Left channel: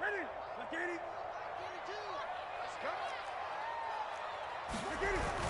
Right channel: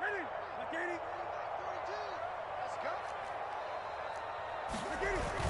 Ready? McGady? 42. Let's go. McGady!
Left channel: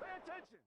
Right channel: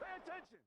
Pay attention!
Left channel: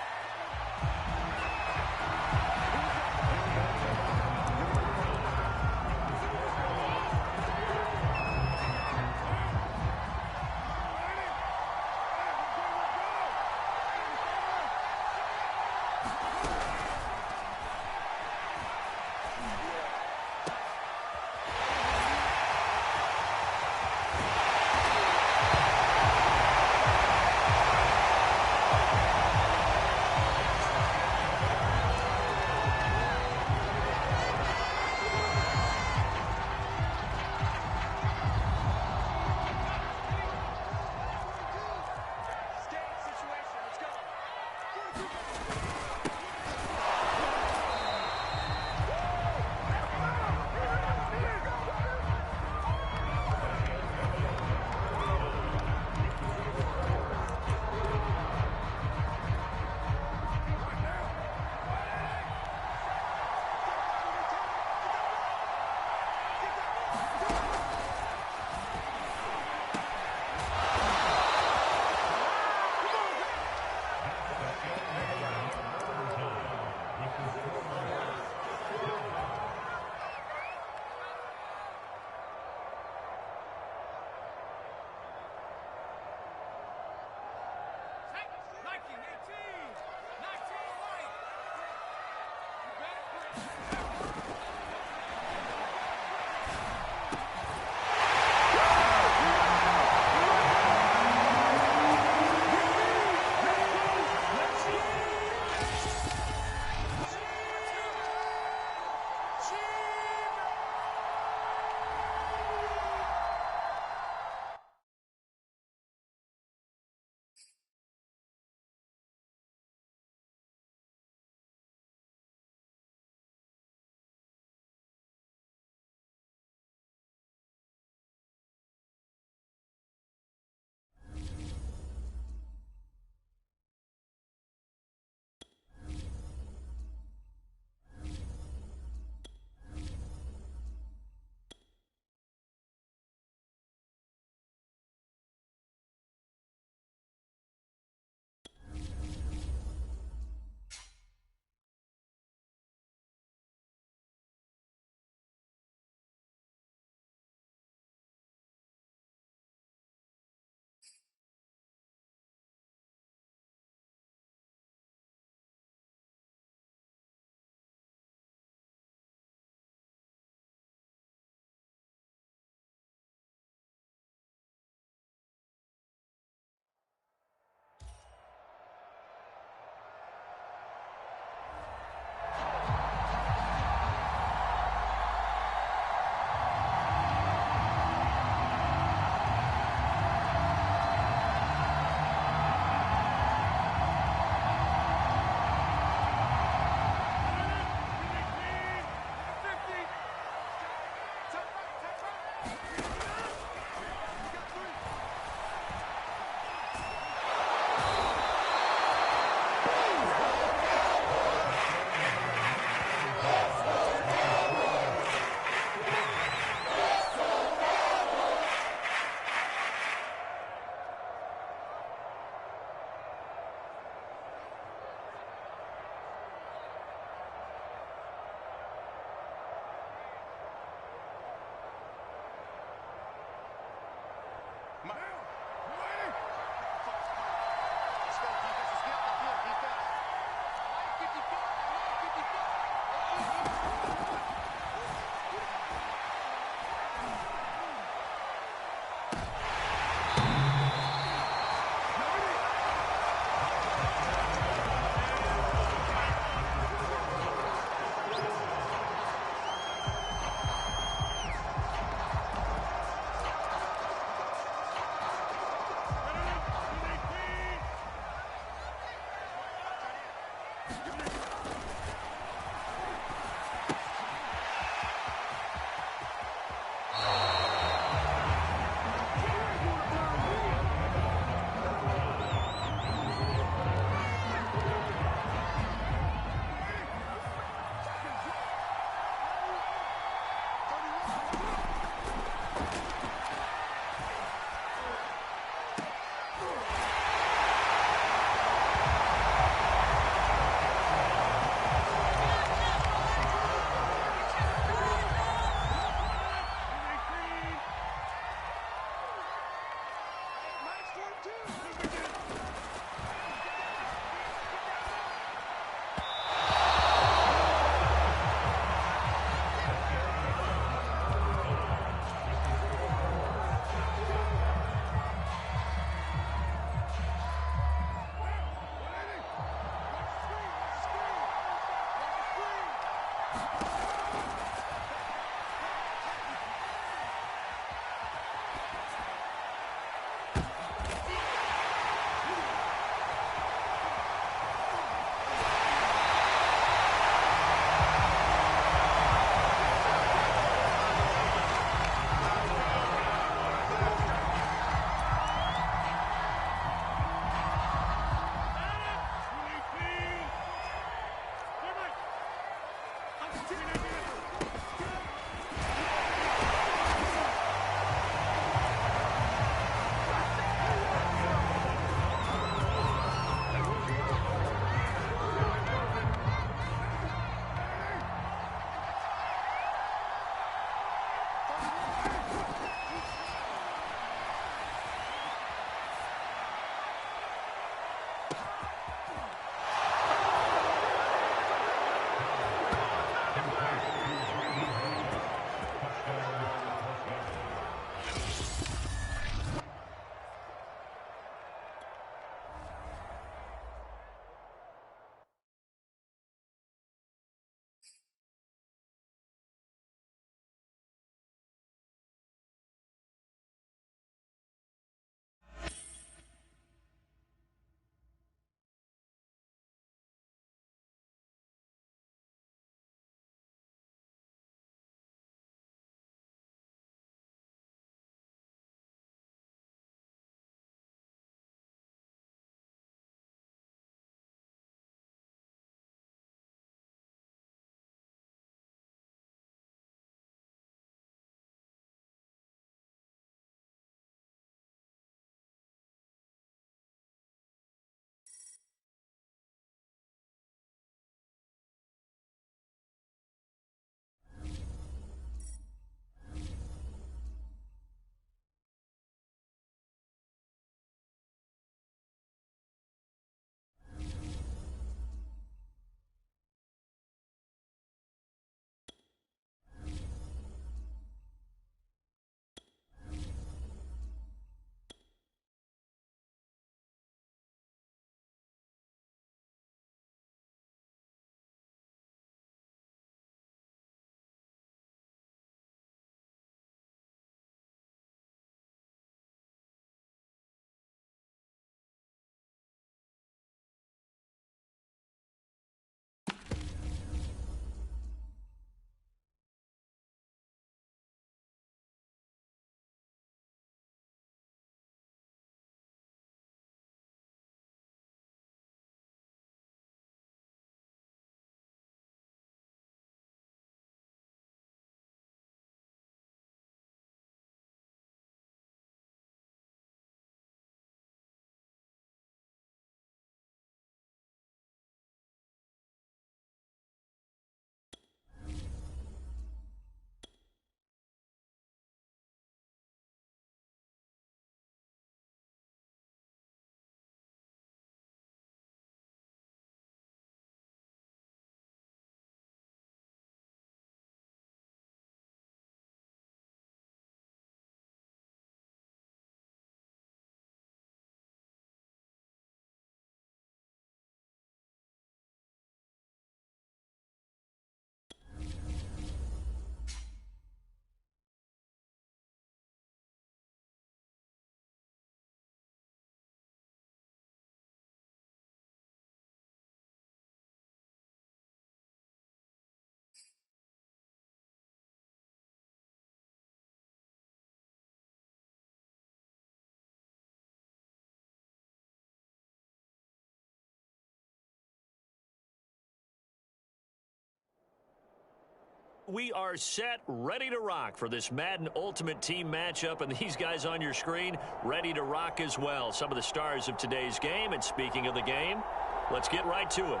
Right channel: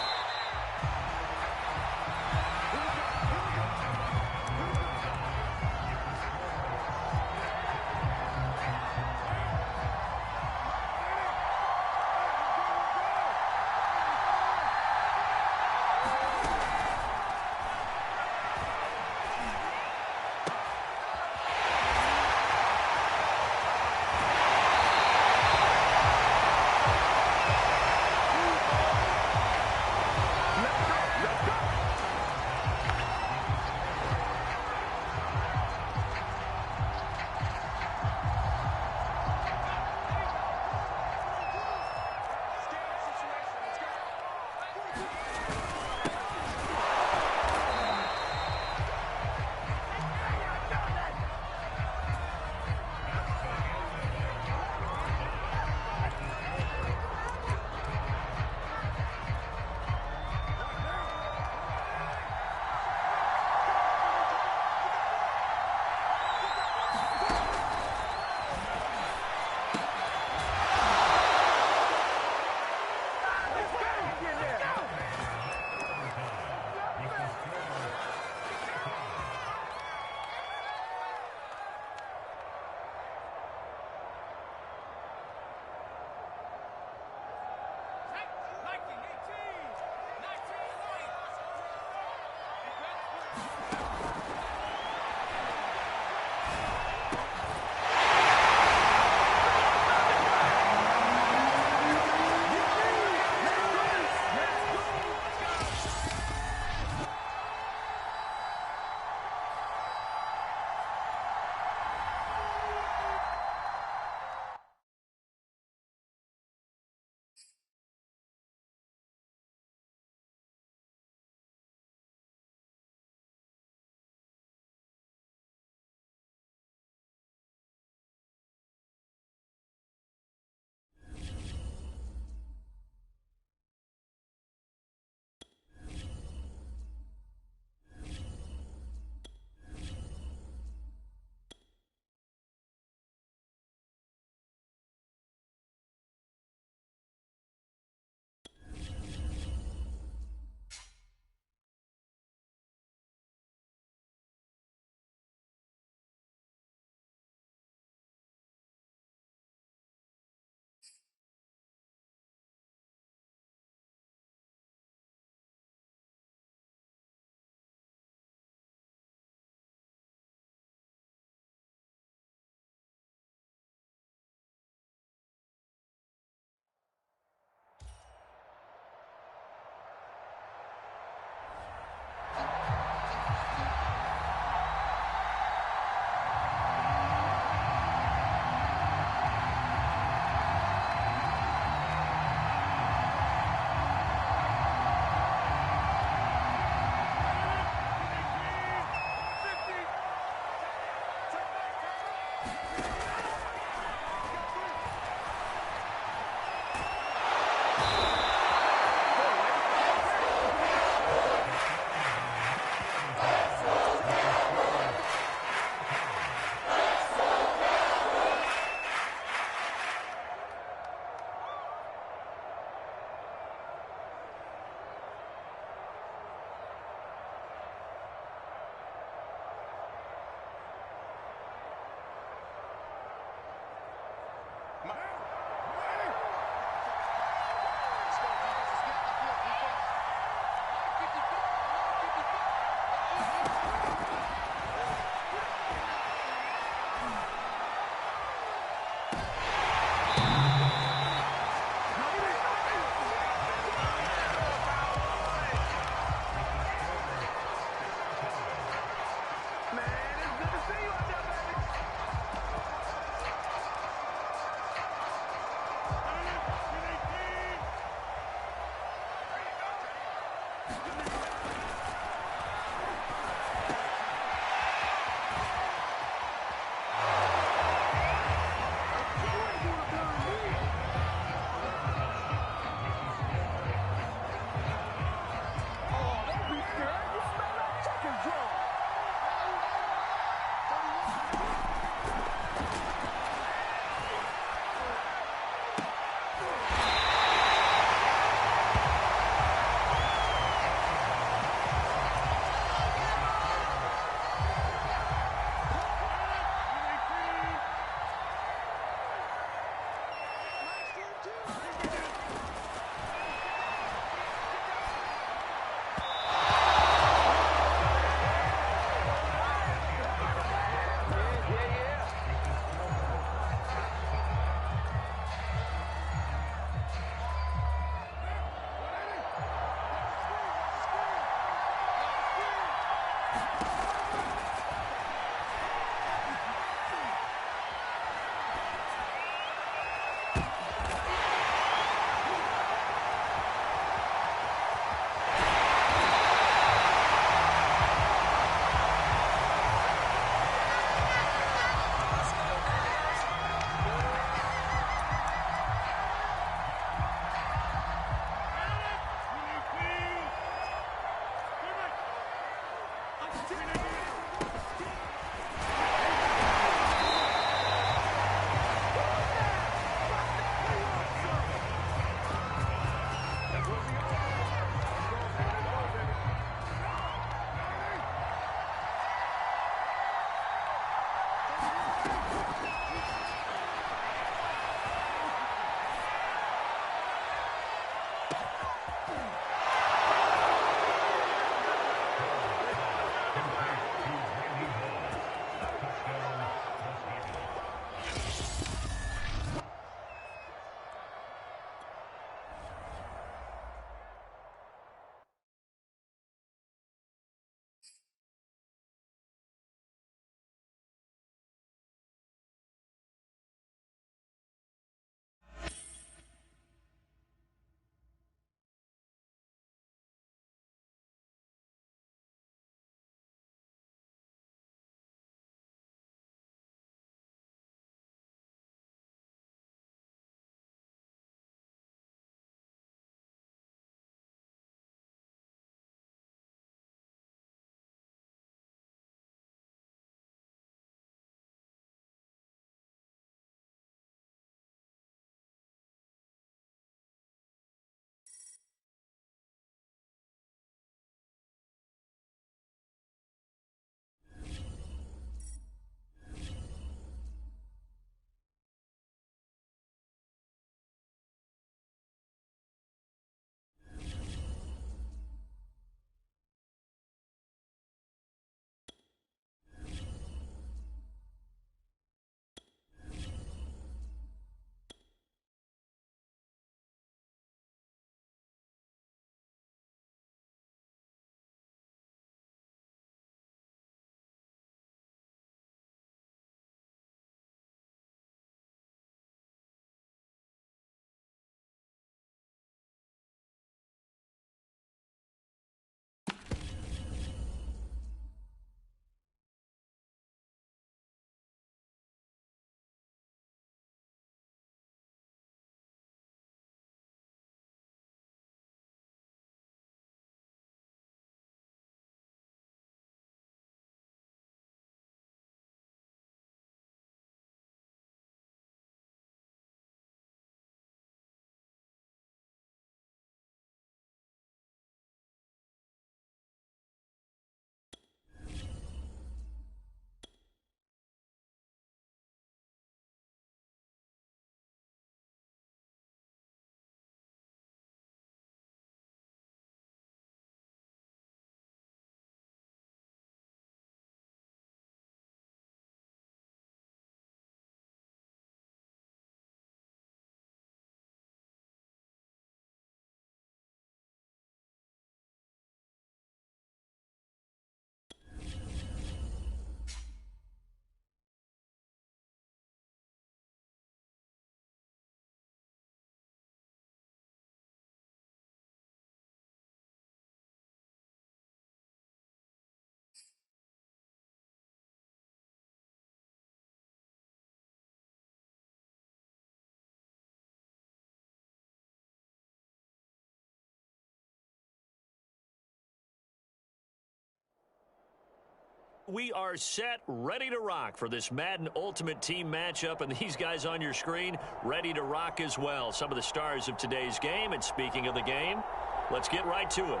we are set, ready to rock for this Madden Ultimate Team matchup, and these guys on your screen ready to rock as well. Some of the stars of today's game, and speaking of the game, let's get right to it.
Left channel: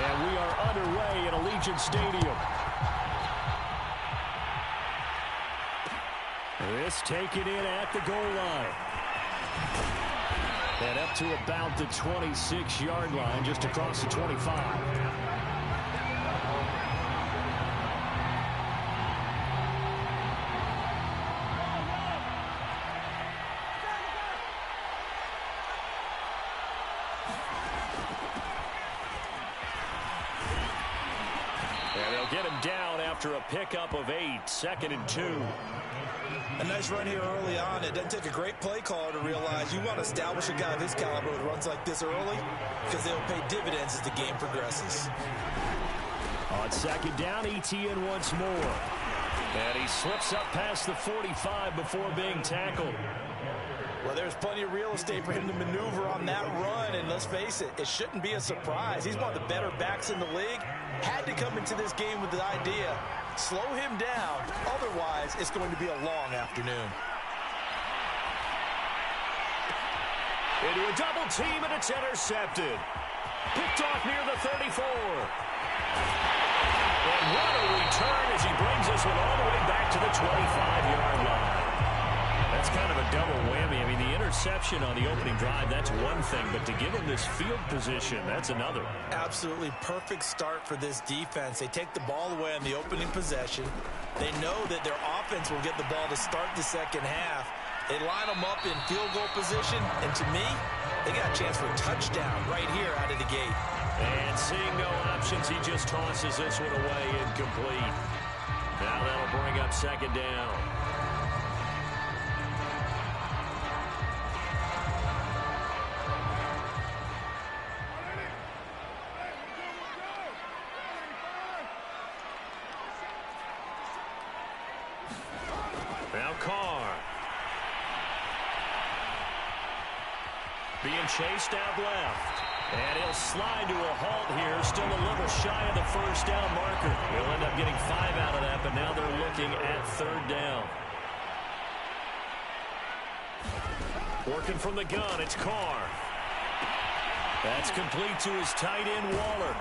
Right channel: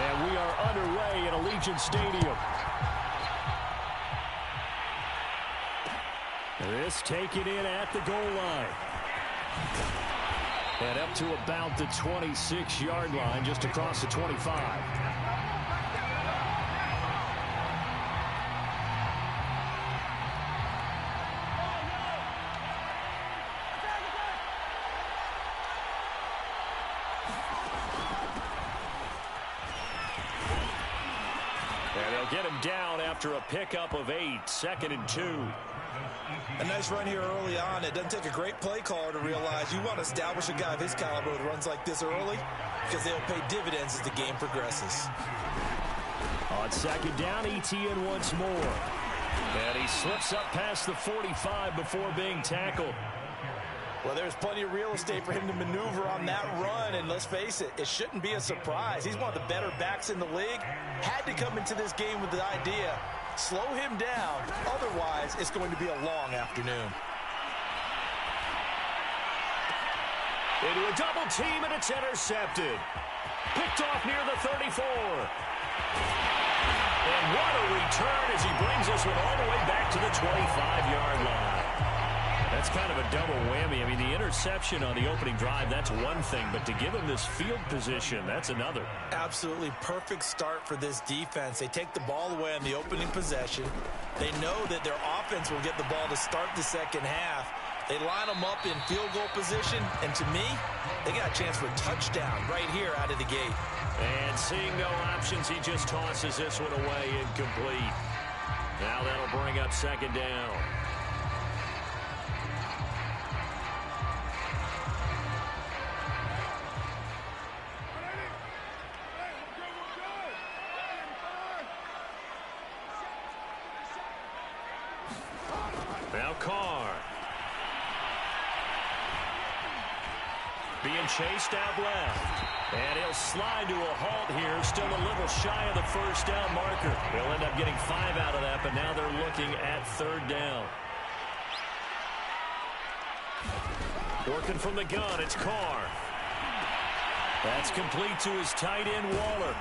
And we are underway at Allegiant Stadium. This taken in at the goal line. And up to about the 26-yard line, just across the 25. And they'll get him down after a pickup of 8, 2nd and 2. A nice run here early on. It doesn't take a great play caller to realize you want to establish a guy of his caliber with runs like this early because they'll pay dividends as the game progresses. On 2nd down, ETN once more. And he slips up past the 45 before being tackled. Well, there's plenty of real estate for him to maneuver on that run, and let's face it, it shouldn't be a surprise. He's one of the better backs in the league. Had to come into this game with the idea, slow him down, otherwise it's going to be a long afternoon. Into a double team, and it's intercepted. Picked off near the 34. And what a return as he brings this one all the way back to the 25-yard line. That's kind of a double whammy. I mean, the interception on the opening drive, that's one thing, but to give him this field position, that's another. Absolutely perfect start for this defense. They take the ball away on the opening possession. They know that their offense will get the ball to start the second half. They line them up in field goal position, and to me, they got a chance for a touchdown right here out of the gate. And seeing no options, he just tosses this one away incomplete. Now that'll bring up 2nd down. Now Carr. Being chased out left. And he'll slide to a halt here. Still a little shy of the first down marker. He'll end up getting 5 out of that, but now they're looking at 3rd down. Working from the gun, it's Carr. That's complete to his tight end, Waller.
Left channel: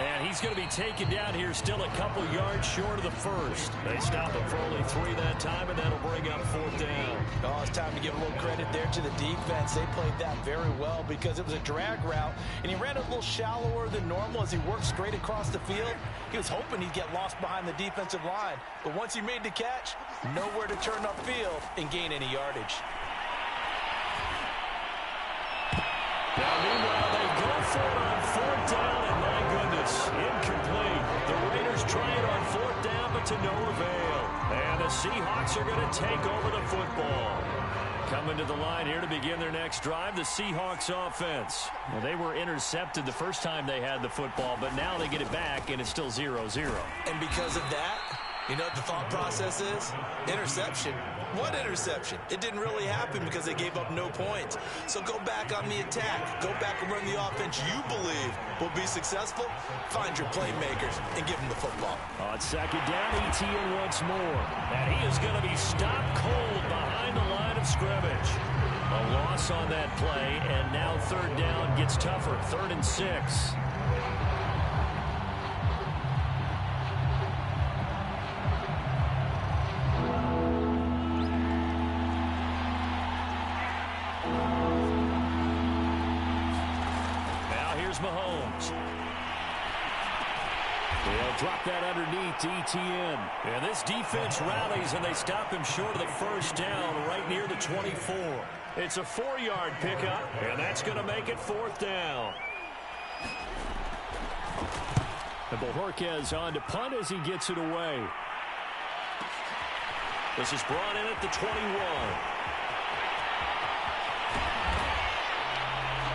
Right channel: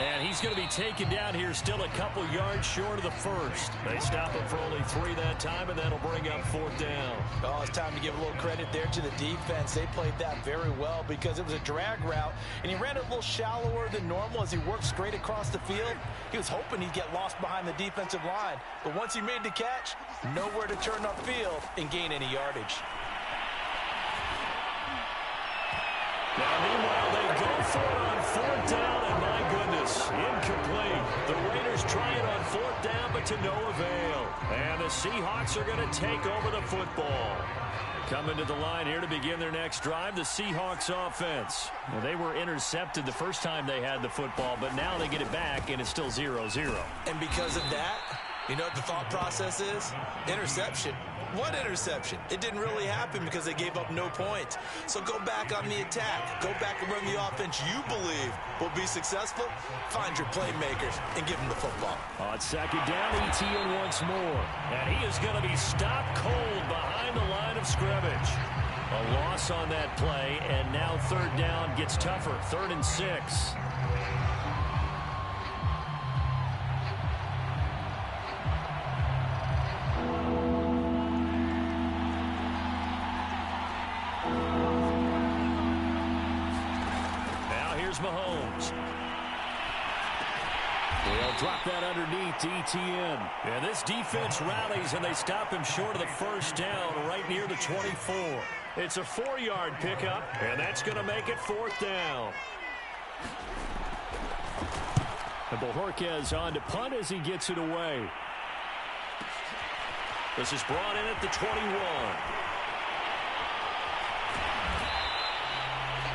And he's going to be taken down here still a couple yards short of the first. They stop him for only 3 that time, and that'll bring up 4th down. Oh, it's time to give a little credit there to the defense. They played that very well because it was a drag route, and he ran it a little shallower than normal as he worked straight across the field. He was hoping he'd get lost behind the defensive line, but once he made the catch, nowhere to turn upfield and gain any yardage. Now, meanwhile, they go for it on 4th down, and my goodness, incomplete. The Raiders try it on 4th down, but to no avail. And the Seahawks are going to take over the football. Coming to the line here to begin their next drive, the Seahawks offense. Well, they were intercepted the first time they had the football, but now they get it back, and it's still 0-0. And because of that, you know what the thought process is? Interception. What interception? It didn't really happen because they gave up no points. So go back on the attack. Go back and run the offense you believe will be successful. Find your playmakers and give them the football. On 2nd down, ETN once more. And he is going to be stopped cold behind the line of scrimmage. A loss on that play, and now 3rd down gets tougher. 3rd and 6. Mahomes. They'll drop that underneath to ETN. And this defense rallies, and they stop him short of the first down right near the 24. It's a 4-yard pickup, and that's going to make it 4th down. And Bojorquez on to punt as he gets it away. This is brought in at the 21.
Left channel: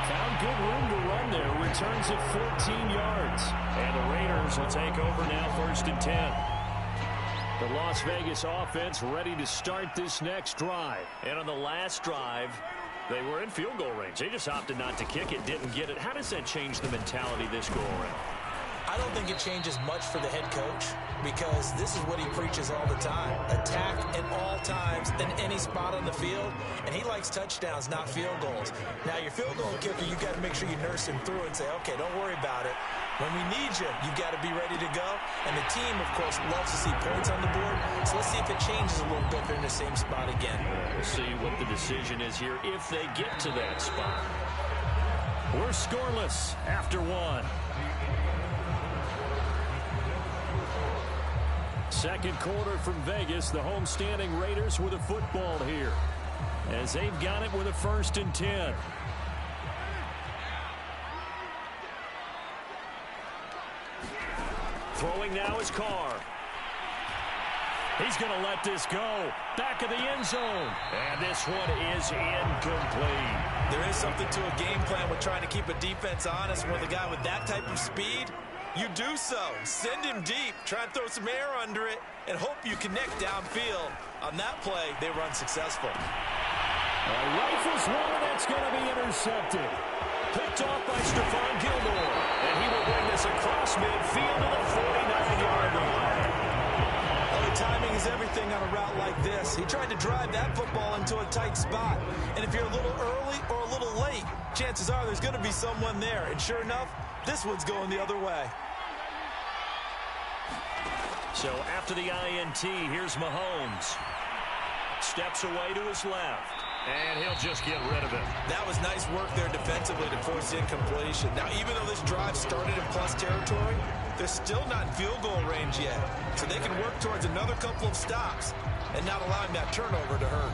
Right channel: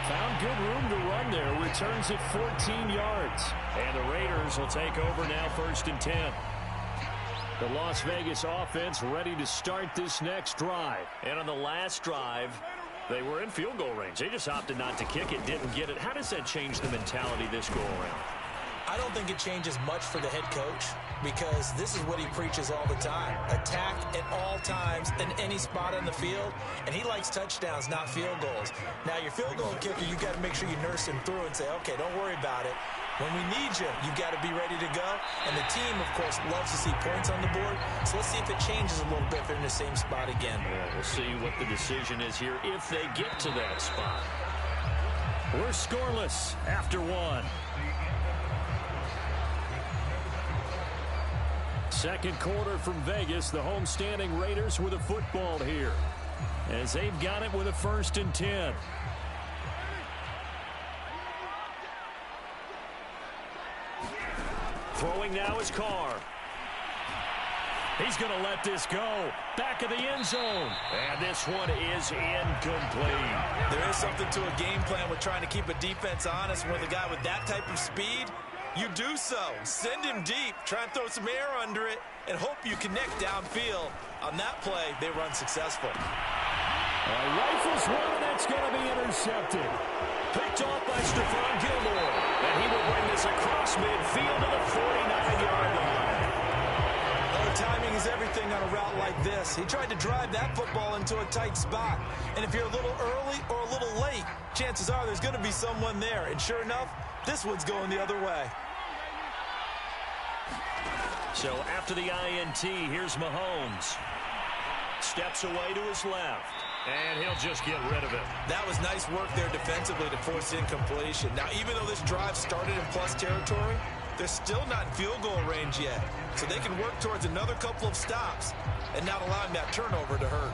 Found good room to run there. Returns it 14 yards. And the Raiders will take over now, 1st and 10. The Las Vegas offense ready to start this next drive. And on the last drive, they were in field goal range. They just opted not to kick it, didn't get it. How does that change the mentality this go around? I don't think it changes much for the head coach because this is what he preaches all the time. Attack at all times in any spot on the field, and he likes touchdowns, not field goals. Now, your field goal kicker, you got to make sure you nurse him through and say, okay, don't worry about it. When we need you, you've got to be ready to go. And the team, of course, loves to see points on the board. So let's see if it changes a little bit if they're in the same spot again. We'll see what the decision is here if they get to that spot. We're scoreless after 1. Second quarter from Vegas. The homestanding Raiders with a football here as they've got it with a 1st and 10. Throwing now is Carr. He's going to let this go. Back of the end zone. And this one is incomplete. There is something to a game plan with trying to keep a defense honest. With a guy with that type of speed, you do so. Send him deep. Try and throw some air under it and hope you connect downfield. On that play, they run successful. Rifles one, and that's going to be intercepted. Picked off by Stephon Gilmore. And he will bring this across midfield to the 49-yard line. Oh, timing is everything on a route like this. He tried to drive that football into a tight spot. And if you're a little early or a little late, chances are there's going to be someone there. And sure enough, this one's going the other way. So after the INT, here's Mahomes. Steps away to his left. And he'll just get rid of it. That was nice work there defensively to force incompletion. Now, even though this drive started in plus territory, they're still not in field goal range yet. So they can work towards another couple of stops and not allowing that turnover to hurt.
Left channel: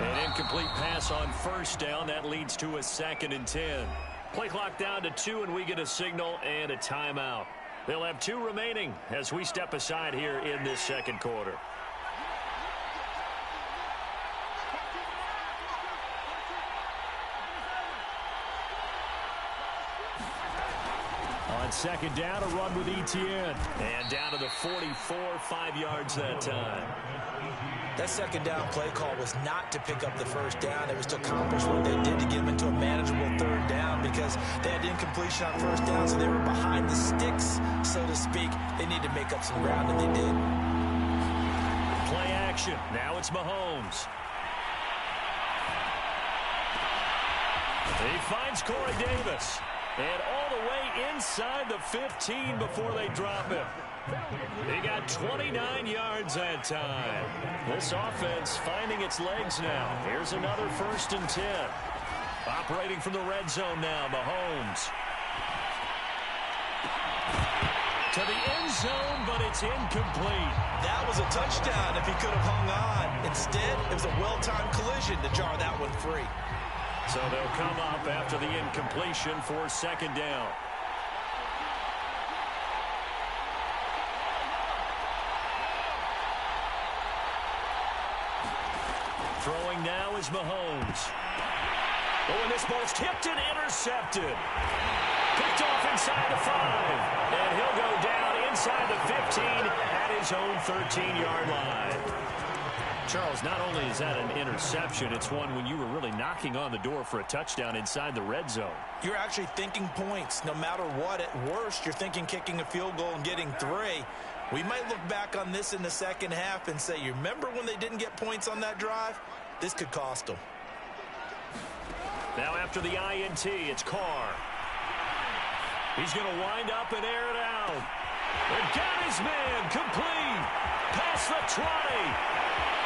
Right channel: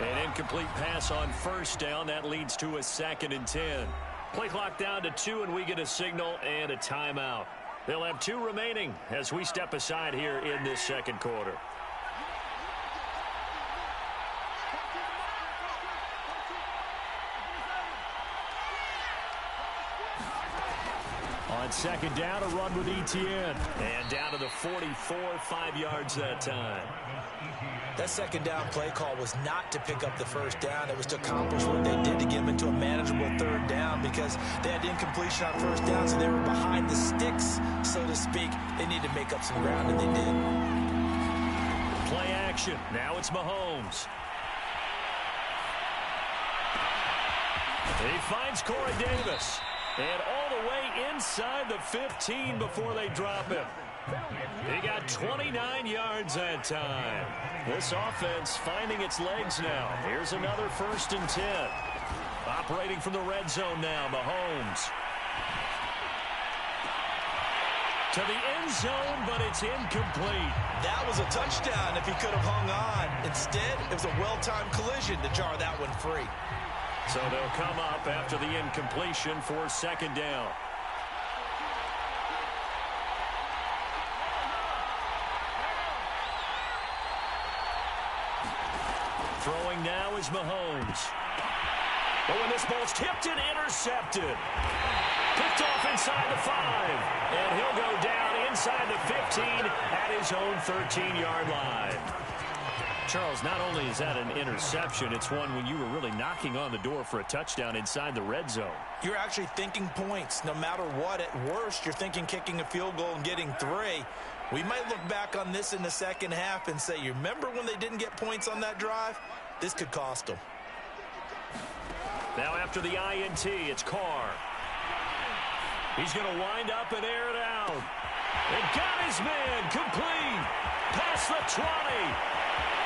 An incomplete pass on 1st down. That leads to a 2nd and 10. Play clock down to 2, and we get a signal and a timeout. They'll have 2 remaining as we step aside here in this second quarter. On 2nd down, a run with Etienne. And down to the 44, 5 yards that time. That 2nd down play call was not to pick up the 1st down. It was to accomplish what they did to get them into a manageable 3rd down because they had incompletion on 1st down, so they were behind the sticks, so to speak. They needed to make up some ground, and they did. Play action. Now it's Mahomes. He finds Corey Davis. And all the way inside the 15 before they drop him. He got 29 yards that time. This offense finding its legs now. Here's another 1st and 10. Operating from the red zone now, Mahomes. To the end zone, but it's incomplete. That was a touchdown if he could have hung on. Instead, it was a well-timed collision to jar that one free. So they'll come up after the incompletion for 2nd down. Throwing now is Mahomes. But when this ball's tipped and intercepted. Picked off inside the 5. And he'll go down inside the 15 at his own 13-yard line. Charles, not only is that an interception, it's one when you were really knocking on the door for a touchdown inside the red zone. You're actually thinking points. No matter what, at worst, you're thinking kicking a field goal and getting 3. We might look back on this in the second half and say, you remember when they didn't get points on that drive? This could cost them. Now after the INT, it's Carr. He's going to wind up and air it out. And got his man complete. Past the 20.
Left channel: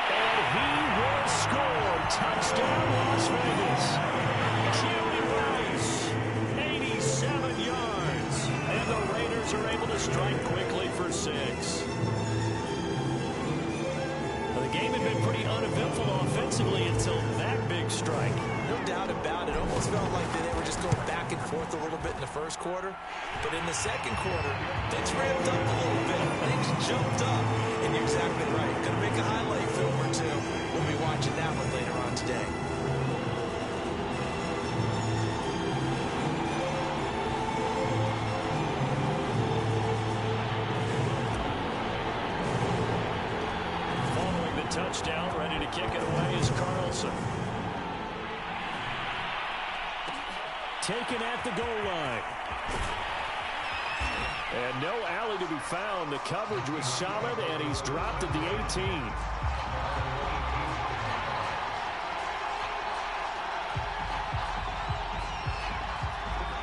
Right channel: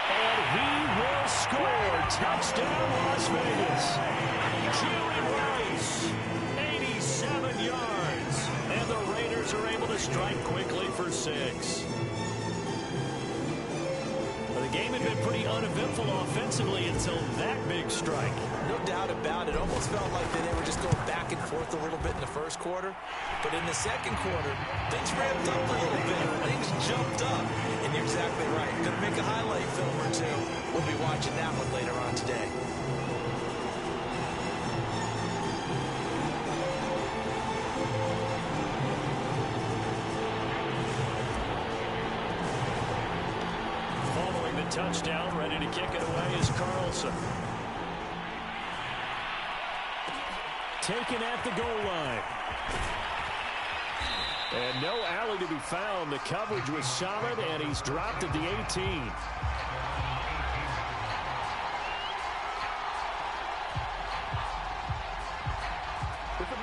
And he will score. Touchdown, Las Vegas. Huey Rice, 87 yards. And the Raiders are able to strike quickly for 6. The game had been pretty uneventful offensively until that big strike. No doubt about it. Almost felt like they were just going back and forth a little bit in the first quarter. But in the second quarter, things ramped up a little bit. Things jumped up. And you're exactly right. Going to make a highlight film or two. We'll be watching that one later on today. Touchdown, ready to kick it away is Carlson. Taken at the goal line. And no alley to be found. The coverage was solid, and he's dropped at the 18.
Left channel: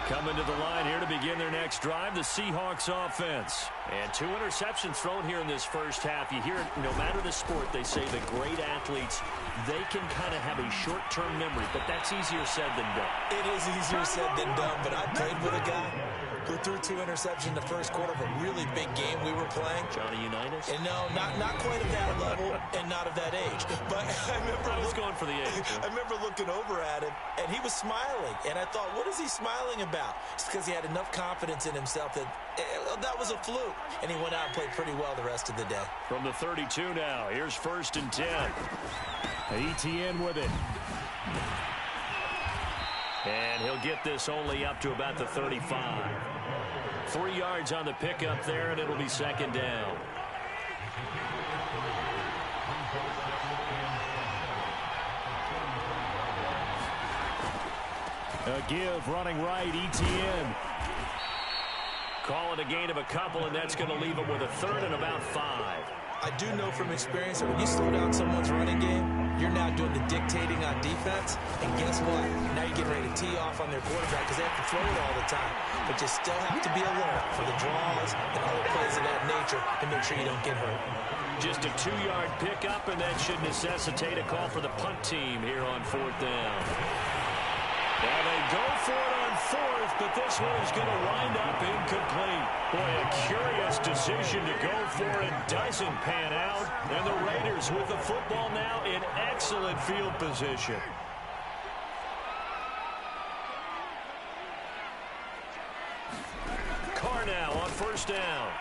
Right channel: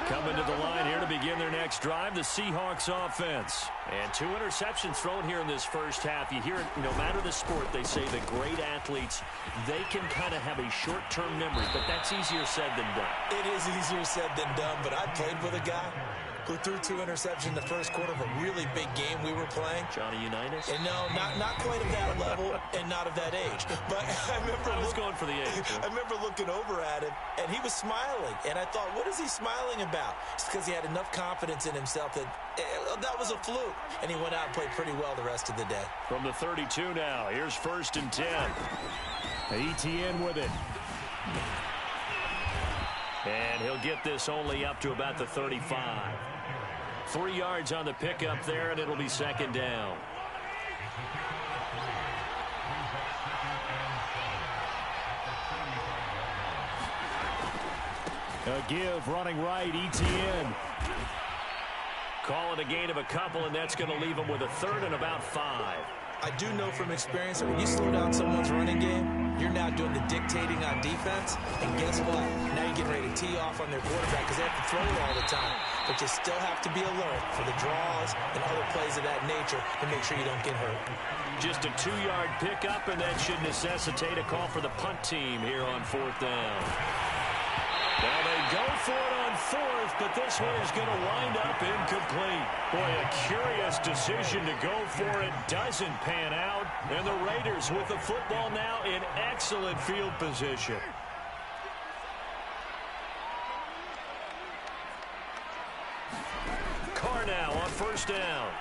Coming to the line here to begin their next drive, the Seahawks offense. And 2 interceptions thrown here in this first half. You hear it, no matter the sport, they say the great athletes, they can kind of have a short-term memory, but that's easier said than done. It is easier said than done, but I played with a guy who threw 2 interceptions in the first quarter of a really big game we were playing. Johnny Unitas? And no, not quite of that level and not of that age. But I was going for the age. I remember looking over at him, and he was smiling. And I thought, what is he smiling about? It's because he had enough confidence in himself that that was a fluke. And he went out and played pretty well the rest of the day. From the 32 now, here's 1st and 10. Etienne with it. And he'll get this only up to about the 35. 3 yards on the pickup there, and it'll be 2nd down. A give running right, Etienne. Calling a gain of a couple, and that's going to leave him with a 3rd and about 5. I do know from experience that when you slow down someone's running game, you're now doing the dictating on defense. And guess what? Now you're getting ready to tee off on their quarterback because they have to throw it all the time. But you still have to be alert for the draws and other plays of that nature to make sure you don't get hurt. Just a 2-yard pickup, and that should necessitate a call for the punt team here on 4th down. Now they go for it on 4th, but this one is going to wind up incomplete. Boy, a curious decision to go for it. Doesn't pan out. And the Raiders with the football now in excellent field position. Carr now on 1st down.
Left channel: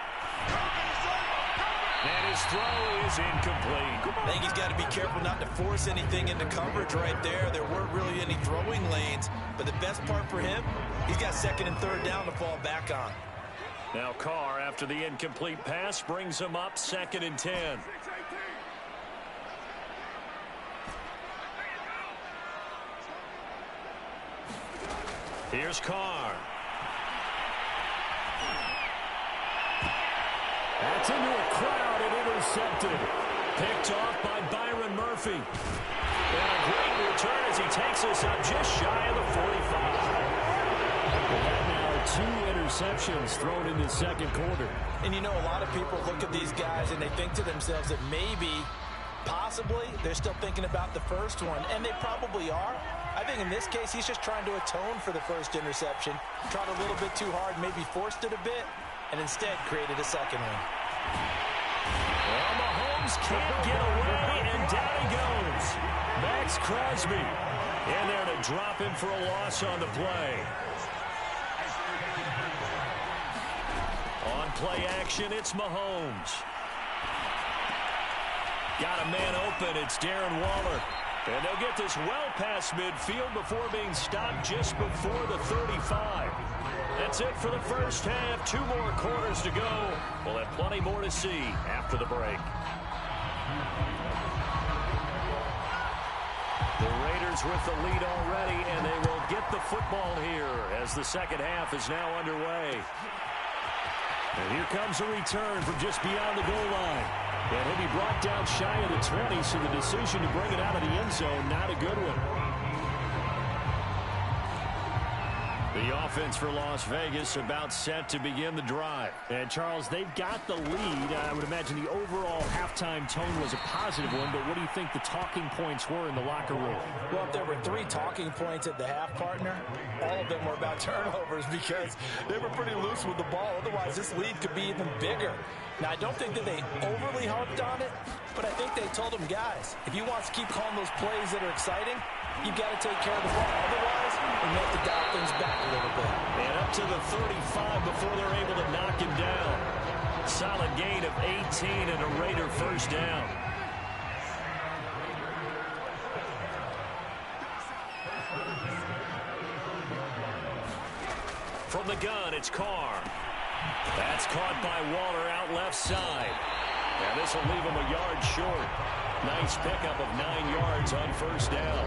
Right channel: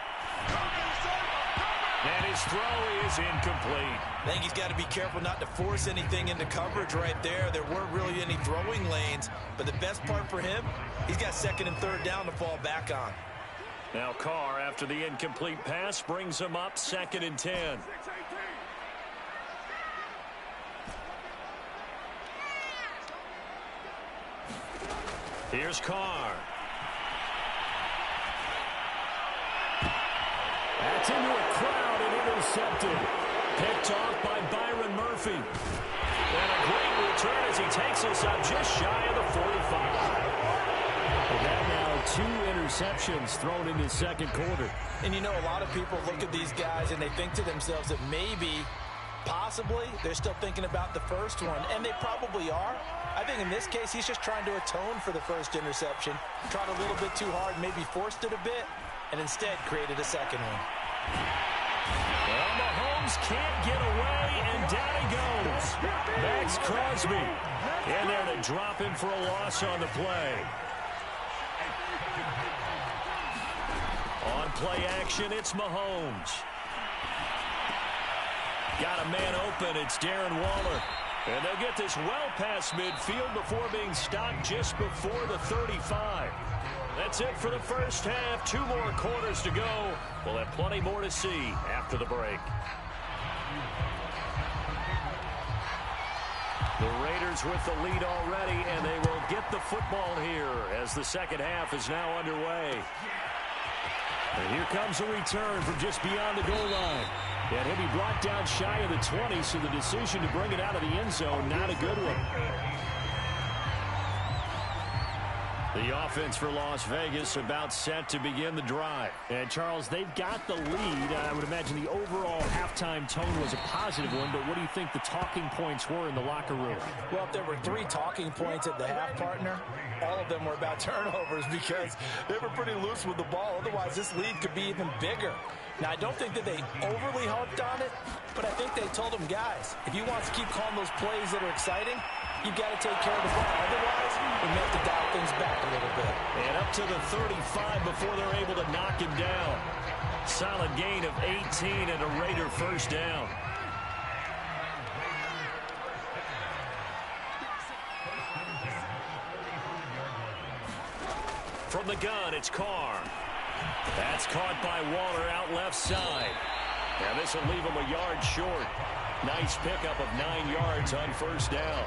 And his throw is incomplete. I think he's got to be careful not to force anything into coverage right there. There weren't really any throwing lanes. But the best part for him, he's got 2nd and 3rd down to fall back on. Now Carr, after the incomplete pass, brings him up 2nd and 10. Here's Carr. That's into a crowd and intercepted. Picked off by Byron Murphy. And a great return as he takes us up just shy of the 45. And that now 2 interceptions thrown in the 2nd quarter. And you know, a lot of people look at these guys and they think to themselves that maybe, possibly, they're still thinking about the first one. And they probably are. I think in this case, he's just trying to atone for the first interception. Tried a little bit too hard, maybe forced it a bit, and instead created a 2nd one. Well, Mahomes can't get away, and down he goes. Max Crosby in there to drop him for a loss on the play. On play action, it's Mahomes. Got a man open, it's Darren Waller. And they'll get this well past midfield before being stopped just before the 35. That's it for the first half. 2 more quarters to go. We'll have plenty more to see after the break. The Raiders with the lead already, and they will get the football here as the second half is now underway. And here comes a return from just beyond the goal line. And he'll be brought down shy of the 20, so the decision to bring it out of the end zone, not a good one. The offense for Las Vegas about set to begin the drive. And, Charles, they've got the lead. I would imagine the overall halftime tone was a positive one, but what do you think the talking points were in the locker room? Well, if there were 3 talking points at the half, partner, all of them were about turnovers because they were pretty loose with the ball. Otherwise, this lead could be even bigger. Now, I don't think that they overly harped on it, but I think they told them, guys, if you want to keep calling those plays that are exciting, you've got to take care of the ball. Otherwise, we may have to dial things back a little bit. And up to the 35 before they're able to knock him down. Solid gain of 18 and a Raider first down. From the gun, it's Carr. That's caught by Waller out left side. And this will leave him a yard short. Nice pickup of 9 yards on first down.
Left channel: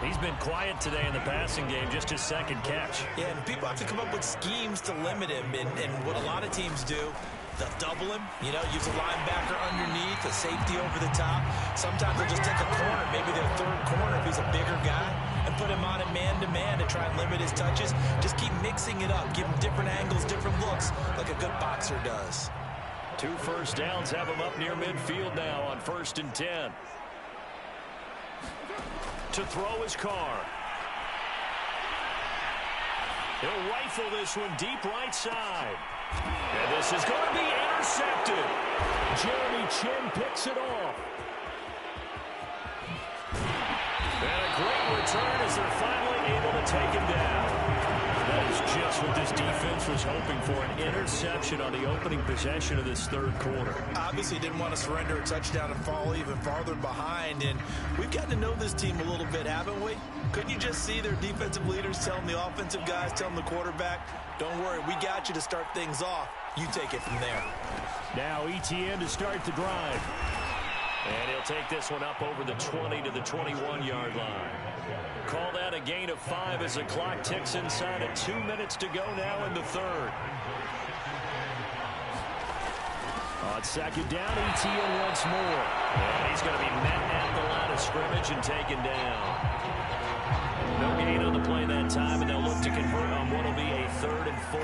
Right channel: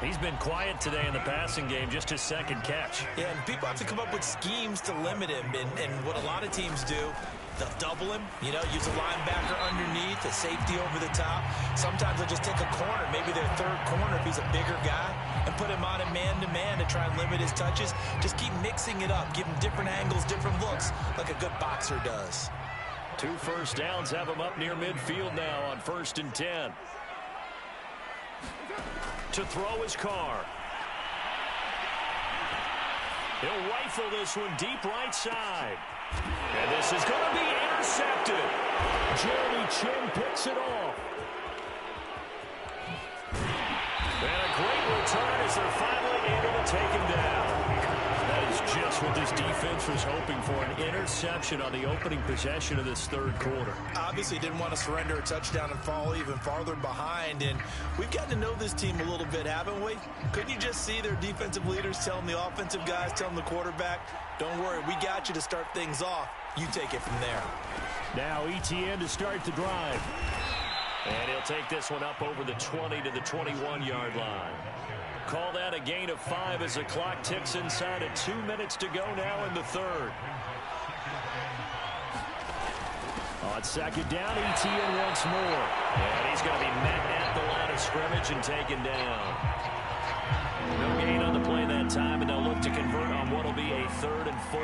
He's been quiet today in the passing game, just his second catch. Yeah, and people have to come up with schemes to limit him. And what a lot of teams do, they'll double him, use a linebacker underneath, a safety over the top. Sometimes they'll just take a corner, maybe their third corner if he's a bigger guy, and put him on a man-to-man to try and limit his touches. Just keep mixing it up, give him different angles, different looks, like a good boxer does. 2 first downs have him up near midfield now on 1st and 10. To throw his Carr. He'll rifle this one deep right side. And this is going to be intercepted. Jeremy Chin picks it off. And a great return as they're finally able to take him down. That is just what this defense was hoping for, an interception on the opening possession of this third quarter. Obviously didn't want to surrender a touchdown and fall even farther behind, and we've gotten to know this team a little bit, haven't we? Couldn't you just see their defensive leaders telling the offensive guys, telling the quarterback, don't worry, we got you to start things off. You take it from there. Now Etienne to start the drive. And he'll take this one up over the 20 to the 21-yard line. Call that a gain of 5 as the clock ticks inside of 2 minutes to go now in the third. On second down, Etienne once more. And he's going to be met at the line of scrimmage and taken down. No gain on the play that time, and they'll look to convert on what will be a 3rd and 4.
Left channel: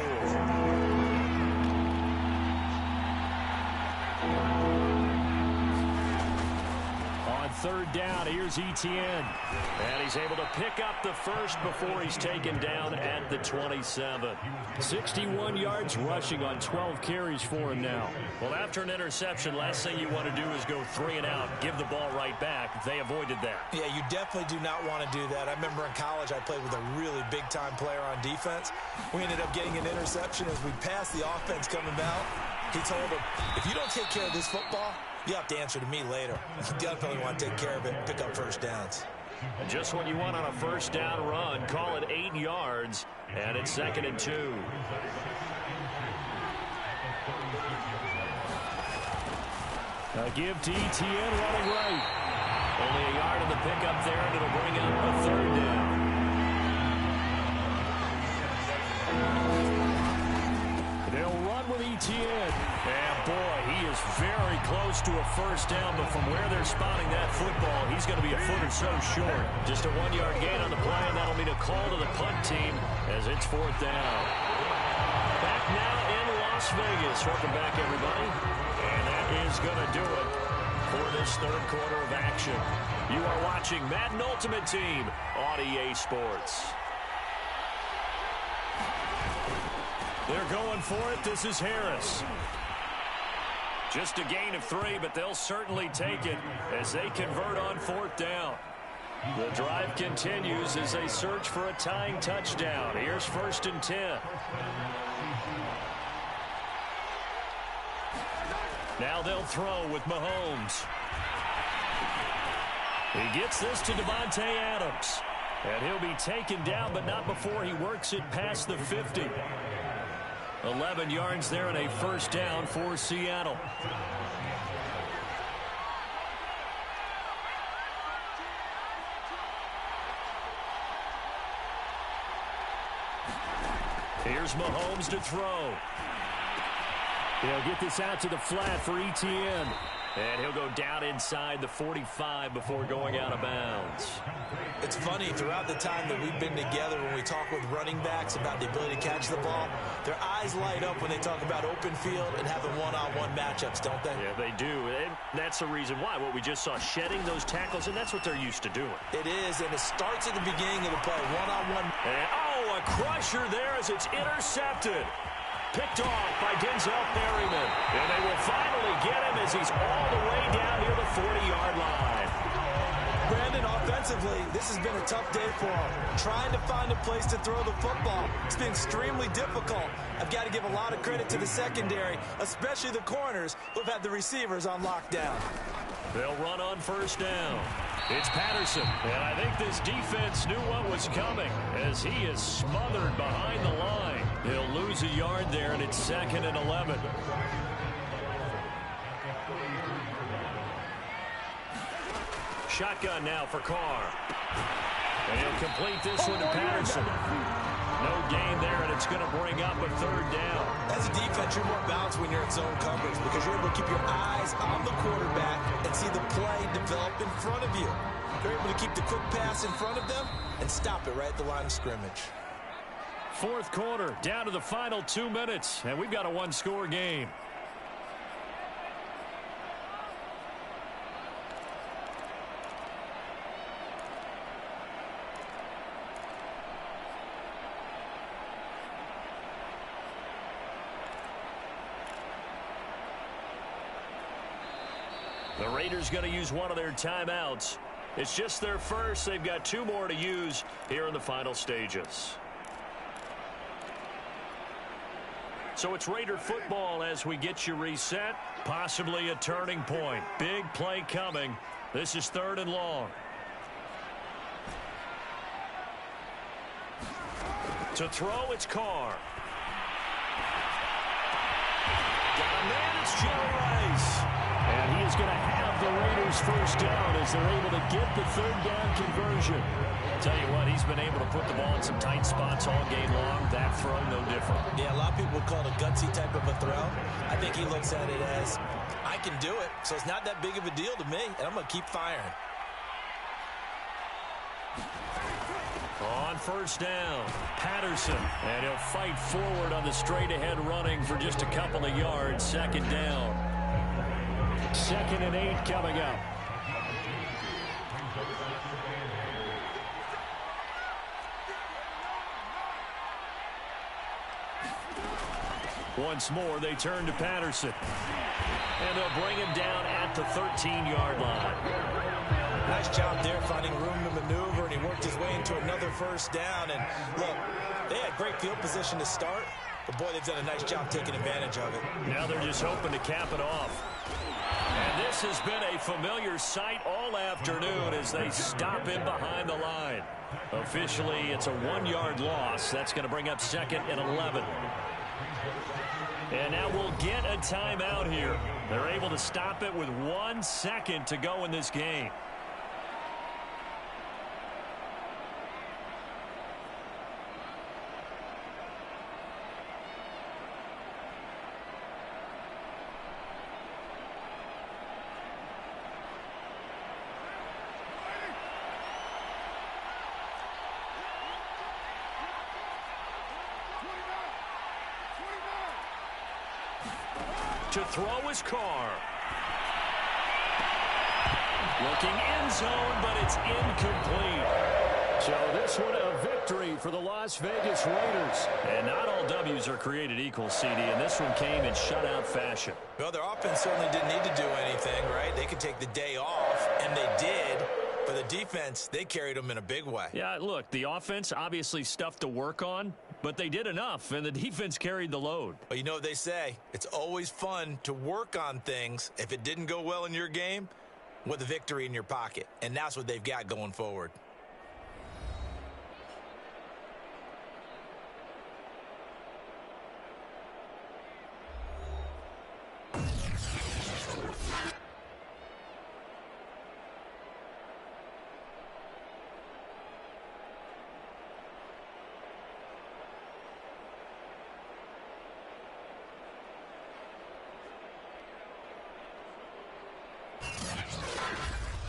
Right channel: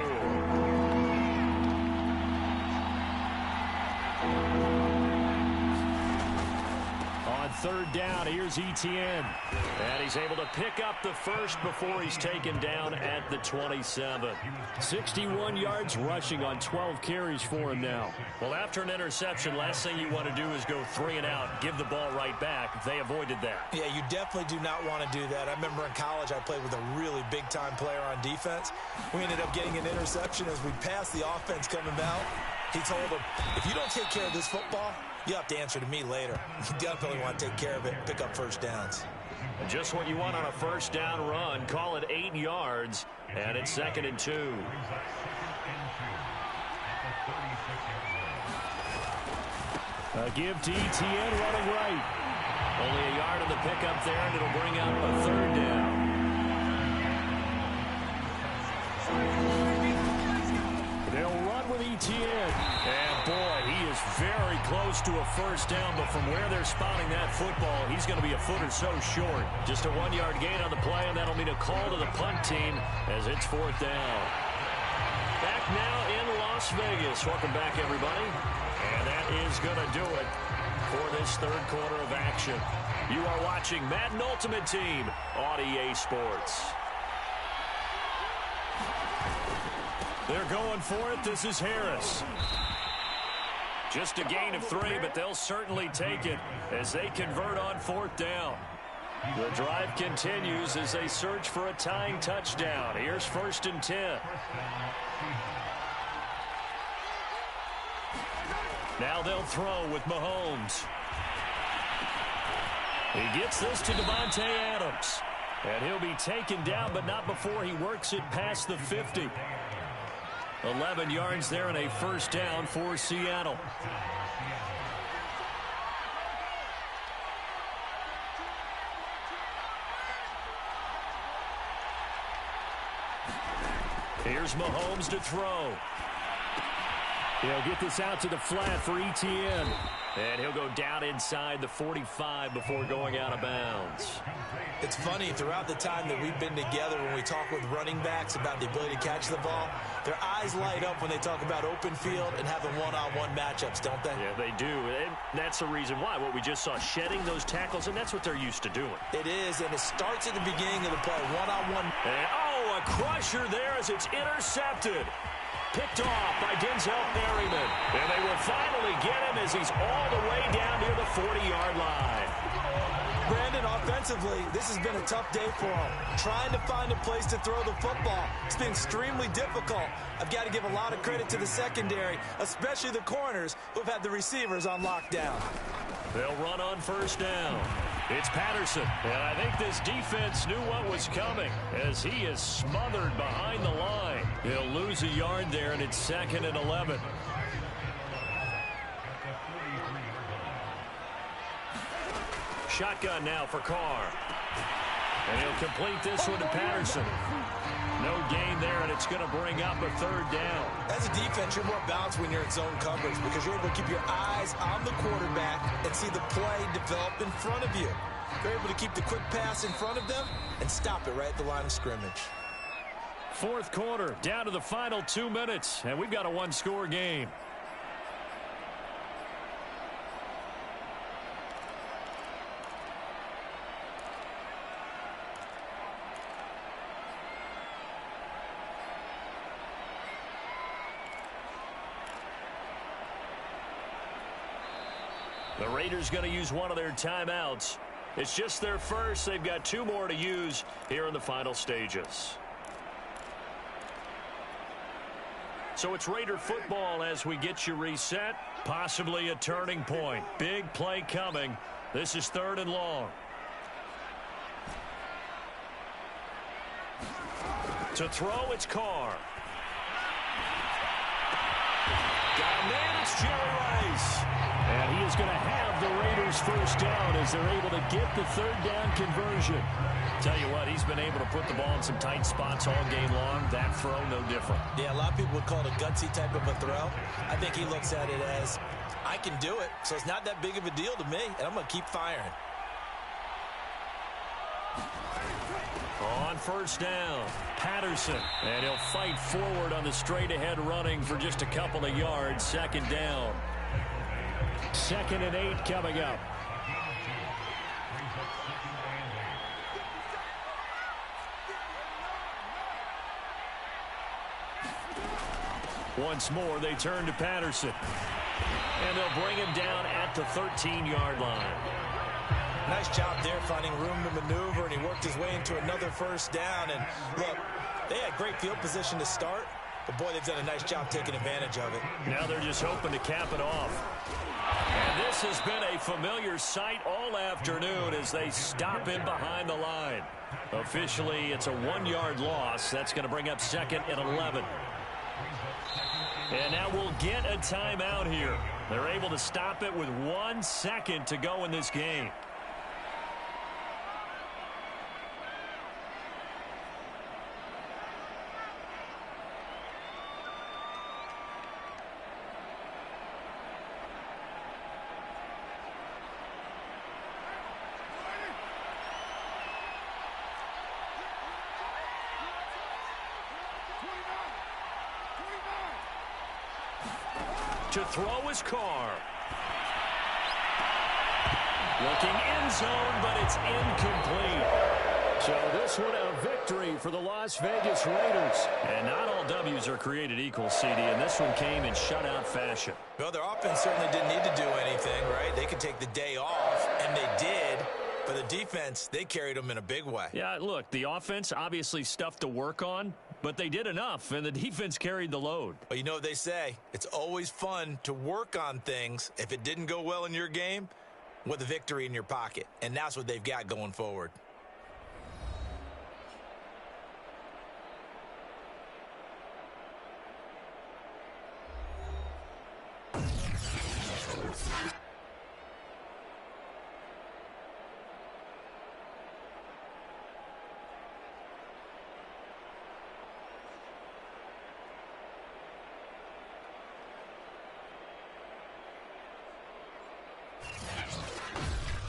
Third down, here's Etienne. And he's able to pick up the first before he's taken down at the 27. 61 yards rushing on 12 carries for him now. Well, after an interception, last thing you want to do is go 3 and out, give the ball right back. They avoided that. Yeah, you definitely do not want to do that. I remember in college I played with a really big-time player on defense. We ended up getting an interception as we passed the offense coming out. He told him, if you don't take care of this football, you have to answer to me later. You definitely want to take care of it and pick up first downs. And just what you want on a first down run. Call it 8 yards, and it's 2nd and 2. A give to Etienne running right. Only a yard of the pickup there, and it'll bring up a 3rd down. They'll run with Etienne. And boy, he is very close to a first down, but from where they're spotting that football, he's going to be a foot or so short. Just a 1-yard gain on the play, and that'll mean a call to the punt team as it's 4th down. Back now in Las Vegas. Welcome back, everybody. And that is going to do it for this third quarter of action. You are watching Madden Ultimate Team on EA Sports. They're going for it. This is Harris. Just a gain of 3, but they'll certainly take it as they convert on 4th down. The drive continues as they search for a tying touchdown. Here's 1st and 10. Now they'll throw with Mahomes. He gets this to Devontae Adams. And he'll be taken down, but not before he works it past the 50. 11 yards there and a first down for Seattle. Here's Mahomes to throw. He'll get this out to the flat for ETN. And he'll go down inside the 45 before going out of bounds. It's funny, throughout the time that we've been together, when we talk with running backs about the ability to catch the ball, their eyes light up when they talk about open field and having one-on-one matchups, don't they? Yeah, they do. And that's the reason why. What we just saw, shedding those tackles, and that's what they're used to doing. It is, and it starts at the beginning of the play, one-on-one. And, oh, a crusher there as it's intercepted. Picked off by Denzel Perryman. And they will finally get him as he's all the way down near the 40-yard line. Brandon, offensively, this has been a tough day for him. Trying to find a place to throw the football. It's been extremely difficult. I've got to give a lot of credit to the secondary, especially the corners who've had the receivers on lockdown. They'll run on first down. It's Patterson, and I think this defense knew what was coming as he is smothered behind the line. He'll lose a yard there, and it's 2nd and 11. Shotgun now for Carr. And he'll complete this one to Patterson. No gain there, and it's going to bring up a 3rd down. As a defense, you're more balanced when you're in zone coverage because you're able to keep your eyes on the quarterback and see the play develop in front of you. You're able to keep the quick pass in front of them and stop it right at the line of scrimmage. 4th quarter, down to the final 2 minutes, and we've got a one-score game. The Raiders going to use one of their timeouts. It's just their first. They've got 2 more to use here in the final stages. So it's Raider football as we get you reset. Possibly a turning point. Big play coming. This is 3rd and long. To throw, it's Carr. Got a man, it's Jerry Rice. And he is going to have the Raiders first down as they're able to get the 3rd down conversion. Tell you what, he's been able to put the ball in some tight spots all game long. That throw, no different. Yeah, a lot of people would call it a gutsy type of a throw. I think he looks at it as, I can do it, so it's not that big of a deal to me, and I'm going to keep firing. On first down, Patterson. And he'll fight forward on the straight-ahead running for just a couple of yards. 2nd down. 2nd and 8 coming up. Once more, they turn to Patterson. And they'll bring him down at the 13-yard line. Nice job there finding room to maneuver, and he worked his way into another first down. And look, they had great field position to start, but boy, they've done a nice job taking advantage of it. Now they're just hoping to cap it off. And this has been a familiar sight all afternoon as they stop him behind the line. Officially, it's a 1-yard loss. That's going to bring up 2nd and 11. And now we'll get a timeout here. They're able to stop it with 1 second to go in this game. To throw is Carr. Looking end zone, but it's incomplete. So this one a victory for the Las Vegas Raiders. And not all W's are created equal, CD, and this one came in shutout fashion. Well, their offense certainly didn't need to do anything, right? They could take the day off, and they did. For the defense, they carried them in a big way. Yeah, look, the offense obviously stuff to work on, but they did enough, and the defense carried the load. Well, you know what they say. It's always fun to work on things. If it didn't go well in your game, with a victory in your pocket. And that's what they've got going forward.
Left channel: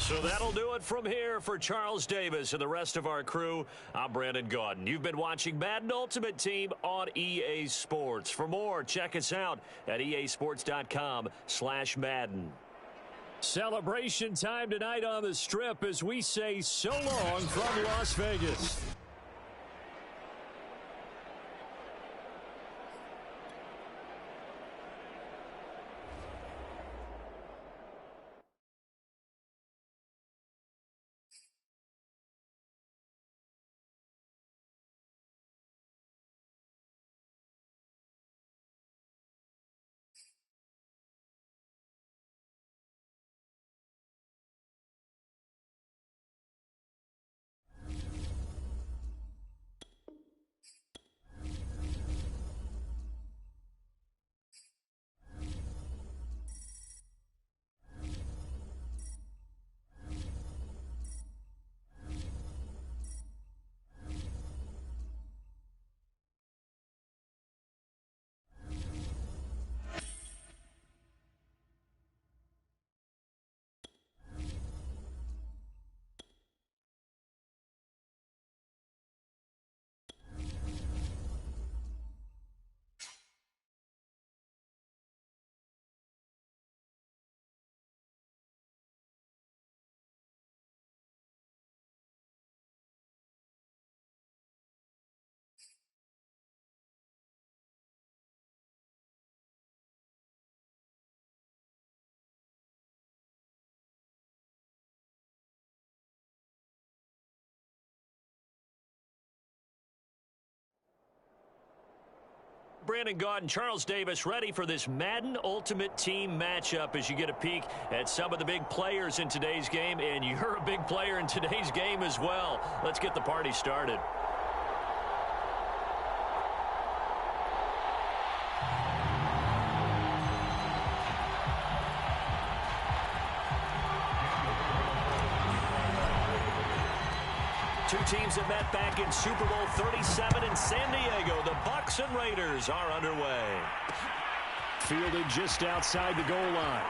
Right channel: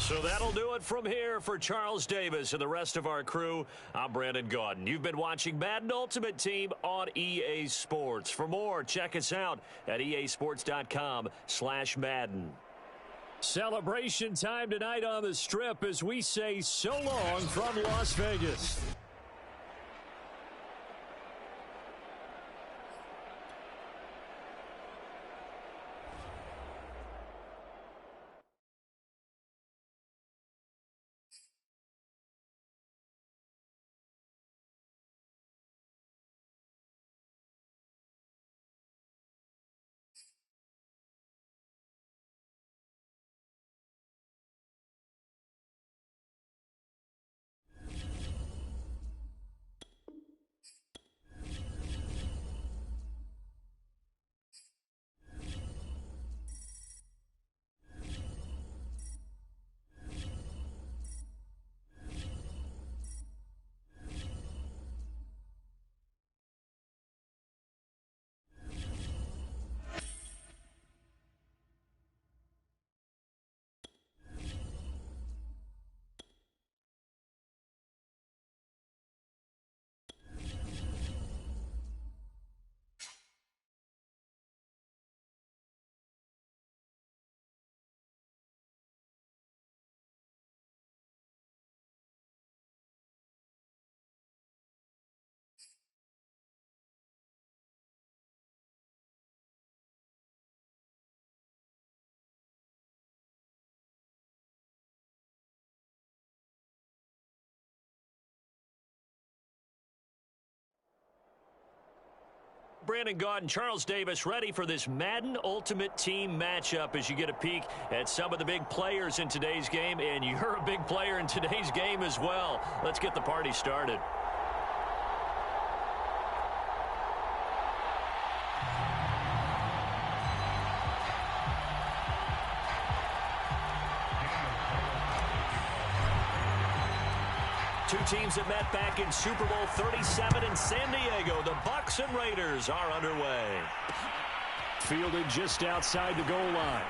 So that'll do it from here for Charles Davis and the rest of our crew. I'm Brandon Gaudin. You've been watching Madden Ultimate Team on EA Sports. For more, check us out at easports.com/Madden. Celebration time tonight on the Strip as we say so long from Las Vegas. Brandon Gaudin, Charles Davis ready for this Madden Ultimate Team matchup as you get a peek at some of the big players in today's game, and you're a big player in today's game as well. Let's get the party started. Two teams that met back in Super Bowl 37 in San Diego. The Bucs and Raiders are underway. Fielded just outside the goal line.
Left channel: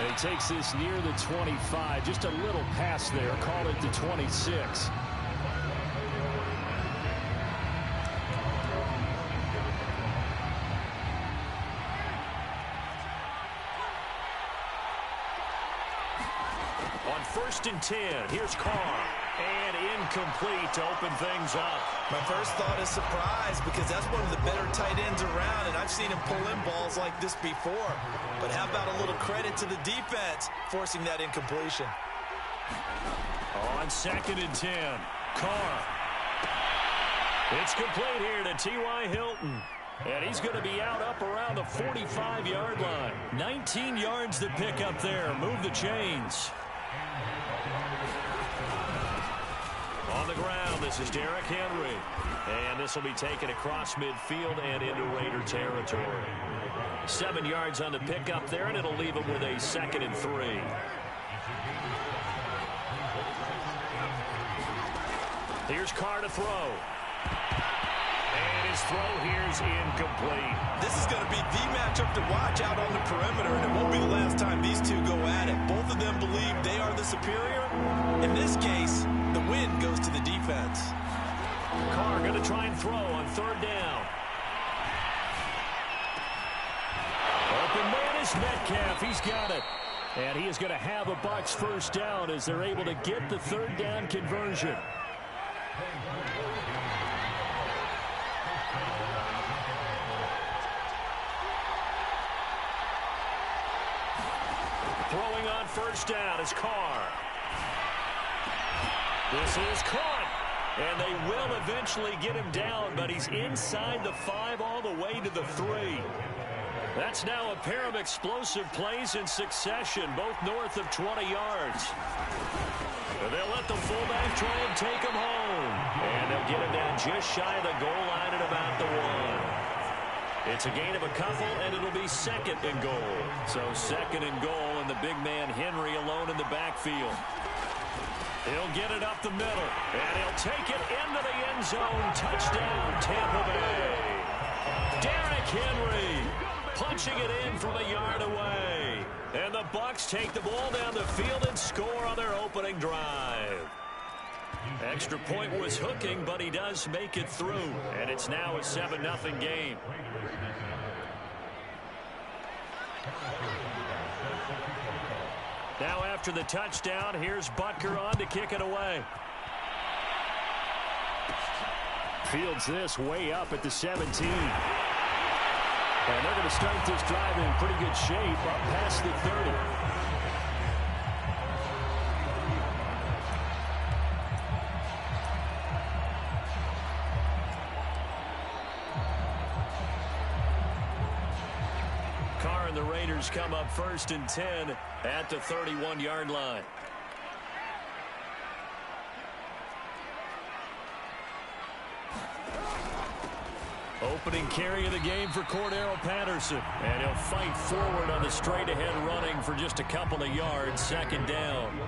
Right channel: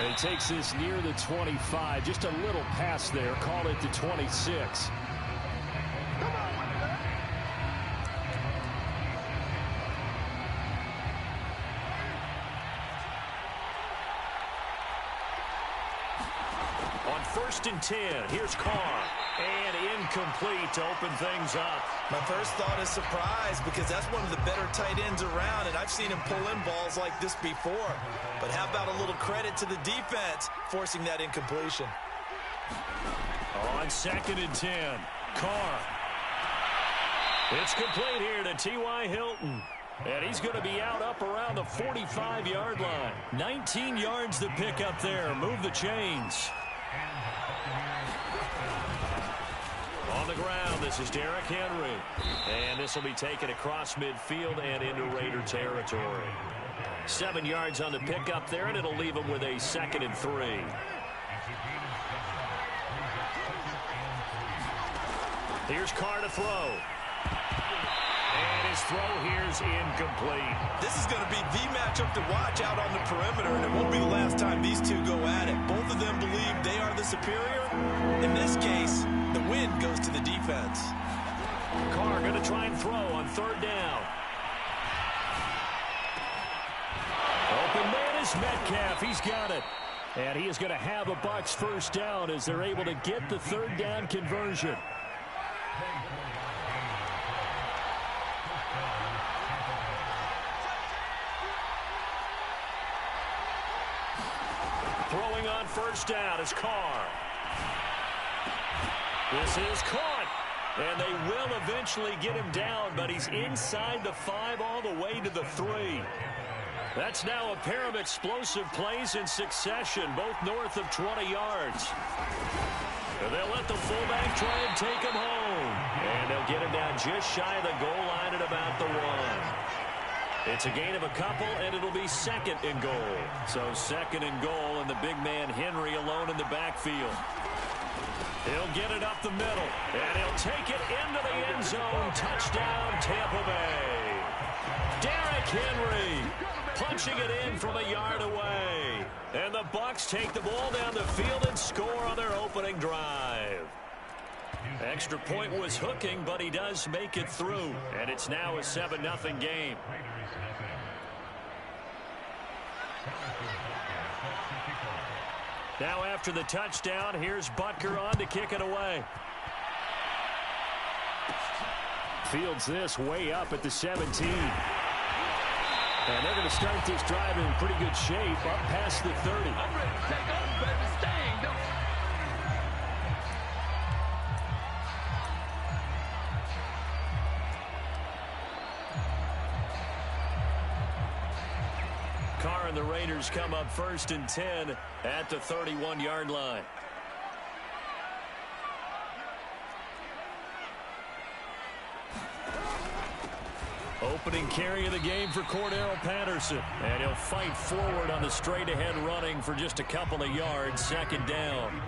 And he takes this near the 25. Just a little pass there. Call it the 26. On 1st and 10, here's Carr. And incomplete to open things up. My first thought is surprise because that's one of the better tight ends around, and I've seen him pull in balls like this before. But how about a little credit to the defense forcing that incompletion? On 2nd and 10, Carr. It's complete here to T.Y. Hilton. And he's going to be out up around the 45-yard line. 19 yards to pick up there. Move the chains. On the ground, this is Derrick Henry. And this will be taken across midfield and into Raider territory. 7 yards on the pickup there, and it'll leave him with a 2nd and 3. Here's Carr to throw. And his throw here's incomplete. This is going to be the matchup to watch out on the perimeter, and it won't be the last time these two go at it. Both of them believe they are the superior. In this case, the win goes to the defense. Carr going to try and throw on 3rd down. Open man is Metcalf. He's got it. And he is going to have a Bucs first down as they're able to get the 3rd down conversion. Throwing on 1st down is Carr. This is caught. And they will eventually get him down, but he's inside the 5 all the way to the 3. That's now a pair of explosive plays in succession, both north of 20 yards. And they'll let the fullback try and take him home. And they'll get him down just shy of the goal line at about the 1. It's a gain of a couple, and it'll be 2nd and goal. So 2nd and goal, and the big man Henry alone in the backfield. He'll get it up the middle, and he'll take it into the end zone. Touchdown, Tampa Bay. Derrick Henry punching it in from a yard away. And the Bucs take the ball down the field and score on their opening drive. Extra point was hooking, but he does make it through. And it's now a 7-0 game. Now after the touchdown, here's Butker on to kick it away. Fields this way up at the 17. And they're going to start this drive in pretty good shape up past the 30. Carr and the Raiders come up 1st and 10 at the 31-yard line. Opening carry of the game for Cordero Patterson. And he'll fight forward on the straight-ahead running for just a couple of yards. 2nd down.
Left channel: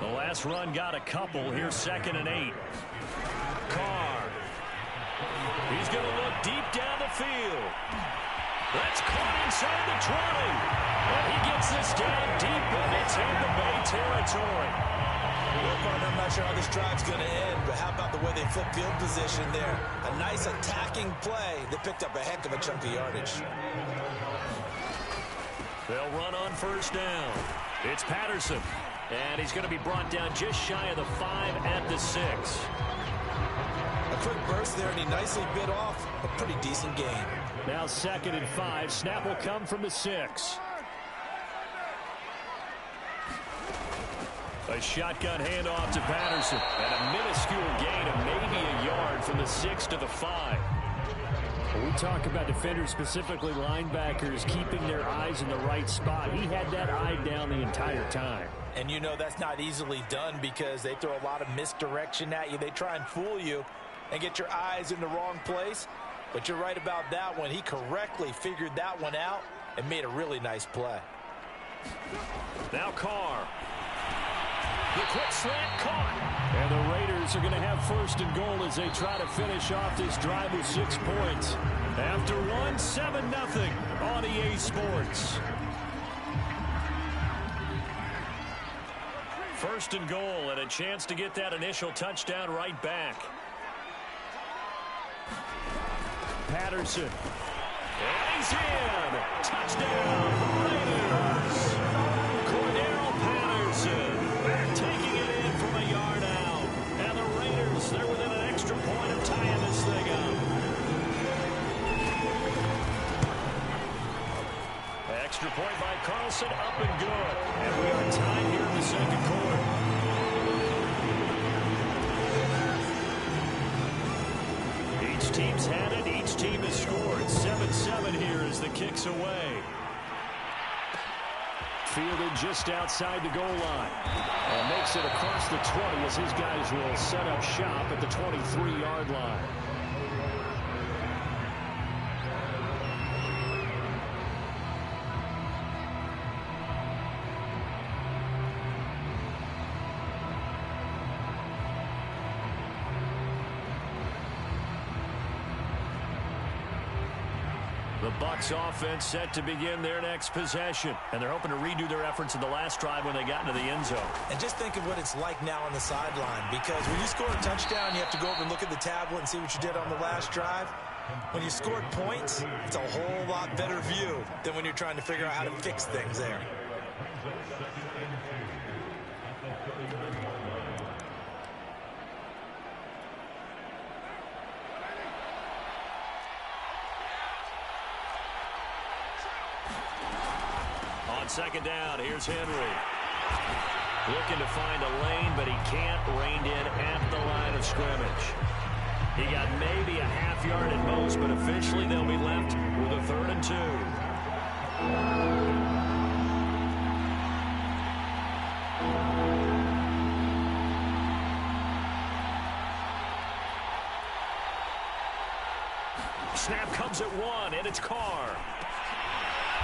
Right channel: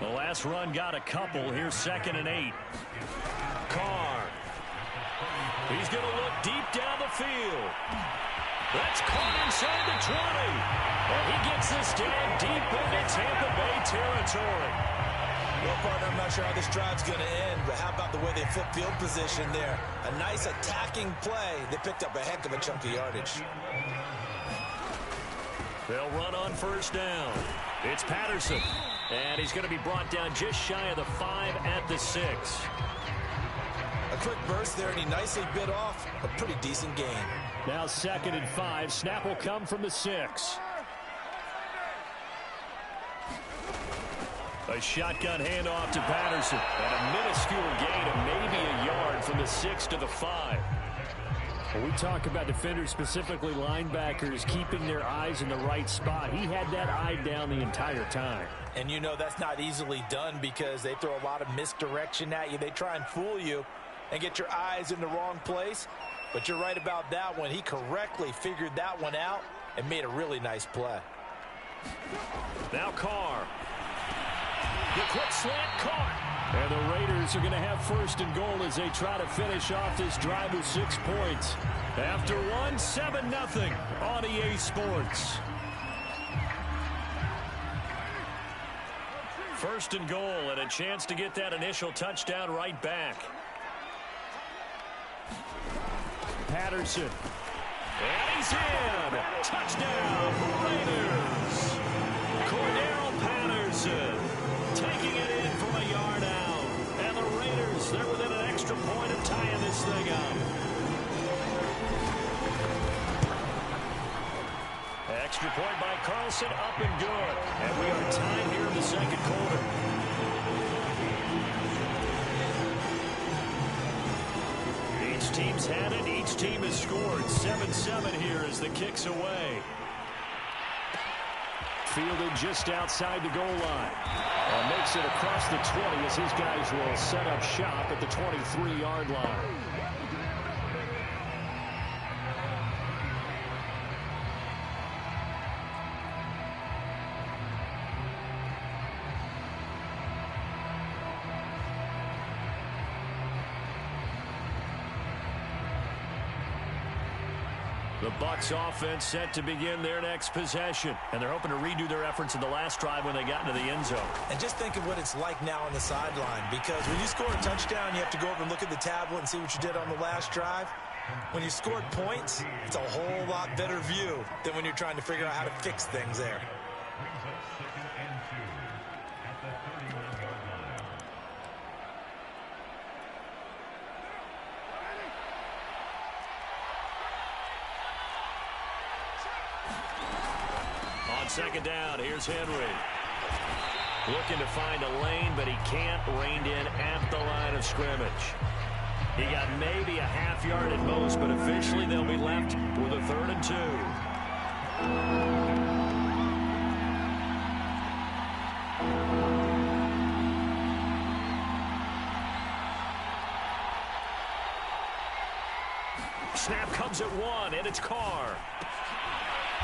The last run got a couple. Here's 2nd and 8. Carr. He's going to look deep down the field. That's caught inside the 20. And he gets this down deep into Tampa Bay territory. Well, partner, I'm not sure how this drive's going to end, but how about the way they flip field position there? A nice attacking play. They picked up a heck of a chunk of yardage. They'll run on 1st down. It's Patterson. And he's going to be brought down just shy of the 5 at the 6. A quick burst there, and he nicely bit off a pretty decent gain. Now 2nd and 5. Snap will come from the 6. A shotgun handoff to Patterson. And a minuscule gain of maybe a yard from the 6 to the 5. When we talk about defenders, specifically linebackers, keeping their eyes in the right spot, he had that eye down the entire time. And you know that's not easily done because they throw a lot of misdirection at you. They try and fool you and get your eyes in the wrong place. But you're right about that one. He correctly figured that one out and made a really nice play. Now Carr. The quick slant caught. And the Raiders are going to have 1st and goal as they try to finish off this drive with 6 points. After one, 7-0 on EA Sports. 1st and goal and a chance to get that initial touchdown right back. Patterson. And he's in. Touchdown, Raiders. Cordero Patterson taking it in from a yard out. And the Raiders, they're within an extra point of tying this thing up. Extra point by Carlson, up and good. And we are tied here in the 2nd quarter. Each team's had it. Each team has scored. 7-7 here as the kick's away. Fielded just outside the goal line. And makes it across the 20 as his guys will set up shop at the 23-yard line. The Bucs offense set to begin their next possession. And they're hoping to redo their efforts in the last drive when they got into the end zone. And just think of what it's like now on the sideline, because when you score a touchdown, you have to go over and look at the tablet and see what you did on the last drive. When you scored points, it's a whole lot better view than when you're trying to figure out how to fix things there. On 2nd down, here's Henry. Looking to find a lane, but he can't. Reined in at the line of scrimmage. He got maybe a half yard at most, but officially they'll be left with a 3rd and 2. Snap comes at 1, and it's Carr.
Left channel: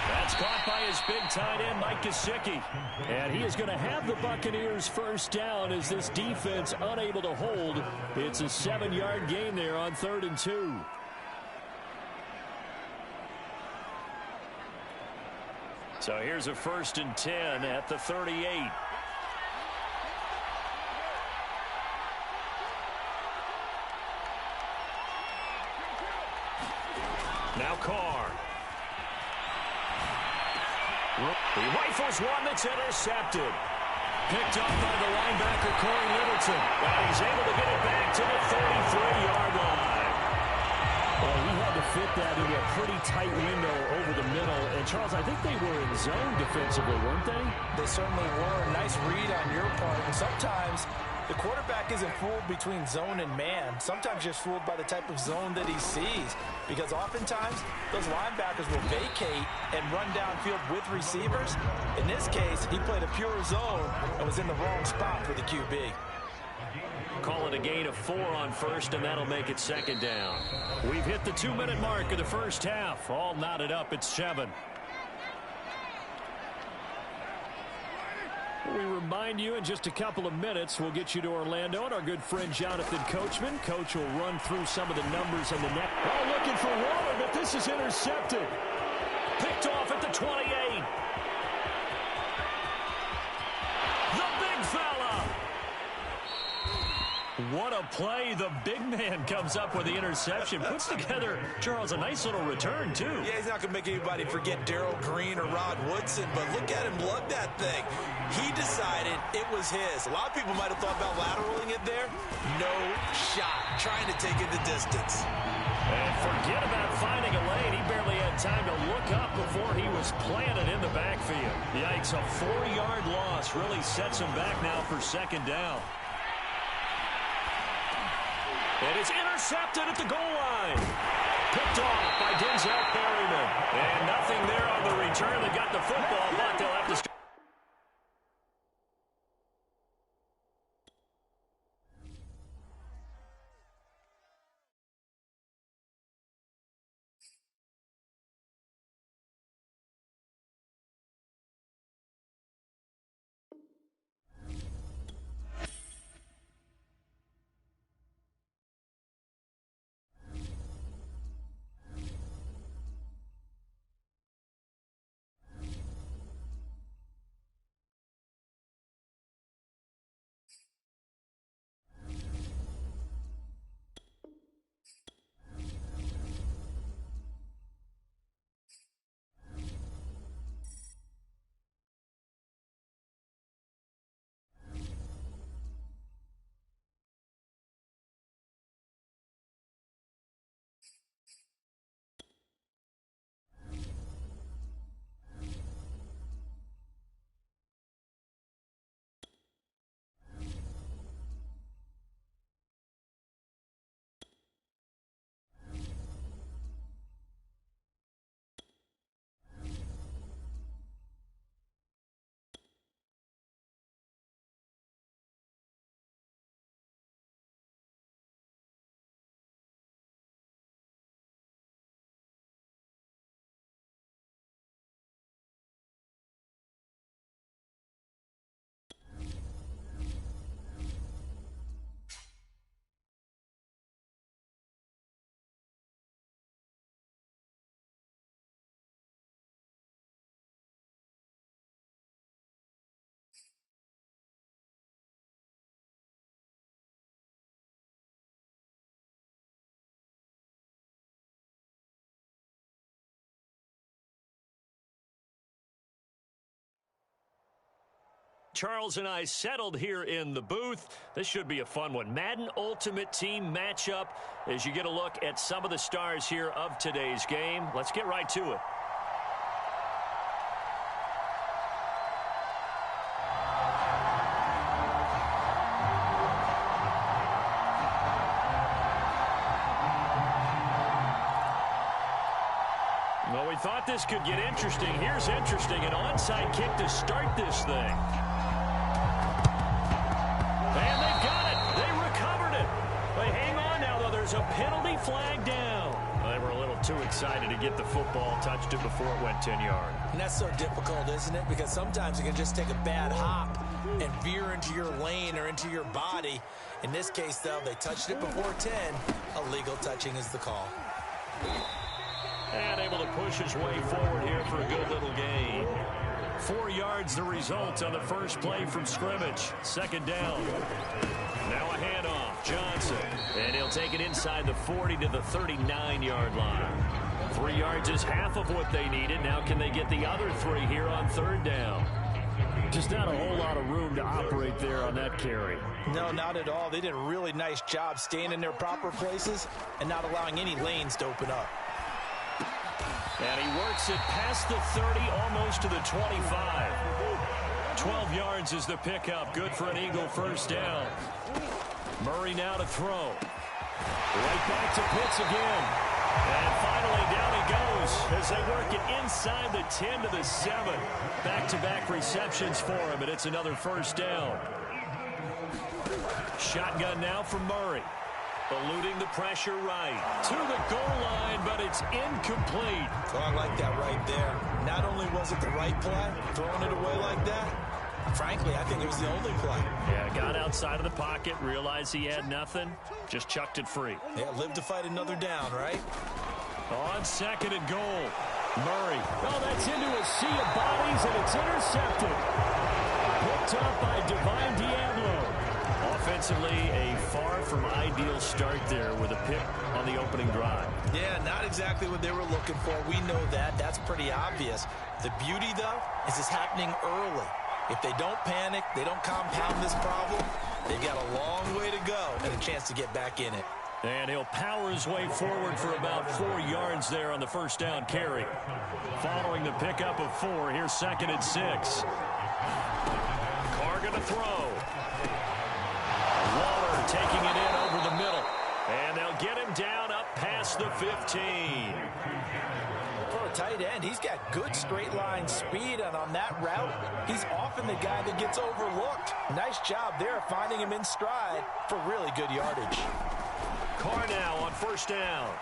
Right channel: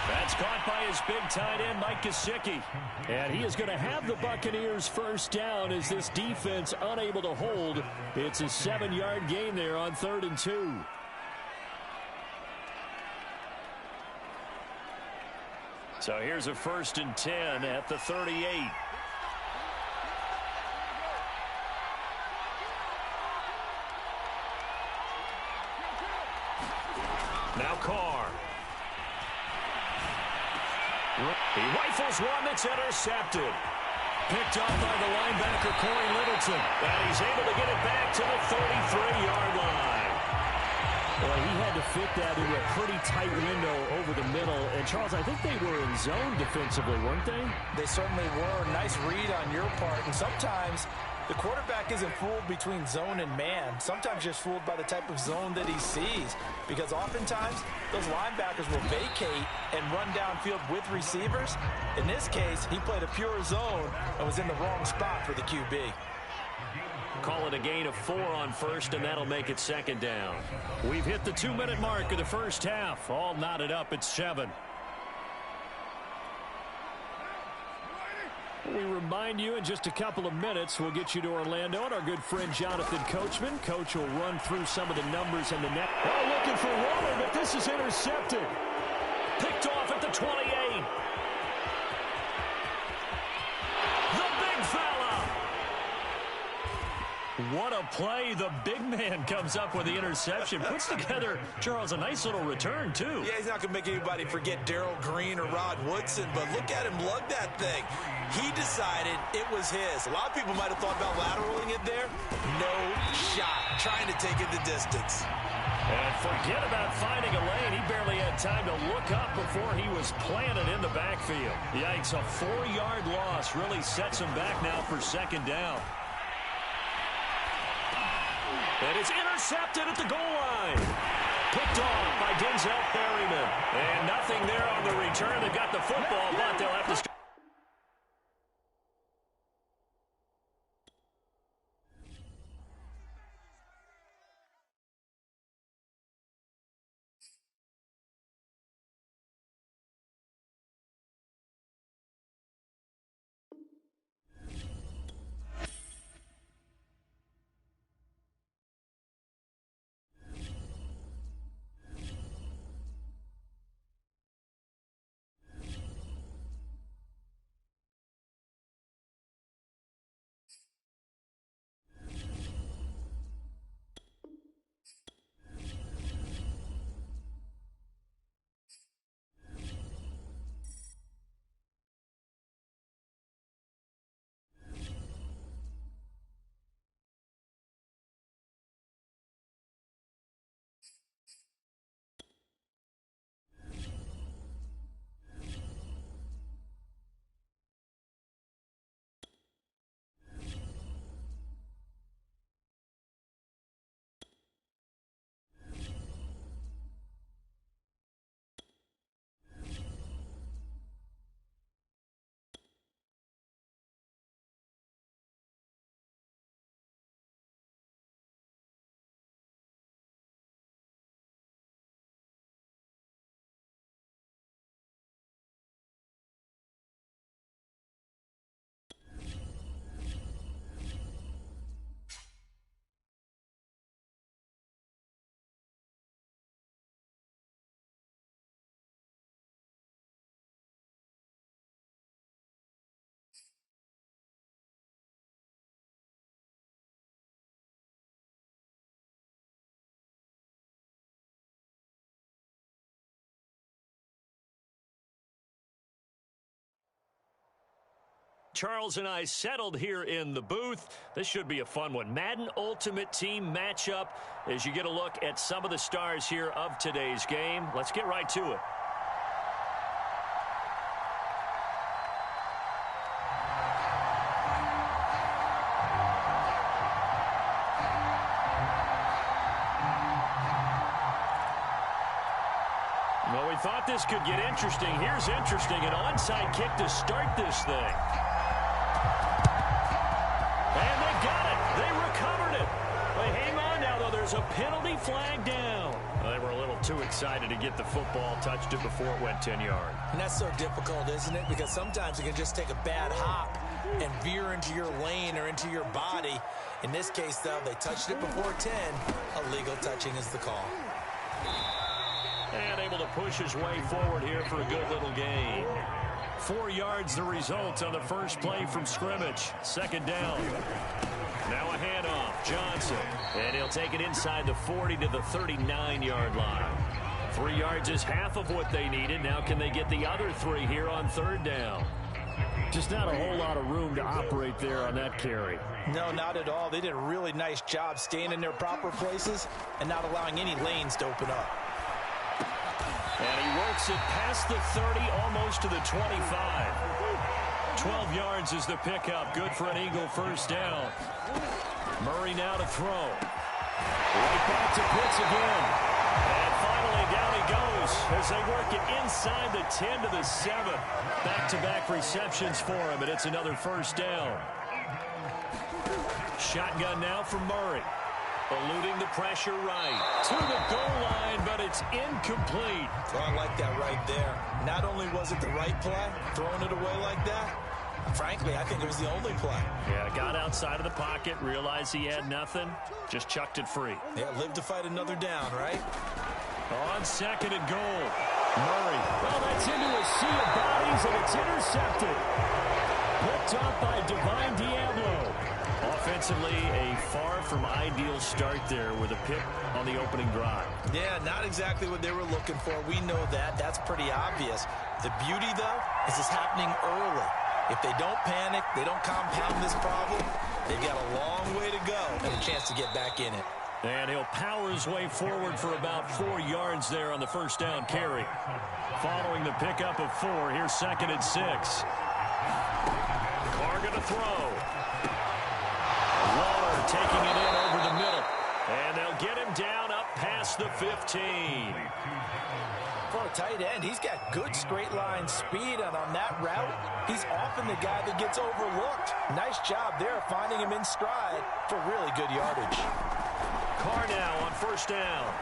That's caught by his big tight end, Mike Gesicki. And he is going to have the Buccaneers 1st down as this defense unable to hold. It's a 7-yard gain there on 3rd and 2. So here's a 1st and 10 at the 38. Now Carr. He rifles one that's intercepted. Picked off by the linebacker, Corey Littleton. And he's able to get it back to the 33-yard line. Well, he had to fit that into a pretty tight window over the middle. And, Charles, I think they were in zone defensively, weren't they? They certainly were. Nice read on your part. And sometimes the quarterback isn't fooled between zone and man. Sometimes just fooled by the type of zone that he sees. Because oftentimes, those linebackers will vacate and run downfield with receivers. In this case, he played a pure zone and was in the wrong spot for the QB. Call it a gain of 4 on 1st, and that'll make it 2nd down. We've hit the 2-minute mark of the first half. All knotted up at 7. We remind you in just a couple of minutes, we'll get you to Orlando and our good friend Jonathan Coachman. Coach will run through some of the numbers on the net. Oh, looking for Waller, but this is intercepted. Picked off at the 28. The big fella. What a play. The big man comes up with the interception. Puts together, Charles, a nice little return, too. Yeah, he's not going to make anybody forget Darrell Green or Rod Woodson, but look at him lug that thing. He decided it was his. A lot of people might have thought about lateraling it there. No shot. Trying to take it the distance. And forget about finding a lane. He barely had time to look up before he was planted in the backfield. Yikes, a 4-yard loss really sets him back now for 2nd down. And it's intercepted at the goal line. Picked off by Denzel Perryman. And nothing there on the return. They got the football, but they'll have to... Charles and I settled here in the booth. This should be a fun one. Madden Ultimate Team matchup as you get a look at some of the stars here of today's game. Let's get right to it. Well, we thought this could get interesting. Here's interesting. An onside kick to start this thing. And they've got it. They recovered it. But hang on now, though. There's a penalty flag down. Well, they were a little too excited to get the football, touched it before it went 10 yards. And that's so difficult, isn't it? Because sometimes you can just take a bad hop and veer into your lane or into your body. In this case, though, they touched it before 10. Illegal touching is the call. And able to push his way forward here for a good little gain. 4 yards the result on the first play from scrimmage. Second down. Now a handoff. Johnson. And he'll take it inside the 40 to the 39-yard line. 3 yards is half of what they needed. Now can they get the other 3 here on third down? Just not a whole lot of room to operate there on that carry. No, not at all. They did a really nice job staying in their proper places and not allowing any lanes to open up. And he works it past the 30, almost to the 25. 12 yards is the pickup. Good for an Eagle first down. Murray now to throw. Right back to Pitts again. And finally down he goes as they work it inside the 10 to the 7. Back-to-back receptions for him, and it's another first down. Shotgun now from Murray. Eluding the pressure right. To the goal line, but it's incomplete. So I like that right there. Not only was it the right play, throwing it away like that, frankly, I think it was the only play. Yeah, got outside of the pocket, realized he had nothing, just chucked it free. Yeah, live to fight another down, right? On second and goal. Murray. Well, that's into a sea of bodies, and it's intercepted. Picked up by Divine Diablo. Offensively, a far from ideal start there with a pick on the opening drive. Yeah, not exactly what they were looking for. We know that. That's pretty obvious. The beauty, though, is it's happening early. If they don't panic, they don't compound this problem, they've got a long way to go and a chance to get back in it. And he'll power his way forward for about 4 yards there on the first down carry. Following the pickup of 4, here's second and 6. Carr going to throw. Waller taking it in over the middle. And they'll get him down up past the 15. For a tight end, he's got good straight line speed, and on that route, he's often the guy that gets overlooked. Nice job there finding him in stride for really good yardage. Carr now on first down.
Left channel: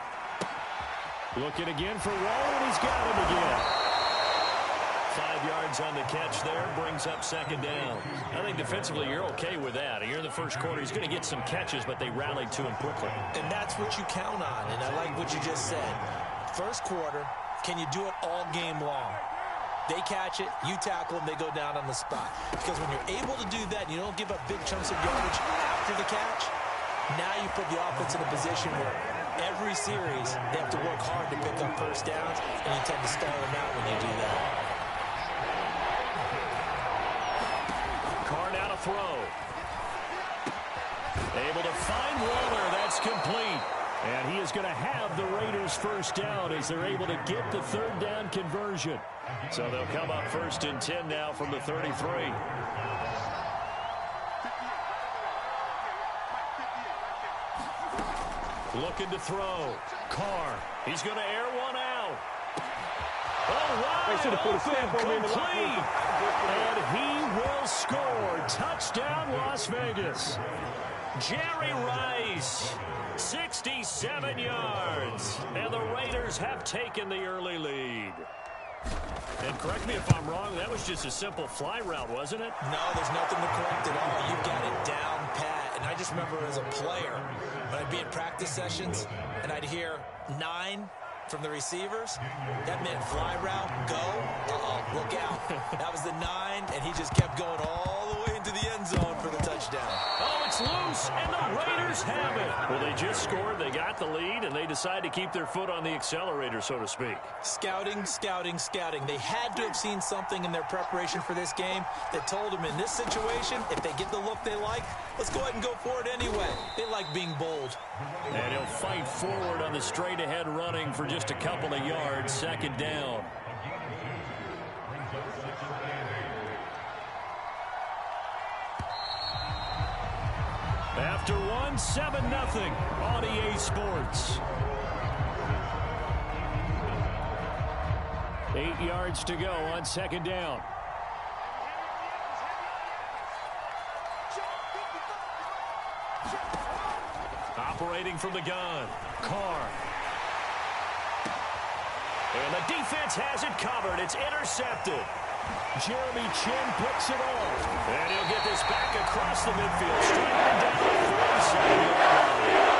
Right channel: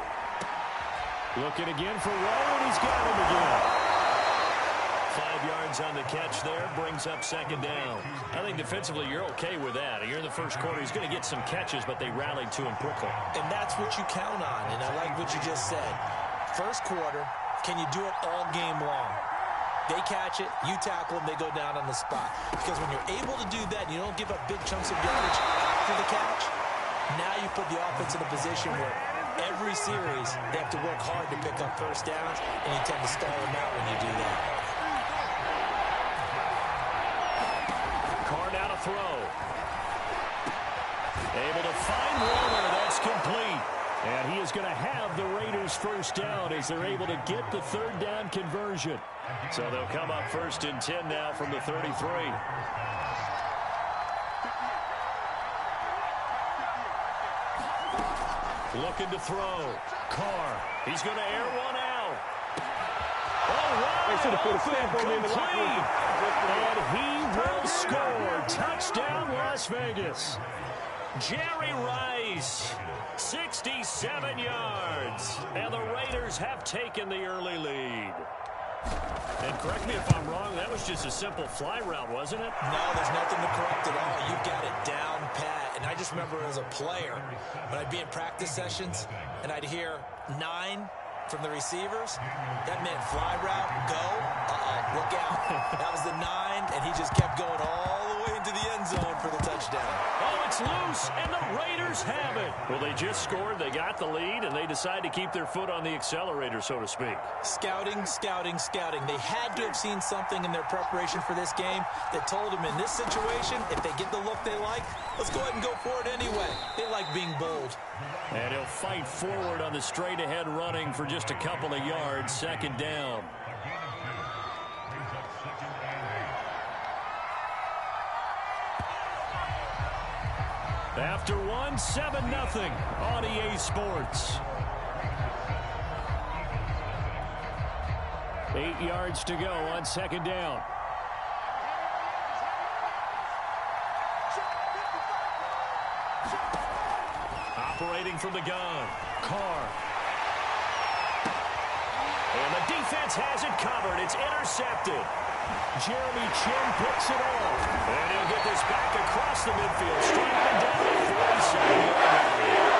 Looking again for Waller, and he's got him again. 5 yards on the catch there, brings up second down. I think defensively you're okay with that. Here in the first quarter, he's going to get some catches, but they rallied to him quickly. And that's what you count on, and I like what you just said. First quarter, can you do it all game long? They catch it, you tackle them, they go down on the spot. Because when you're able to do that, and you don't give up big chunks of yardage after the catch, now you put the offense in a position where every series they have to work hard to pick up first downs, and you tend to stall them out when you do that. Carr now to throw. Able to find Waller. That's complete. And he is going to have the Raiders first down as they're able to get the third down conversion. So they'll come up first and 10 now from the 33. Looking to throw. Carr. He's going to air one out. Oh, wide open, complete. And he will score. Touchdown, Las Vegas. Jerry Rice, 67 yards. And the Raiders have taken the early lead. And correct me if I'm wrong, that was just a simple fly route, wasn't it? No, there's nothing to correct at all. You've got it down pat. And I just remember as a player, when I'd be in practice sessions, and I'd hear 9 from the receivers, that meant fly route, go, look out. That was the 9, and he just kept going all the way into the end zone for the touchdown. Oh, it's loose, and the Raiders have it. Well, they just scored, they got the lead, and they decide to keep their foot on the accelerator, so to speak. Scouting, scouting, scouting. They had to have seen something in their preparation for this game that told them in this situation, if they get the look they like, let's go ahead and go for it anyway. They like being bold. And he'll fight forward on the straight-ahead running for just a couple of yards, second down. After one, 7-0 on EA Sports. 8 yards to go on second down. Operating from the gun, Carr. And the defense has it covered. It's intercepted. Jeremy Chin picks it off. And he'll get this back across the midfield. Striking down the 47-yard line.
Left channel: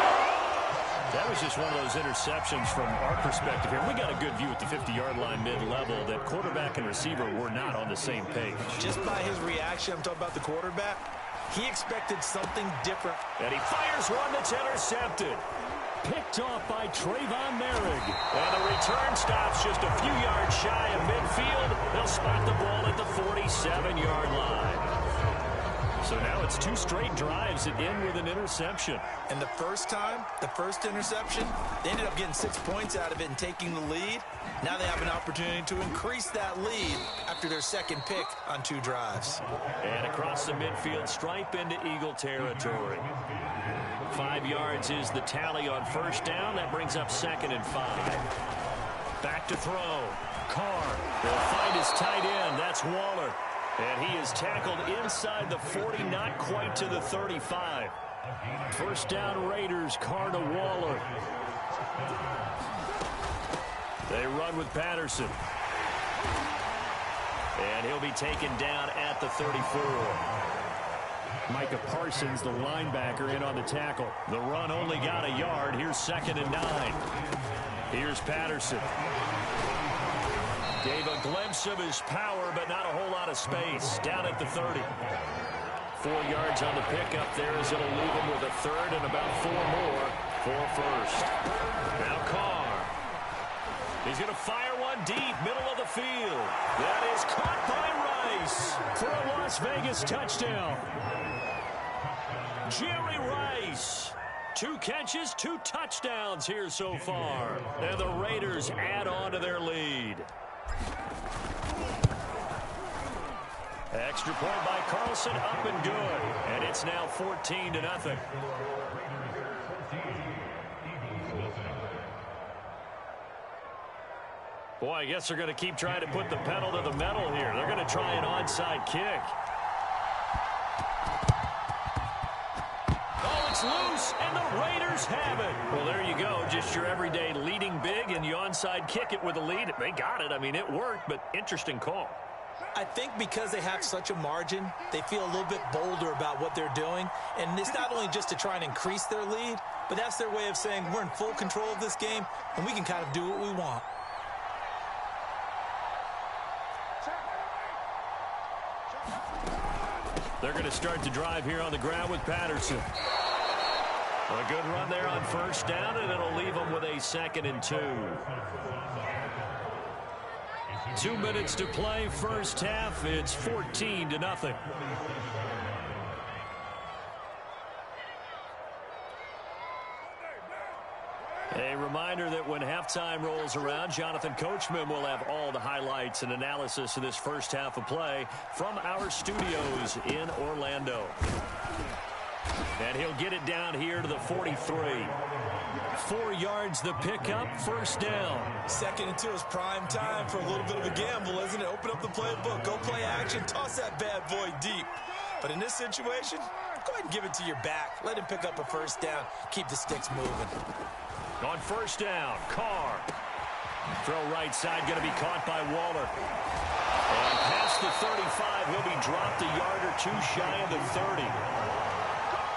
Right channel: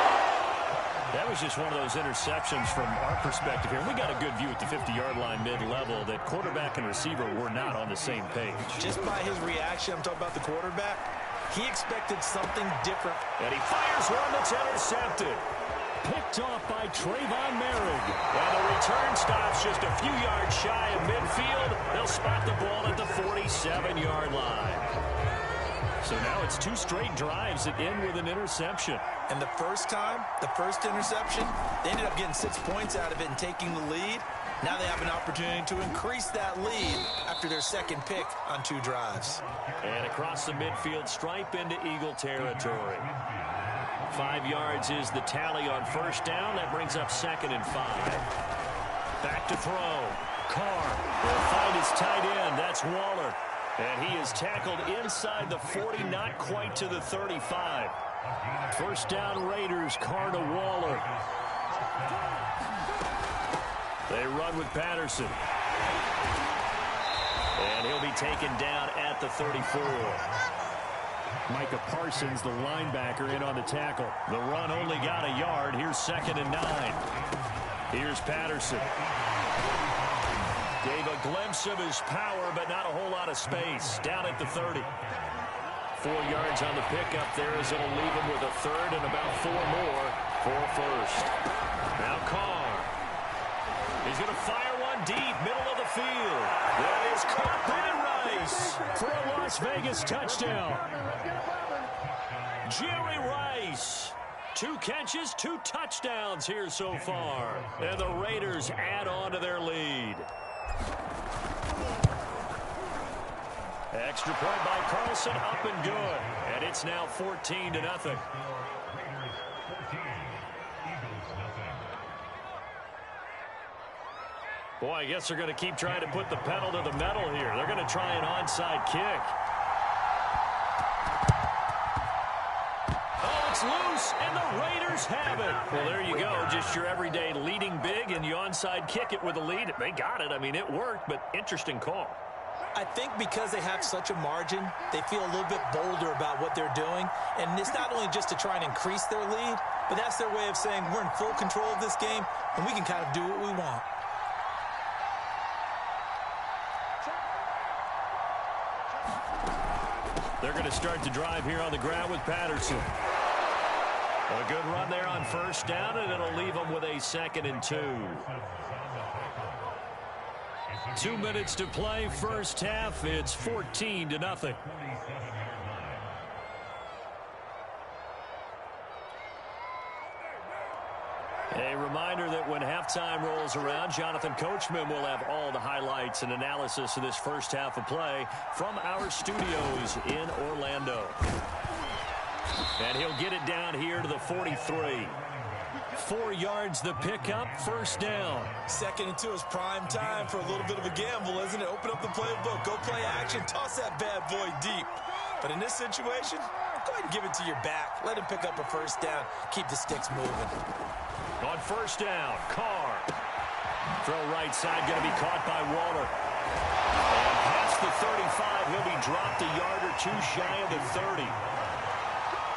That was just one of those interceptions from our perspective here. We got a good view at the 50-yard line mid-level that quarterback and receiver were not on the same page. Just by his reaction, I'm talking about the quarterback, he expected something different. And he fires one that's intercepted. Picked off by Trayvon Merrick. And the return stops just a few yards shy of midfield. They'll spot the ball at the 47-yard line. So now it's 2 straight drives that end with an interception. And the first interception, they ended up getting 6 points out of it and taking the lead. Now they have an opportunity to increase that lead after their second pick on 2 drives. And across the midfield stripe into Eagle territory. 5 yards is the tally on first down. That brings up 2nd and 5. Back to throw. Carr will find his tight end. That's Waller. And he is tackled inside the 40, not quite to the 35. First down Raiders, Carr to Waller. They run with Patterson. And he'll be taken down at the 34. Micah Parsons, the linebacker, in on the tackle. The run only got a yard. Here's 2nd and 9. Here's Patterson. Gave a glimpse of his power, but not a whole lot of space. Down at the 30. 4 yards on the pickup there as it'll leave him with a 3rd and about 4 more for first. Now Carr. He's going to fire one deep, middle of the field. That is caught by Rice for a Las Vegas touchdown. Jerry Rice. 2 catches, 2 touchdowns here so far. And the Raiders add on to their lead. Extra point by Carlson, up and good. And it's now 14-0. Boy, I guess they're going to keep trying to put the pedal to the metal here. They're going to try an onside kick. Oh, it's loose, and the Raiders have it. Well, there you go. Just your everyday leading big, and you onside kick it with a lead. They got it. I mean, it worked, but interesting call. I think because they have such a margin, they feel a little bit bolder about what they're doing. And it's not only just to try and increase their lead, but that's their way of saying we're in full control of this game, and we can kind of do what we want. They're going to start the drive here on the ground with Patterson. A good run there on first down, and it'll leave them with a 2nd and 2. 2 minutes to play, first half. It's 14-0. A reminder that when halftime rolls around, Jonathan Coachman will have all the highlights and analysis of this first half of play from our studios in Orlando. And he'll get it down here to the 43. 4 yards the pickup, first down. 2nd and 2 is prime time for a little bit of a gamble, isn't it? Open up the playbook, go play action, toss that bad boy deep. But in this situation, go ahead and give it to your back. Let him pick up a first down. Keep the sticks moving. On first down, Carr. Throw right side, going to be caught by Waller. And past the 35, he'll be dropped a yard or 2 shy of the 30.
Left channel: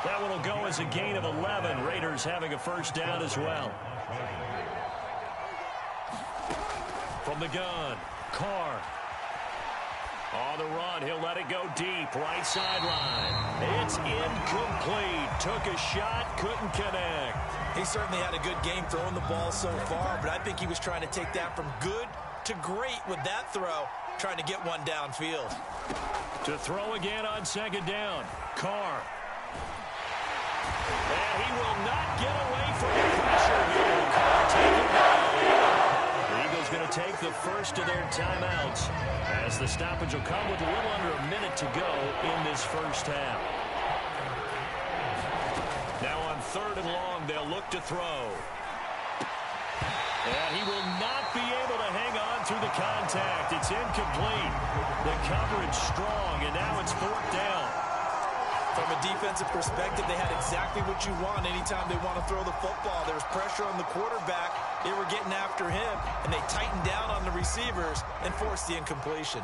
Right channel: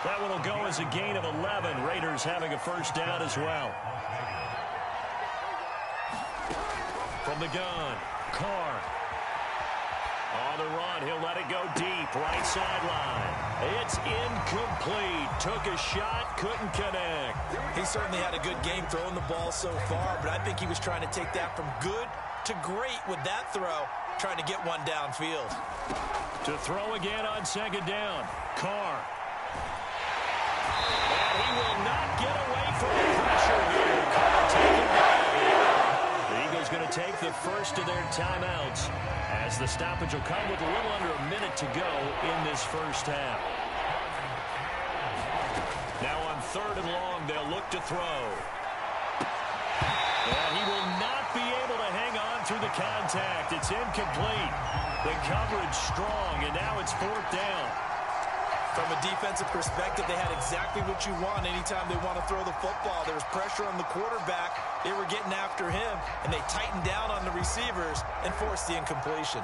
That one will go as a gain of 11. Raiders having a first down as well. From the gun, Carr. On the run, he'll let it go deep, right sideline. It's incomplete. Took a shot, couldn't connect. He certainly had a good game throwing the ball so far, but I think he was trying to take that from good to great with that throw, trying to get one downfield. To throw again on second down, Carr. And he will not get away from the pressure here. Carr taken down. The Eagles going to take the first of their timeouts as the stoppage will come with a little under a minute to go in this first half. Now on 3rd and long, they'll look to throw. And he will not be able to hang on through the contact. It's incomplete. The coverage strong, and now it's 4th down. From a defensive perspective, they had exactly what you want anytime they want to throw the football. There was pressure on the quarterback. They were getting after him, and they tightened down on the receivers and forced the incompletion.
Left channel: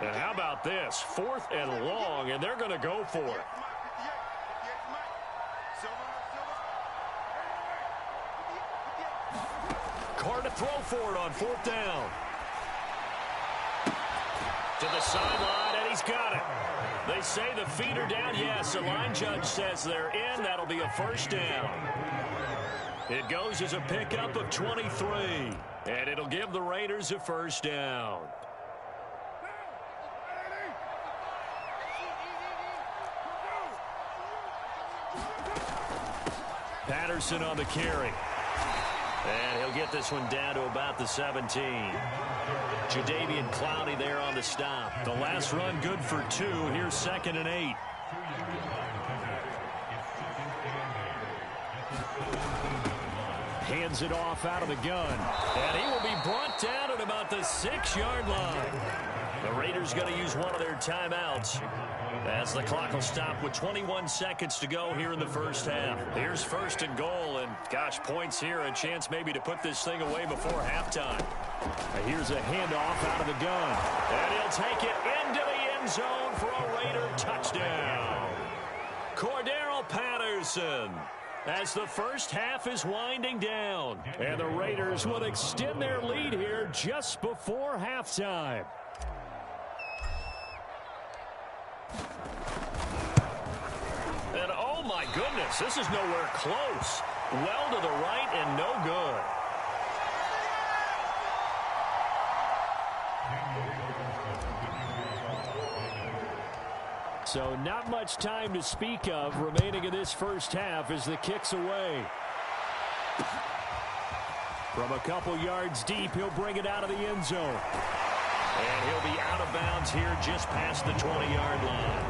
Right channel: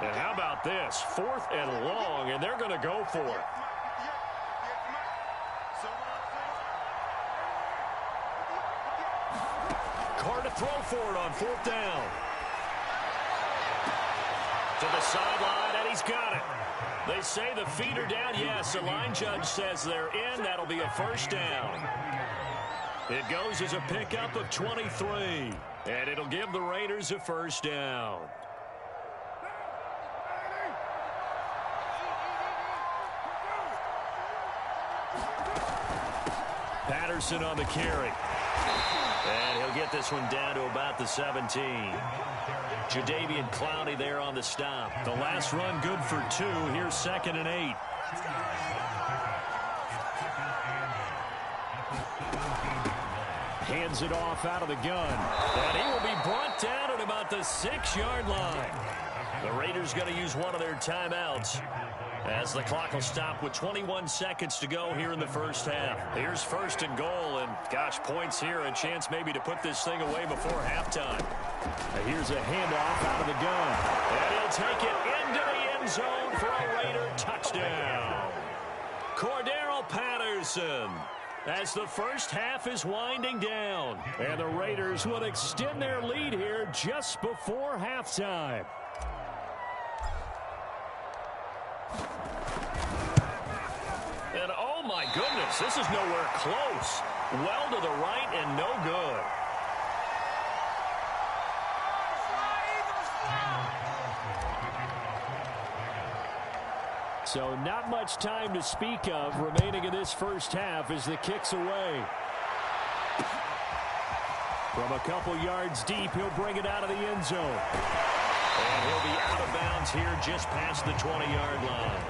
And how about this? 4th and long, and they're going to go for it. hard to throw for it on 4th down. To the sideline, and he's got it. They say the feet are down. Yes, the line judge says they're in. That'll be a 1st down. It goes as a pickup of 23, and it'll give the Raiders a 1st down. Patterson on the carry. And he'll get this one down to about the 17. Jadeveon Clowney there on the stop. The last run good for 2. Here's 2nd and 8. Hands it off out of the gun. And he will be brought down at about the 6-yard line. The Raiders going to use one of their timeouts as the clock will stop with 21 seconds to go here in the 1st half. Here's 1st and goal, and gosh, points here, a chance maybe to put this thing away before halftime. Here's a handoff out of the gun, and he'll take it into the end zone for a Raider touchdown. Cordero Patterson, as the 1st half is winding down, and the Raiders will extend their lead here just before halftime. And oh my goodness, this is nowhere close. Well to the right and no good. So not much time to speak of remaining in this 1st half as the kick's away. From a couple yards deep, he'll bring it out of the end zone. And he'll be out of bounds here just past the 20-yard line.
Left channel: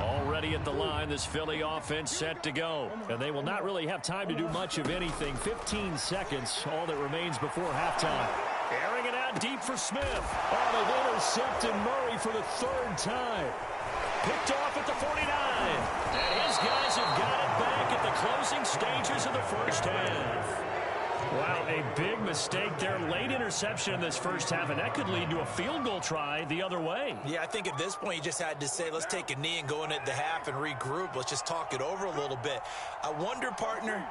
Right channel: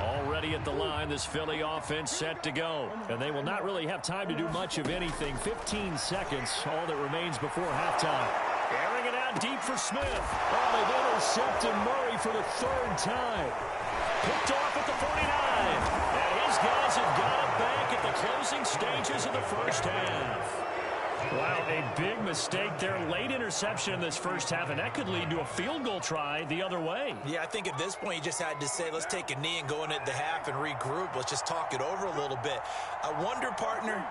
Already at the line, this Philly offense set to go. And they will not really have time to do much of anything. 15 seconds, all that remains before halftime. Airing it out deep for Smith. Oh, they've intercepted Murray for the 3rd time. Picked off at the 49. And his guys have got it back at the closing stages of the 1st half. Wow, a big mistake there. Late interception in this 1st half, and that could lead to a field goal try the other way. Yeah, I think at this point you just had to say, let's take a knee and go in at the half and regroup. Let's just talk it over a little bit. I wonder, partner,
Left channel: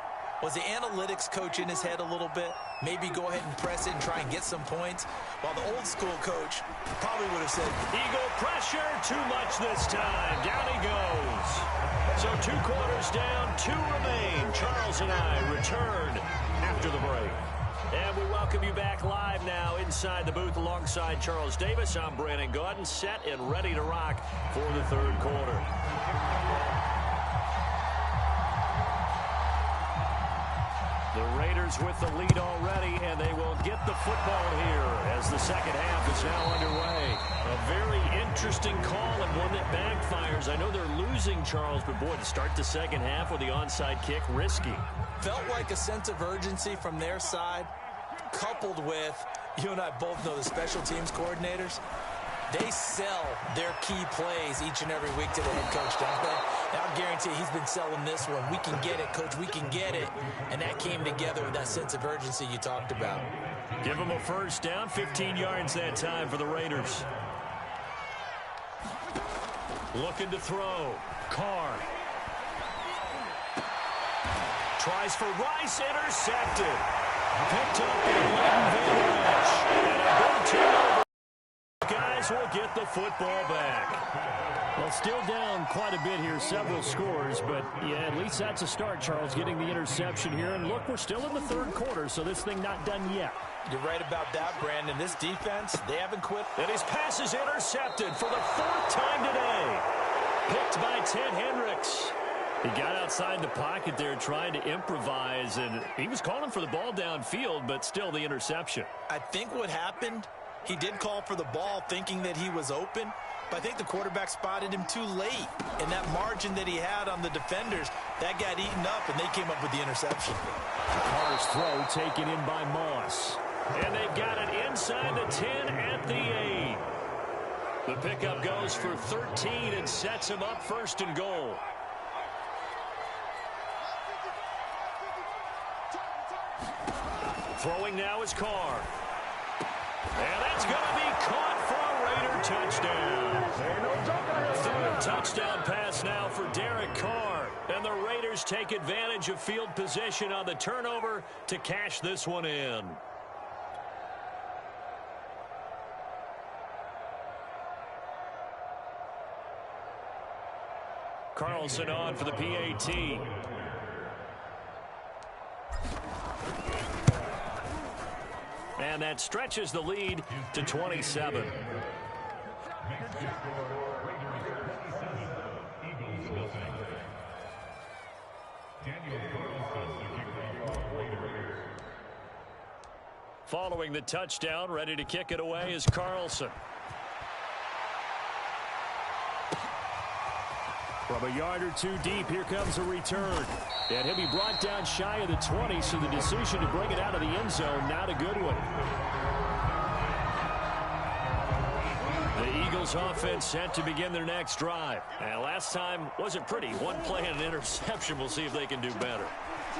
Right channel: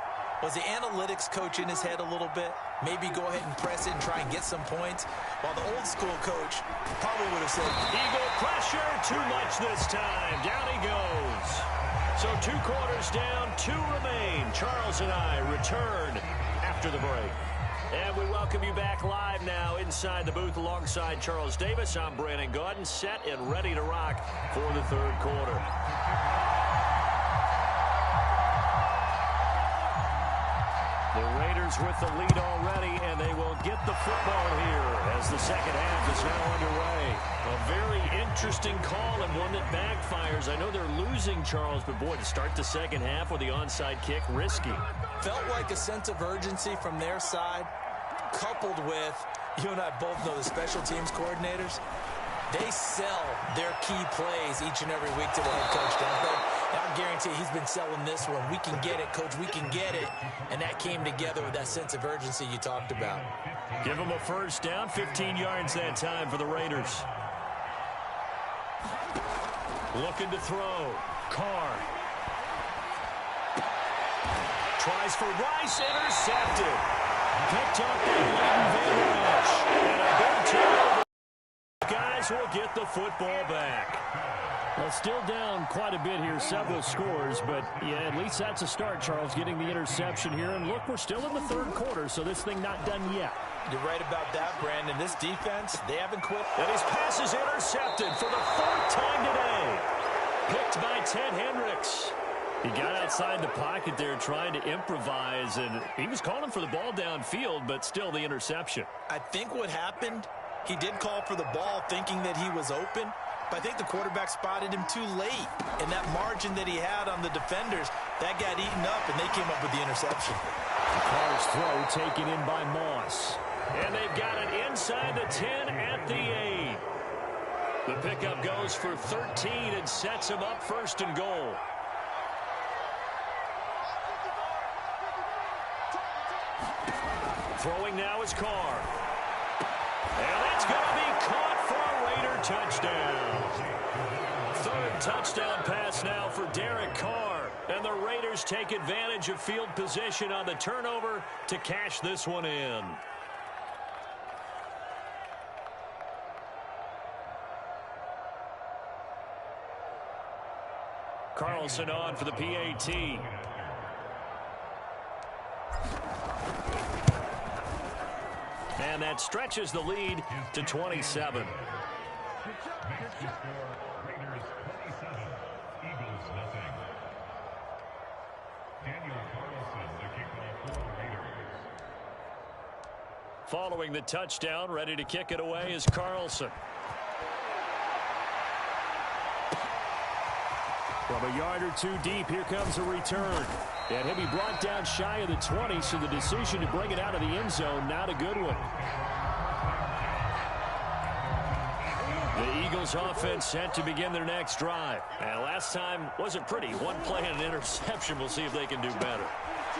was the analytics coach in his head a little bit? Maybe go ahead and press it and try and get some points? While the old school coach probably would have said, Eagle pressure, too much this time. Down he goes. So 2 quarters down, 2 remain. Charles and I return after the break. And we welcome you back live now inside the booth alongside Charles Davis. I'm Brandon Gaudin, set and ready to rock for the 3rd quarter. The Raiders with the lead already, and they will get the football here as the 2nd half is now underway. A very interesting call and one that backfires. I know they're losing, Charles, but boy, to start the 2nd half with the onside kick, risky. Felt like a sense of urgency from their side, coupled with, you and I both know the special teams coordinators. They sell their key plays each and every week to the head coach, don't they? And I'll guarantee he's been selling this one. We can get it, coach. We can get it. And that came together with that sense of urgency you talked about. Give them a 1st down, 15 yards that time for the Raiders. Looking to throw. Carr. Tries for Rice, intercepted. Picked up by Leighton Van Esch. And a big turnover. Guys will get the football back. Well, still down quite a bit here, several scores, but yeah, at least that's a start, Charles, getting the interception here. And look, we're still in the 3rd quarter, so this thing not done yet. You're right about that, Brandon. This defense, they haven't quit. And his pass is intercepted for the 4th time today. Picked by Ted Hendricks. He got outside the pocket there trying to improvise, and he was calling for the ball downfield, but still the interception. I think what happened, he did call for the ball thinking that he was open, but I think the quarterback spotted him too late. And that margin that he had on the defenders, that got eaten up, and they came up with the interception. Carr's throw taken in by Moss. And they've got it inside the 10 at the 8. The pickup goes for 13 and sets him up 1st and goal. Throwing now is Carr. And that's going to be caught for a Raider touchdown. Third touchdown pass now for Derek Carr. And the Raiders take advantage of field position on the turnover to cash this one in. Carlson on for the PAT. And that stretches the lead to 27. Following the touchdown, ready to kick it away is Carlson. From a yard or two deep, here comes a return. And he'll be brought down shy of the 20, so the decision to bring it out of the end zone, not a good one. The Eagles offense set to begin their next drive. And last time wasn't pretty. One play and an interception. We'll see if they can do better.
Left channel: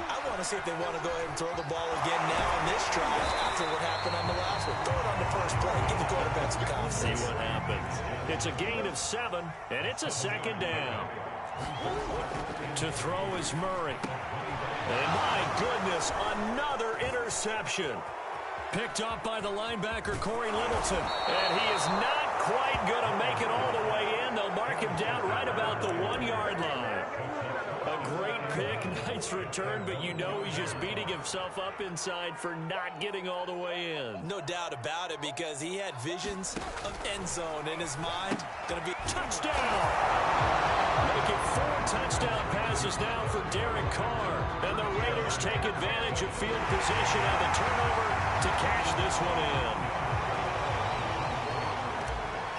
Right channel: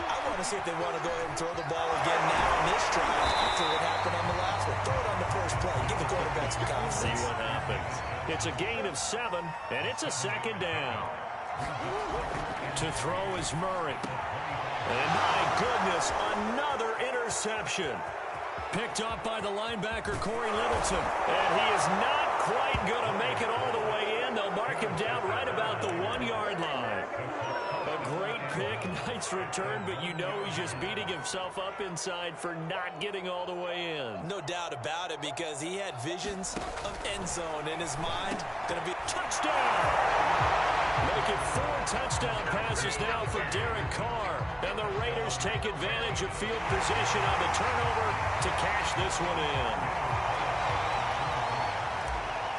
I want to see if they want to go ahead and throw the ball again now on this drive after what happened on the last one. Throw it on the first play. Give the quarterback some confidence. See what happens. It's a gain of 7, and it's a second down. To throw is Murray. And my goodness, another interception. Picked up by the linebacker, Corey Littleton. And he is not quite going to make it all the way in. They'll mark him down right about the 1-yard line. A great pick, nice return, but you know he's just beating himself up inside for not getting all the way in. No doubt about it, because he had visions of end zone in his mind. Going to be touchdown. Make it 4 touchdown passes now for Derek Carr. And the Raiders take advantage of field position on the turnover to cash this one in.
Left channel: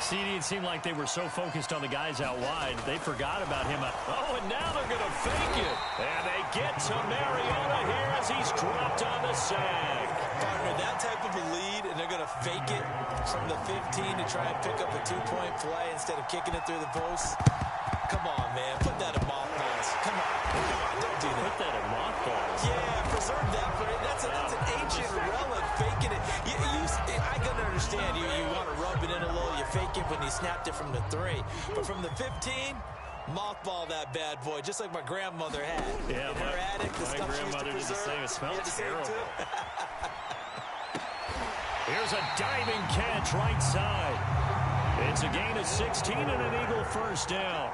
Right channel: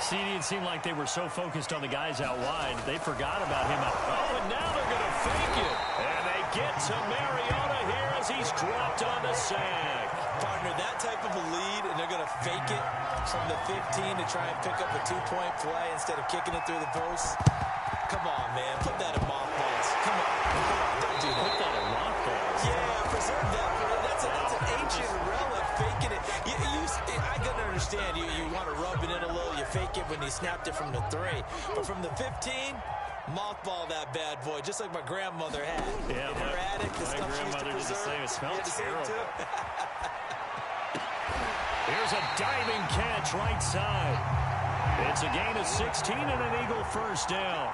CD, it seemed like they were so focused on the guys out wide, they forgot about him. Oh, and now they're going to fake it. And they get to Mariota here as he's dropped on the sack. Partner, that type of a lead, and they're going to fake it from the 15 to try and pick up a 2-point play instead of kicking it through the post. Come on, man. Put that in mothballs. Come on. Don't do that. Put that in mothballs. Yeah, preserve that for it. That's an ancient relic, faking it. I can understand you want to rub it in a little. You fake it when you snapped it from the 3. But from the 15, mothball that bad boy, just like my grandmother had. Yeah, in her attic, the my stuff she used to grandmother did the preserve. same. It smelled terrible. Here's Here's a diving catch right side. It's a gain of 16 and an Eagle first down.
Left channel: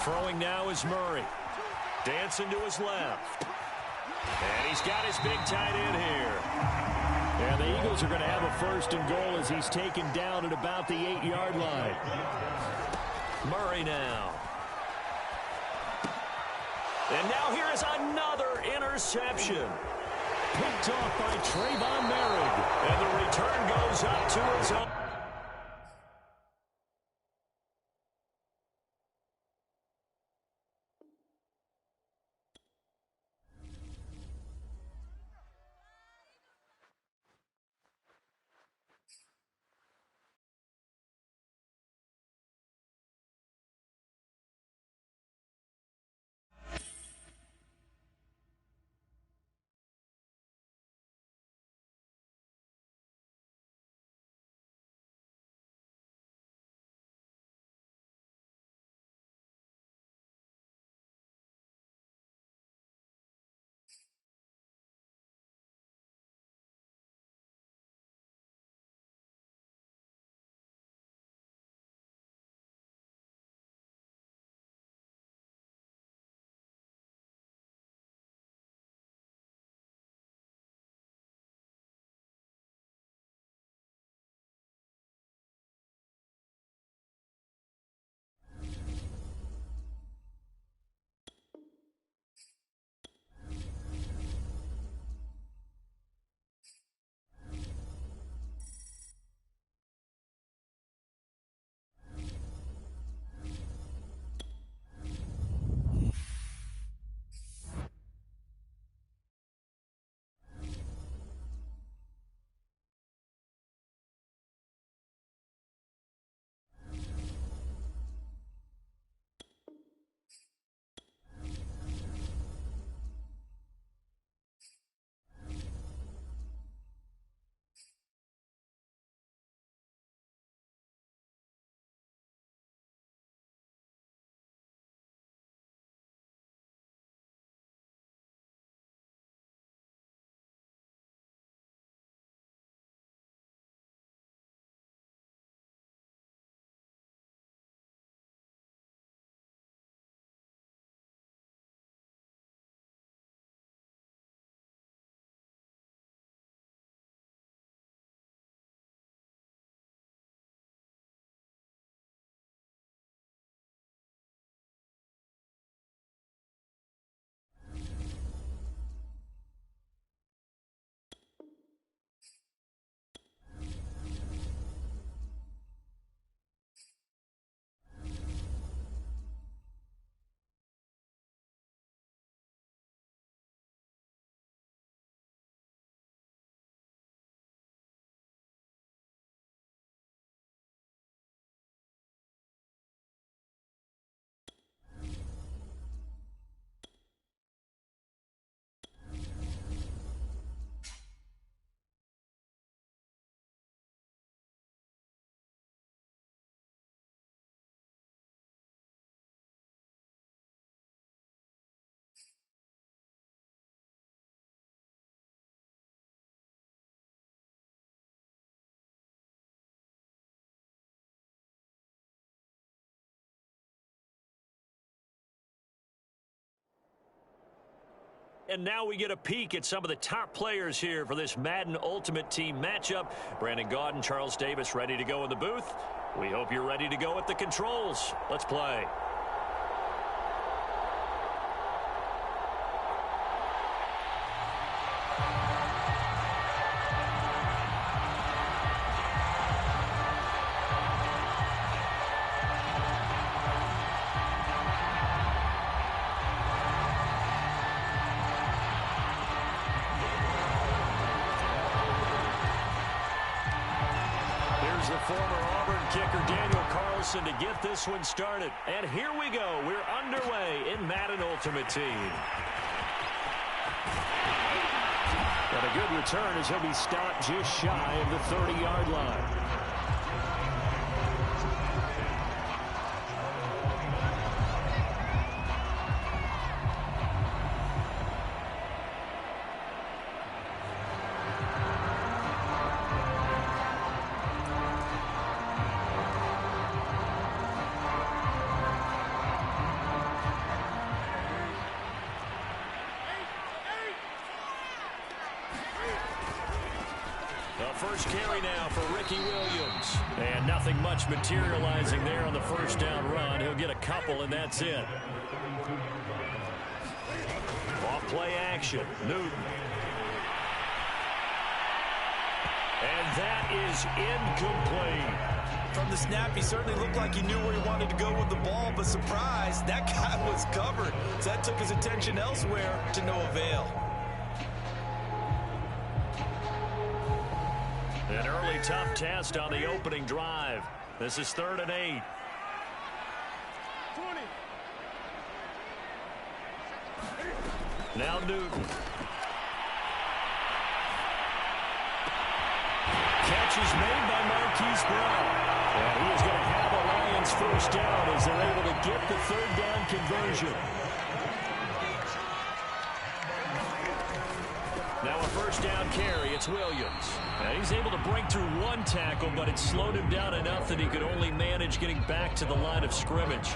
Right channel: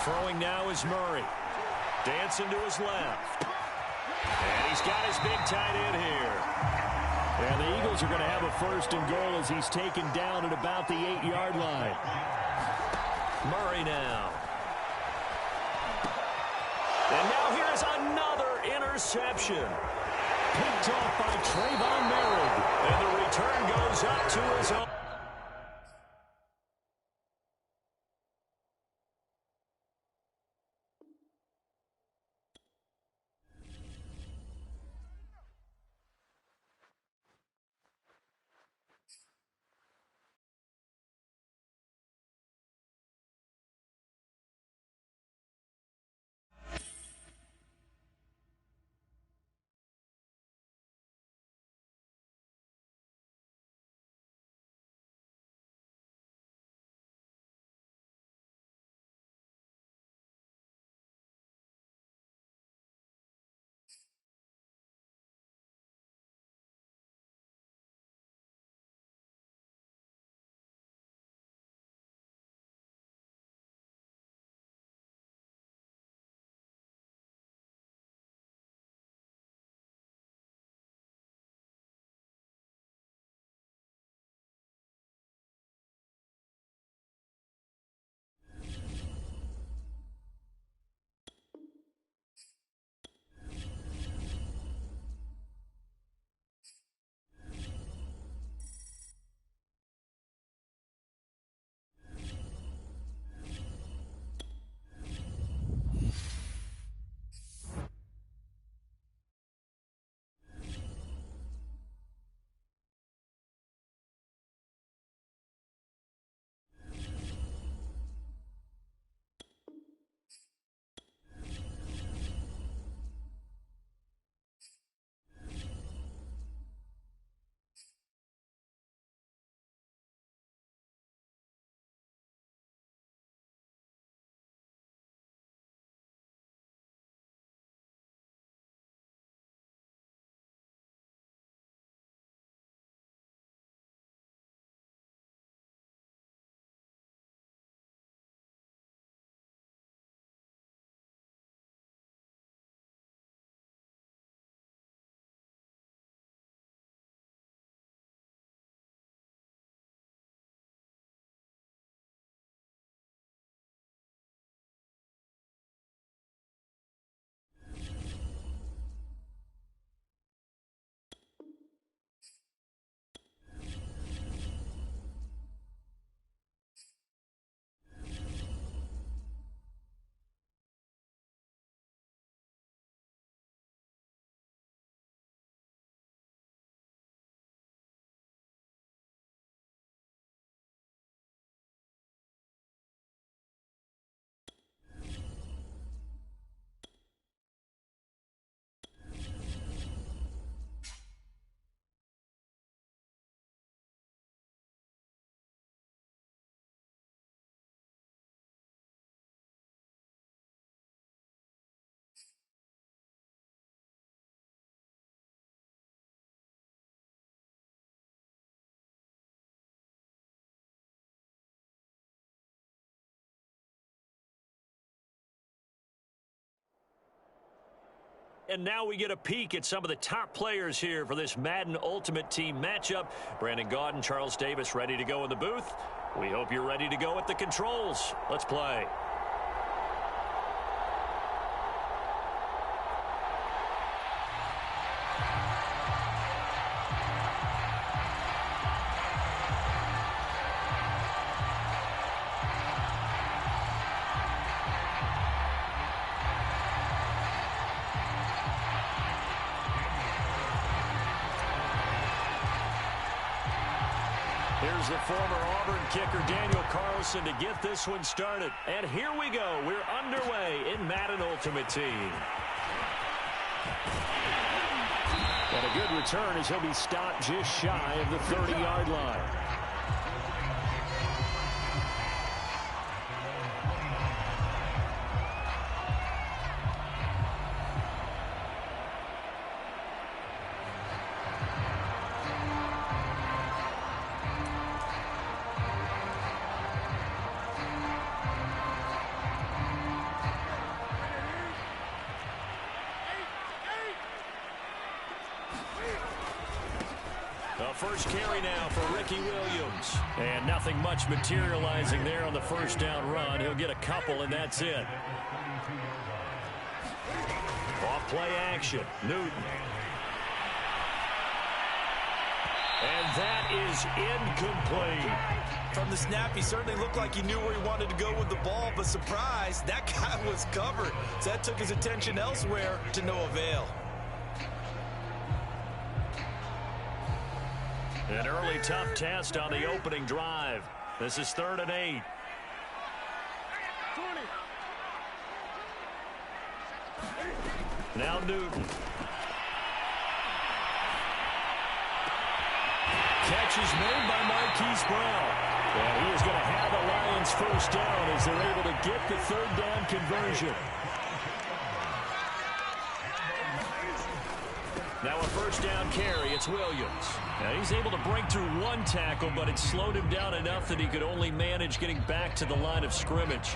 Throwing now is Murray. Dancing to his left. And he's got his big tight end here. And the Eagles are going to have a first and goal as he's taken down at about the 8-yard line. Murray now. And now here is another interception. Picked off by Trayvon Merritt. And the return goes up to his own. And now we get a peek at some of the top players here for this Madden Ultimate Team matchup. Brandon Gaudin, Charles Davis ready to go in the booth. We hope you're ready to go at the controls. Let's play. Here's the former Auburn kicker, Daniel Carlson, to get this one started. And here we go. We're underway in Madden Ultimate Team. And a good return as he'll be stopped just shy of the 30-yard line. First carry now for Ricky Williams. And nothing much materializing there on the first down run. He'll get a couple, and that's it. Off play action. Newton. And that is incomplete. From the snap, he certainly looked like he knew where he wanted to go with the ball, but surprise, that guy was covered. So that took his attention elsewhere to no avail. An early tough test on the opening drive. This is 3rd and 8. 20. Now Newton. Catch is made by Marquise Brown. And he is going to have a Lions first down as they're able to get the 3rd down conversion. Now a first down carry. It's Williams. Now he's able to break through one tackle, but it slowed him down enough that he could only manage getting back to the line of scrimmage.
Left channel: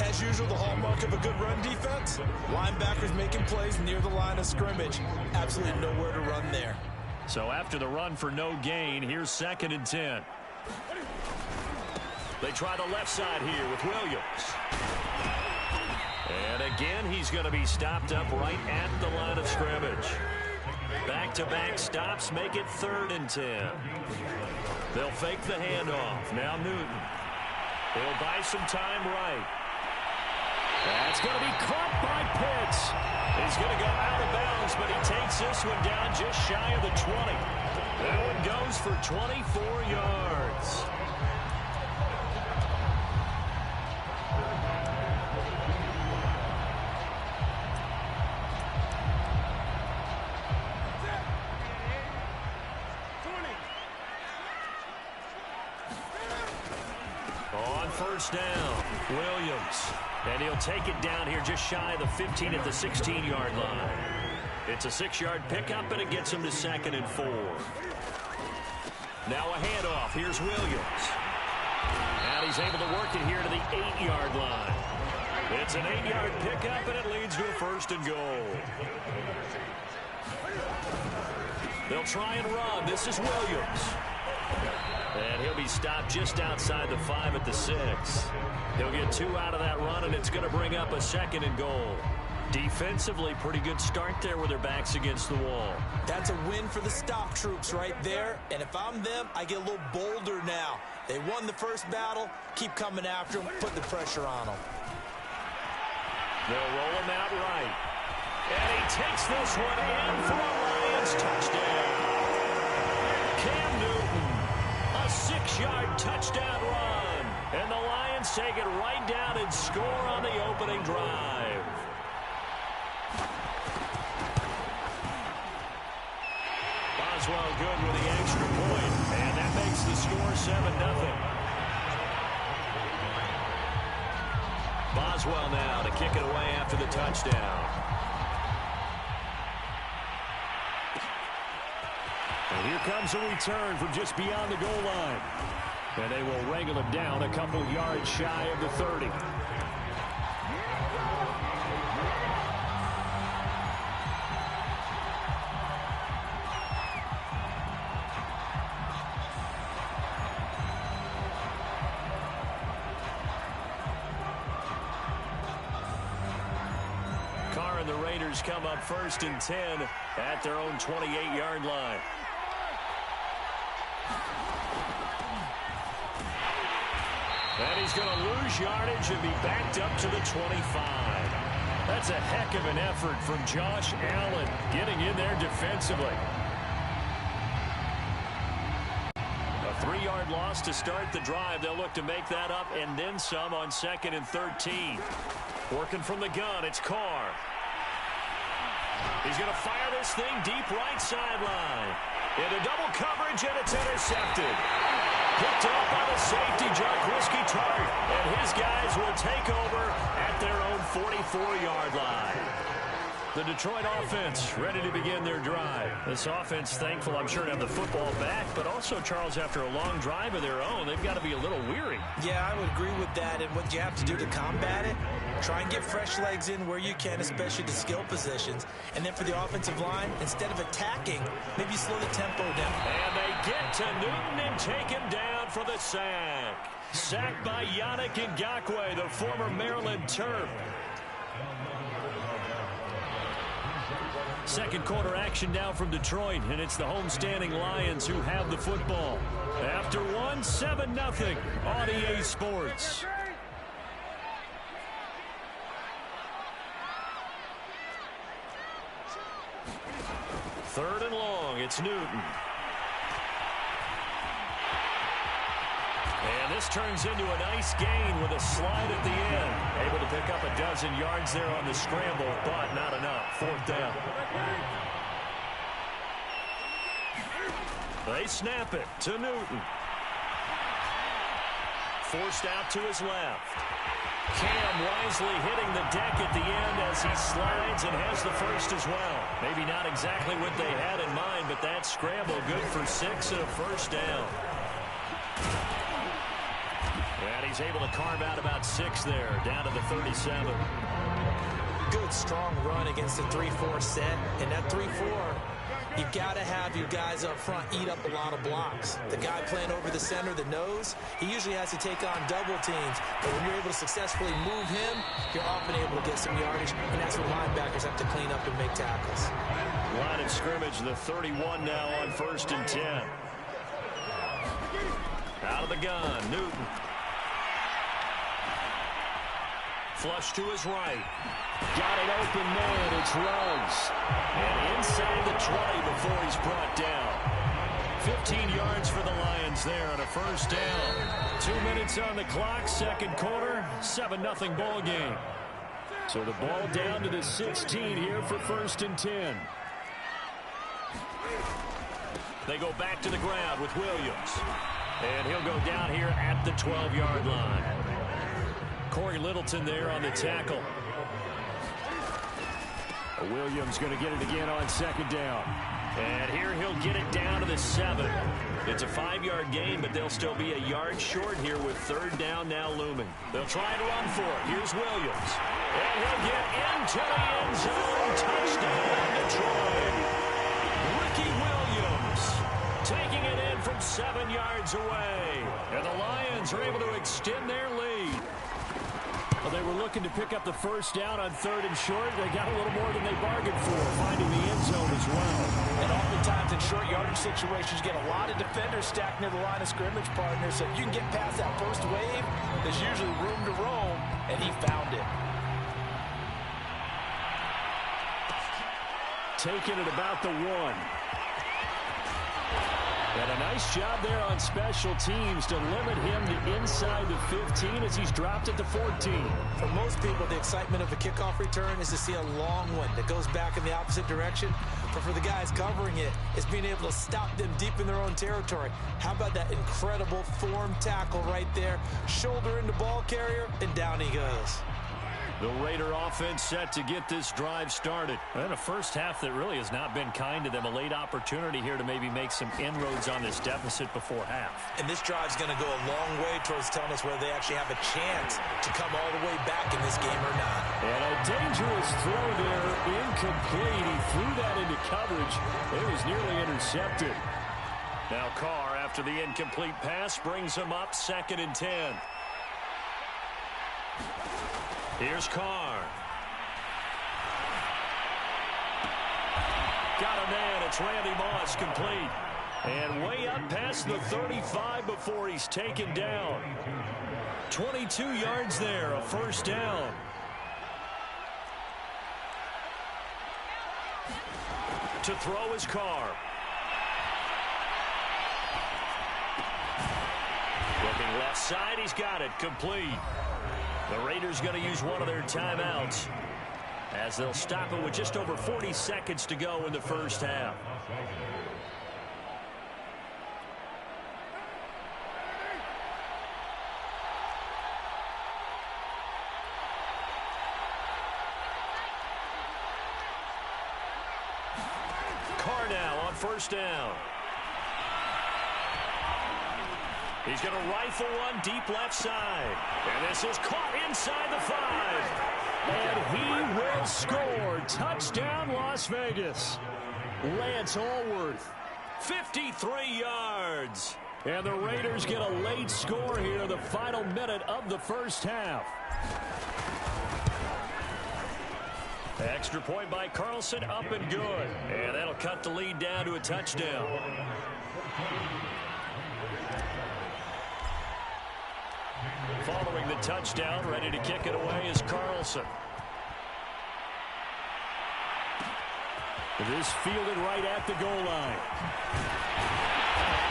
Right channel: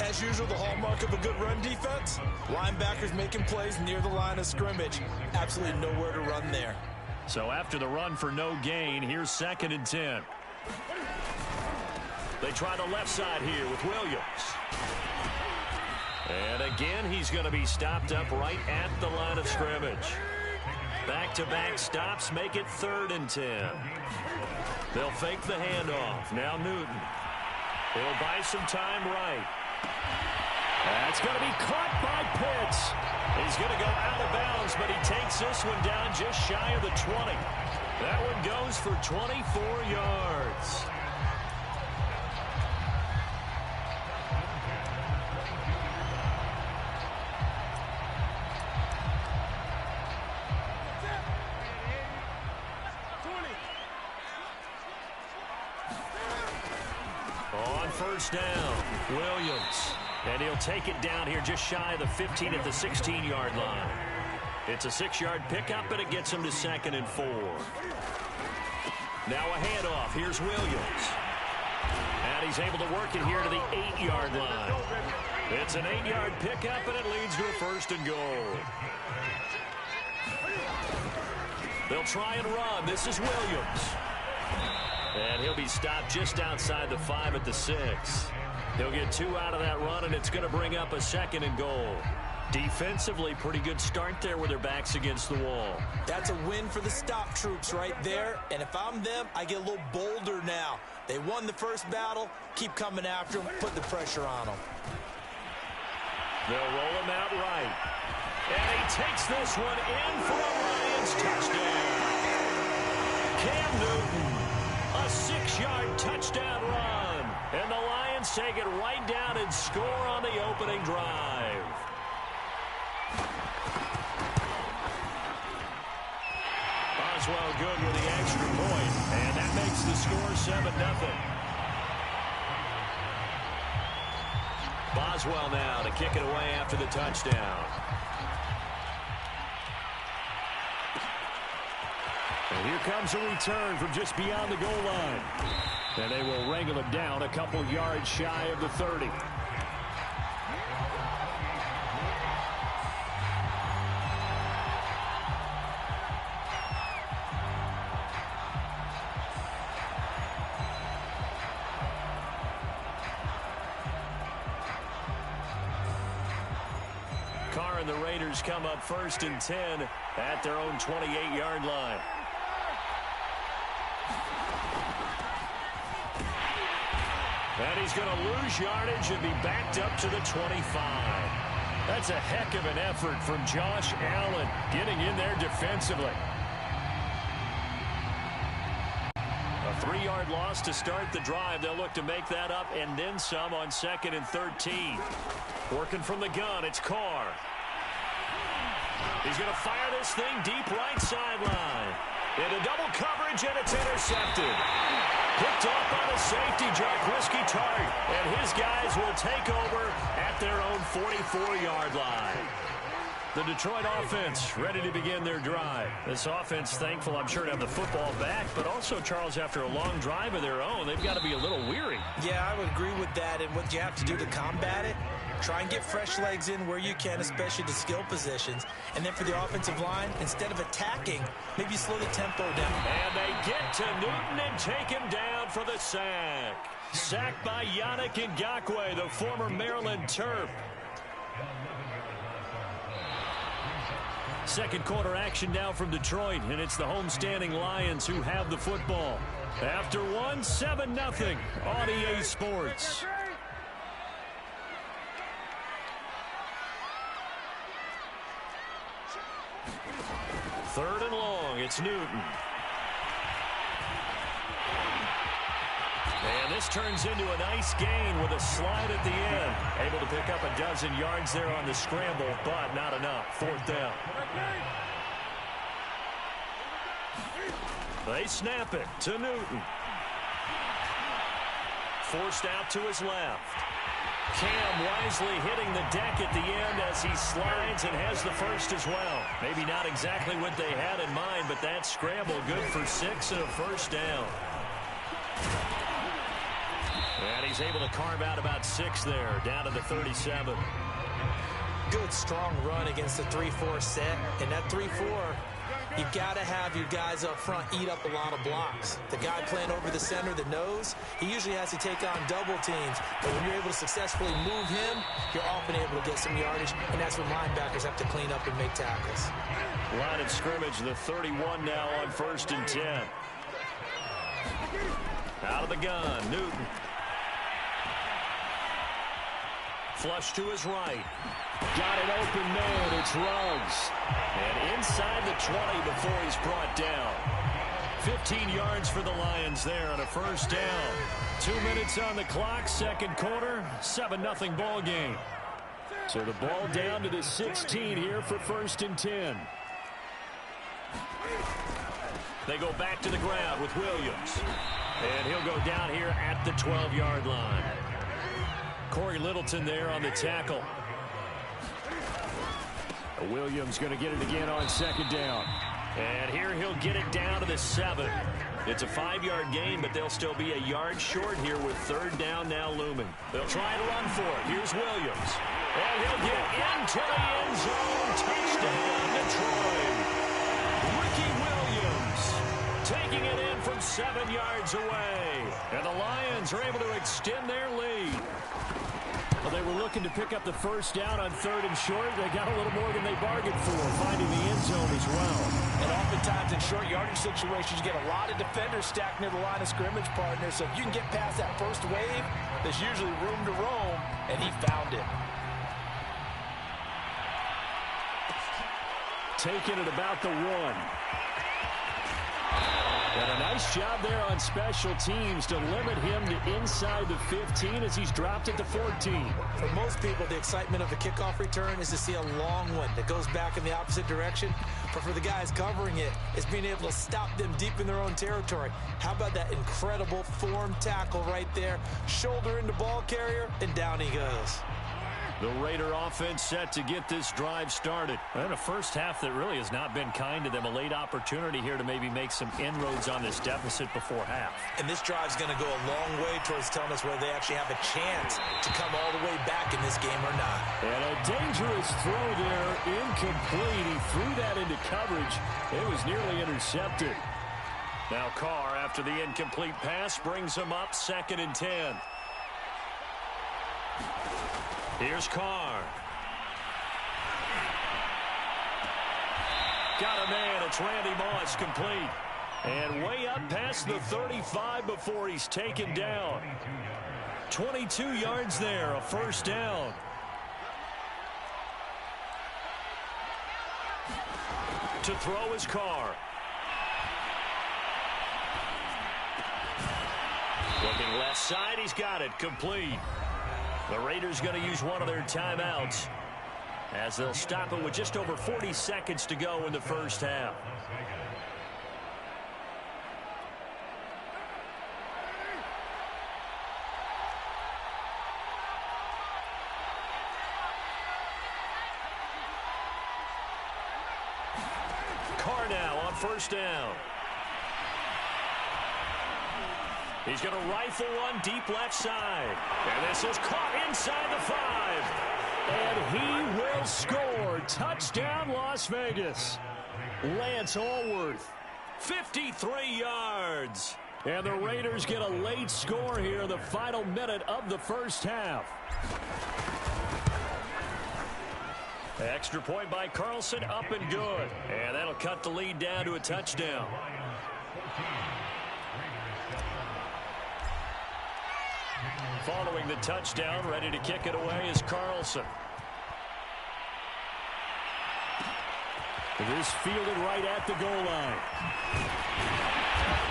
As usual, the hallmark of a good run defense, linebackers making plays near the line of scrimmage. Absolutely nowhere to run there. So after the run for no gain, here's 2nd and 10. They try the left side here with Williams. And again, he's going to be stopped up right at the line of scrimmage. Back-to-back stops make it 3rd and 10. They'll fake the handoff. Now Newton. He'll buy some time right. That's going to be caught by Pitts. He's going to go out of bounds, but he takes this one down just shy of the 20. That one goes for 24 yards. On first down, Williams. And he'll take it down here just shy of the 15 at the 16-yard line. It's a 6-yard pickup, and it gets him to 2nd and 4. Now a handoff. Here's Williams. And he's able to work it here to the 8-yard line. It's an 8-yard pickup, and it leads to a 1st and goal. They'll try and run. This is Williams. And he'll be stopped just outside the 5 at the 6. He'll get 2 out of that run, and it's going to bring up a 2nd and goal. Defensively, pretty good start there with their backs against the wall. That's a win for the stop troops right there. And if I'm them, I get a little bolder now. They won the first battle. Keep coming after them. Put the pressure on them. They'll roll him out right. And he takes this one in for a Lions touchdown. Cam Newton, a 6-yard touchdown run. And the Lions take it right down and score on the opening drive. Boswell good with the extra point, and that makes the score 7-0. Boswell now to kick it away after the touchdown. And here comes a return from just beyond the goal line. And they will wrangle it down a couple yards shy of the 30. Carr and the Raiders come up 1st and 10 at their own 28-yard line. And he's going to lose yardage and be backed up to the 25. That's a heck of an effort from Josh Allen getting in there defensively. A 3-yard loss to start the drive. They'll look to make that up and then some on 2nd and 13. Working from the gun, it's Carr. He's going to fire this thing deep right sideline. Into double coverage, and it's intercepted. Picked off by the safety, Jarquiski Tart. And his guys will take over at their own 44-yard line. The Detroit offense ready to begin their drive. This offense thankful, I'm sure, to have the football back, but also, Charles, after a long drive of their own, they've got to be a little weary. Yeah, I would agree with that, and what you have to do to combat it, try and get fresh legs in where you can, especially the skill positions. And then for the offensive line, instead of attacking, maybe slow the tempo down. And they get to Newton and take him down for the sack. Sacked by Yannick Ngakoue, the former Maryland Terp. Second quarter action now from Detroit, and it's the homestanding Lions who have the football. After one, 7-0 on EA Sports. Third and long, it's Newton. And this turns into a nice gain with a slide at the end. Able to pick up a dozen yards there on the scramble, but not enough. 4th down. They snap it to Newton. Forced out to his left. Cam wisely hitting the deck at the end as he slides and has the first as well. Maybe not exactly what they had in mind, but that scramble good for 6 and a first down. And he's able to carve out about 6 there, down to the 37. Good, strong run against the 3-4 set. And that 3-4, you've got to have your guys up front eat up a lot of blocks. The guy playing over the center, the nose, he usually has to take on double teams. But when you're able to successfully move him, you're often able to get some yardage. And that's when linebackers have to clean up and make tackles. Line of scrimmage, the 31 now on 1st and 10. Out of the gun, Newton. Flush to his right. Got an open man. It's Ruggs. And inside the 20 before he's brought down. 15 yards for the Lions there on a first down. 2 minutes on the clock, second quarter, 7-0 ball game. So the ball down to the 16 here for 1st and 10. They go back to the ground with Williams. And he'll go down here at the 12-yard line. Corey Littleton there on the tackle. Williams going to get it again on 2nd down. And here he'll get it down to the 7. It's a 5-yard gain, but they'll still be a yard short here with 3rd down now looming. They'll try to run for it. Here's Williams. And he'll get into the end zone. Touchdown, Detroit. Ricky Williams taking it in from 7 yards away. And the Lions are able to extend their lead. Well, they were looking to pick up the first down on 3rd and short. They got a little more than they bargained for, finding the end zone as well. And oftentimes in short yardage situations, you get a lot of defenders stacked near the line of scrimmage, partner. So if you can get past that first wave, there's usually room to roam, and he found it. Taking it about the 1. And a nice job there on special teams to limit him to inside the 15 as he's dropped it to 14. For most people, the excitement of a kickoff return is to see a long one that goes back in the opposite direction. But for the guys covering it, it's being able to stop them deep in their own territory. How about that incredible form tackle right there? Shoulder into ball carrier, and down he goes. The Raider offense set to get this drive started. And a first half that really has not been kind to them. A late opportunity here to maybe make some inroads on this deficit before half. And this drive's going to go a long way towards telling us whether they actually have a chance to come all the way back in this game or not. And a dangerous throw there, incomplete. He threw that into coverage. It was nearly intercepted. Now Carr, after the incomplete pass, brings him up 2nd and 10. Here's Carr. Got a man. It's Randy Moss, complete. And way up past the 35 before he's taken down. 22 yards there, a first down. To throw his Carr. Looking left side, he's got it, complete. The Raiders going to use one of their timeouts as they'll stop it with just over 40 seconds to go in the first half. Carr now on first down. He's going to rifle one deep left side. And this is caught inside the 5. And he will score. Touchdown, Las Vegas. Lance Allworth, 53 yards. And the Raiders get a late score here in the final minute of the first half. Extra point by Carlson, up and good. And that'll cut the lead down to a touchdown. Following the touchdown, ready to kick it away is Carlson. This fielded right at the goal line.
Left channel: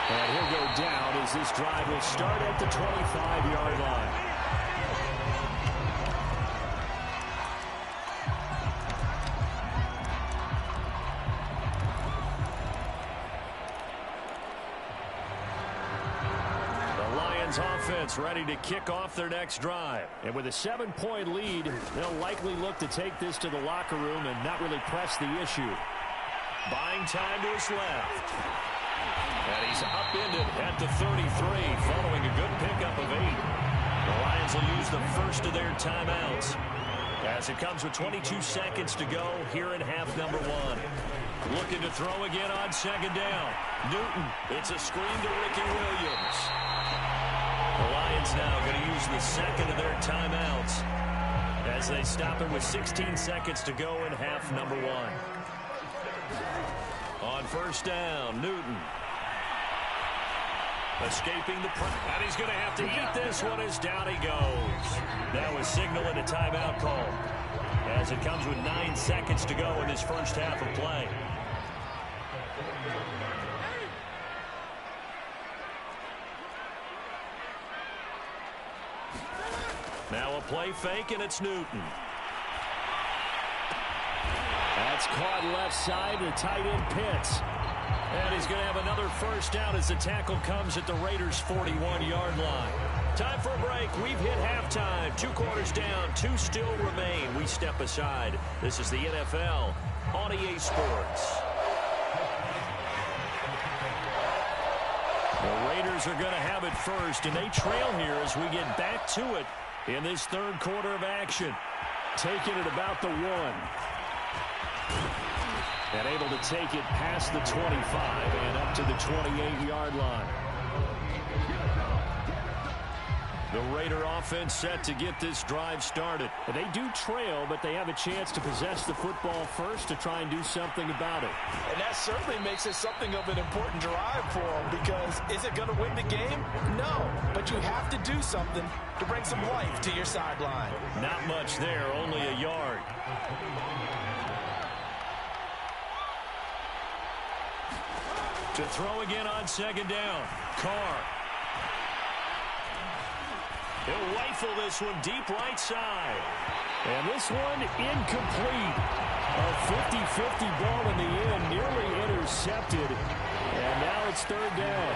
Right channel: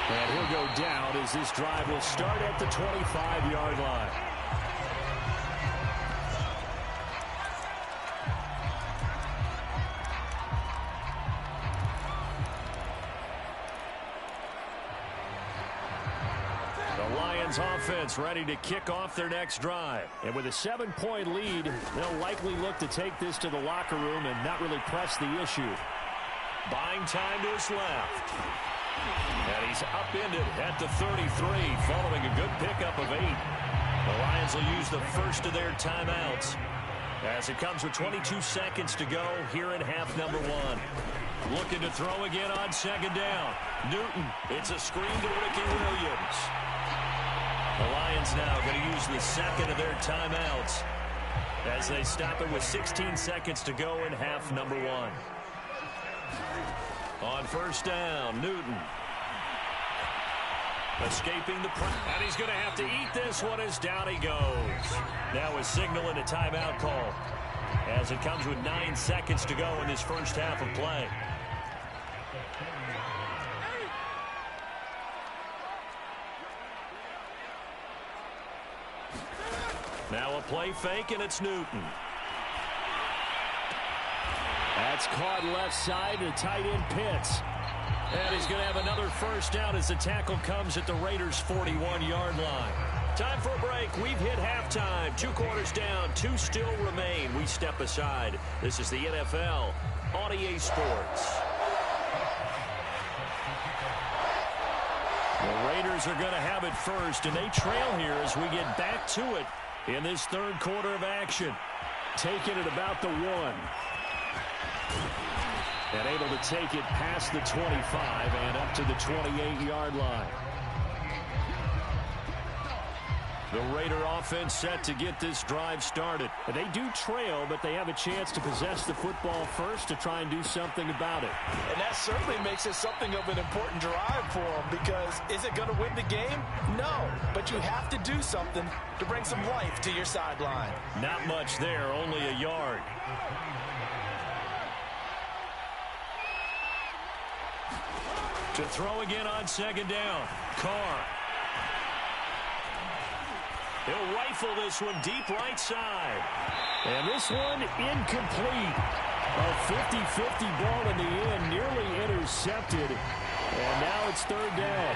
And he'll go down as this drive will start at the 25-yard line. Offense ready to kick off their next drive. And with a 7-point lead, they'll likely look to take this to the locker room and not really press the issue. Buying time to his left. And he's upended at the 33 following a good pickup of 8. The Lions will use the first of their timeouts as it comes with 22 seconds to go here in half number 1. Looking to throw again on second down. Newton, it's a screen to Ricky Williams. The Lions now going to use the second of their timeouts as they stop it with 16 seconds to go in half number 1. On first down, Newton. Escaping the press. And he's going to have to eat this one as down he goes. That was signaling a timeout call as it comes with 9 seconds to go in this first half of play. Now a play fake, and it's Newton. That's caught left side to tight end Pitts. And he's going to have another first down as the tackle comes at the Raiders' 41-yard line. Time for a break. We've hit halftime. 2 quarters down, 2 still remain. We step aside. This is the NFL on EA Sports. The Raiders are going to have it first, and they trail here as we get back to it in this third quarter of action. Taking it about the 1. And able to take it past the 25 and up to the 28-yard line. The Raider offense set to get this drive started. They do trail, but they have a chance to possess the football first to try and do something about it. And that certainly makes it something of an important drive for them, because is it going to win the game? No, but you have to do something to bring some life to your sideline. Not much there, only a yard. To throw again on second down, Carr. He'll rifle this one deep right side. And this one incomplete. A 50-50 ball in the end, nearly intercepted. And now it's third down.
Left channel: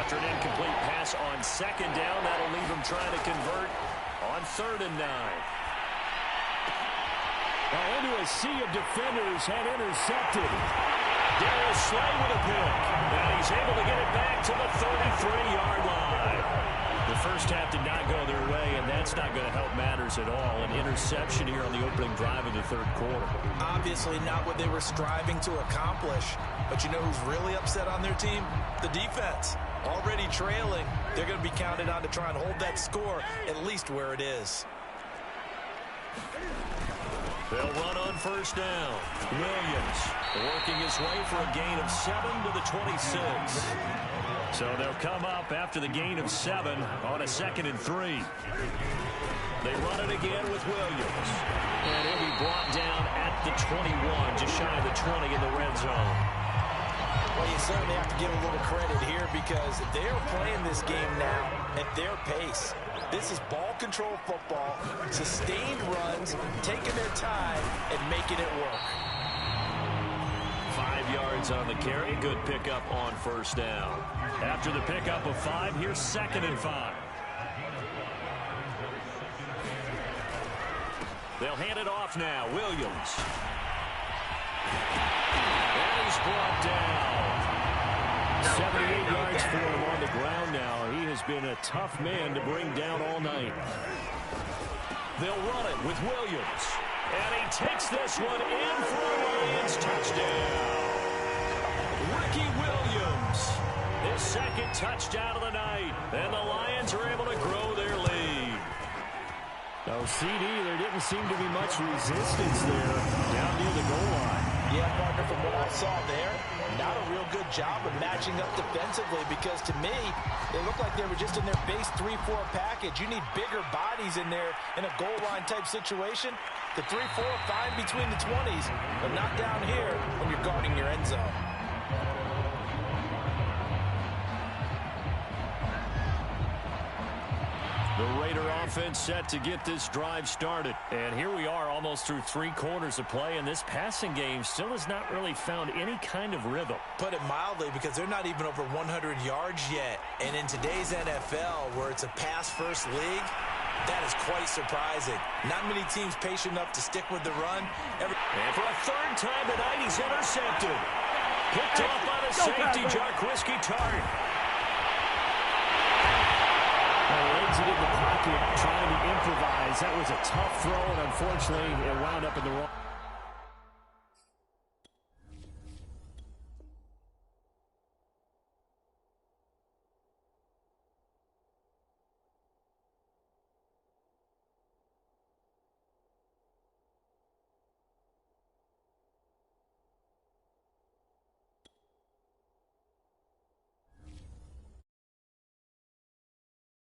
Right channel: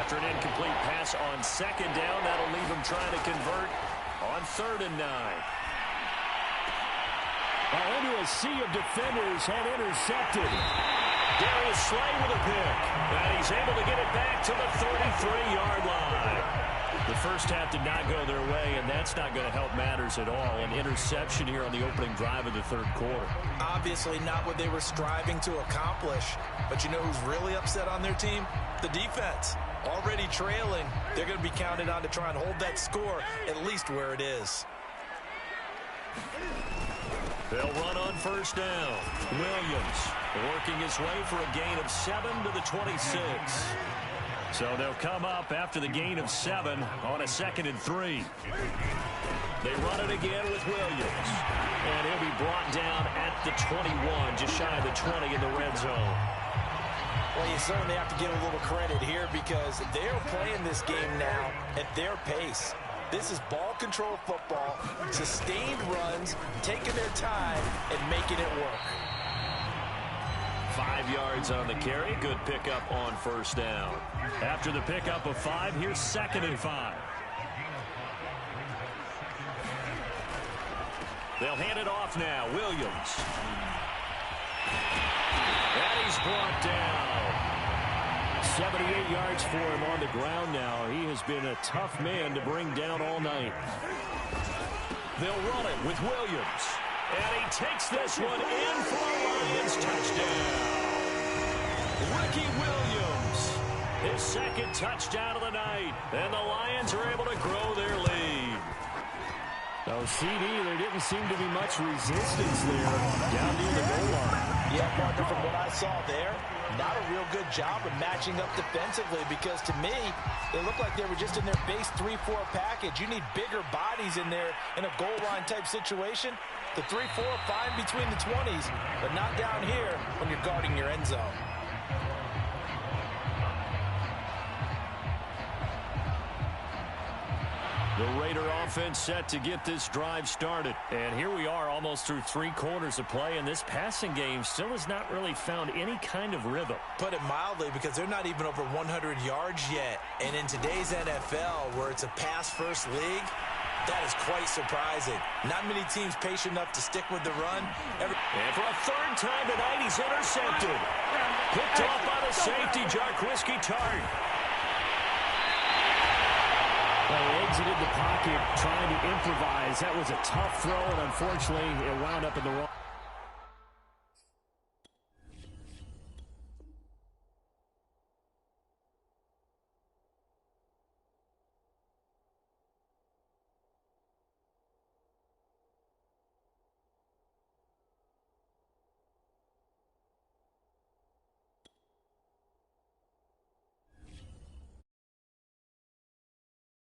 After an incomplete pass on second down, that'll leave him trying to convert on 3rd and 9. Well, into a sea of defenders and intercepted. Darius Slay with a pick. And he's able to get it back to the 33-yard line. The first half did not go their way, and that's not going to help matters at all. An interception here on the opening drive of the third quarter. Obviously not what they were striving to accomplish. But you know who's really upset on their team? The defense. Already trailing. They're going to be counted on to try and hold that score at least where it is. They'll run on first down. Williams working his way for a gain of 7 to the 26. So they'll come up after the gain of 7 on a 2nd and 3. They run it again with Williams. And he'll be brought down at the 21, just shy of the 20 in the red zone. Well, you certainly have to give a little credit here because they're playing this game now at their pace. This is ball control football, sustained runs, taking their time and making it work. 5 yards on the carry. Good pickup on first down. After the pickup of 5, here's 2nd and 5. They'll hand it off now. Williams. And he's brought down. 78 yards for him on the ground now. He has been a tough man to bring down all night. They'll run it with Williams. And he takes this one in for a Lions touchdown. Ricky Williams, his 2nd touchdown of the night. And the Lions are able to grow their lead. Oh, CD, there didn't seem to be much resistance there down near the goal line. Yeah, partner, from what I saw there, not a real good job of matching up defensively because to me, they looked like they were just in their base 3-4 package. You need bigger bodies in there in a goal line type situation. The 3-4 fine between the 20s, but not down here when you're guarding your end zone. The Raider offense set to get this drive started. And here we are almost through 3 quarters of play, and this passing game still has not really found any kind of rhythm. Put it mildly, because they're not even over 100 yards yet. And in today's NFL, where it's a pass-first league, that is quite surprising. Not many teams patient enough to stick with the run. And for a 3rd time tonight, he's intercepted. Picked off by the safety, Jarquiski Tart. Well, he exited the pocket trying to improvise. That was a tough throw, and unfortunately, it wound up in the wrong.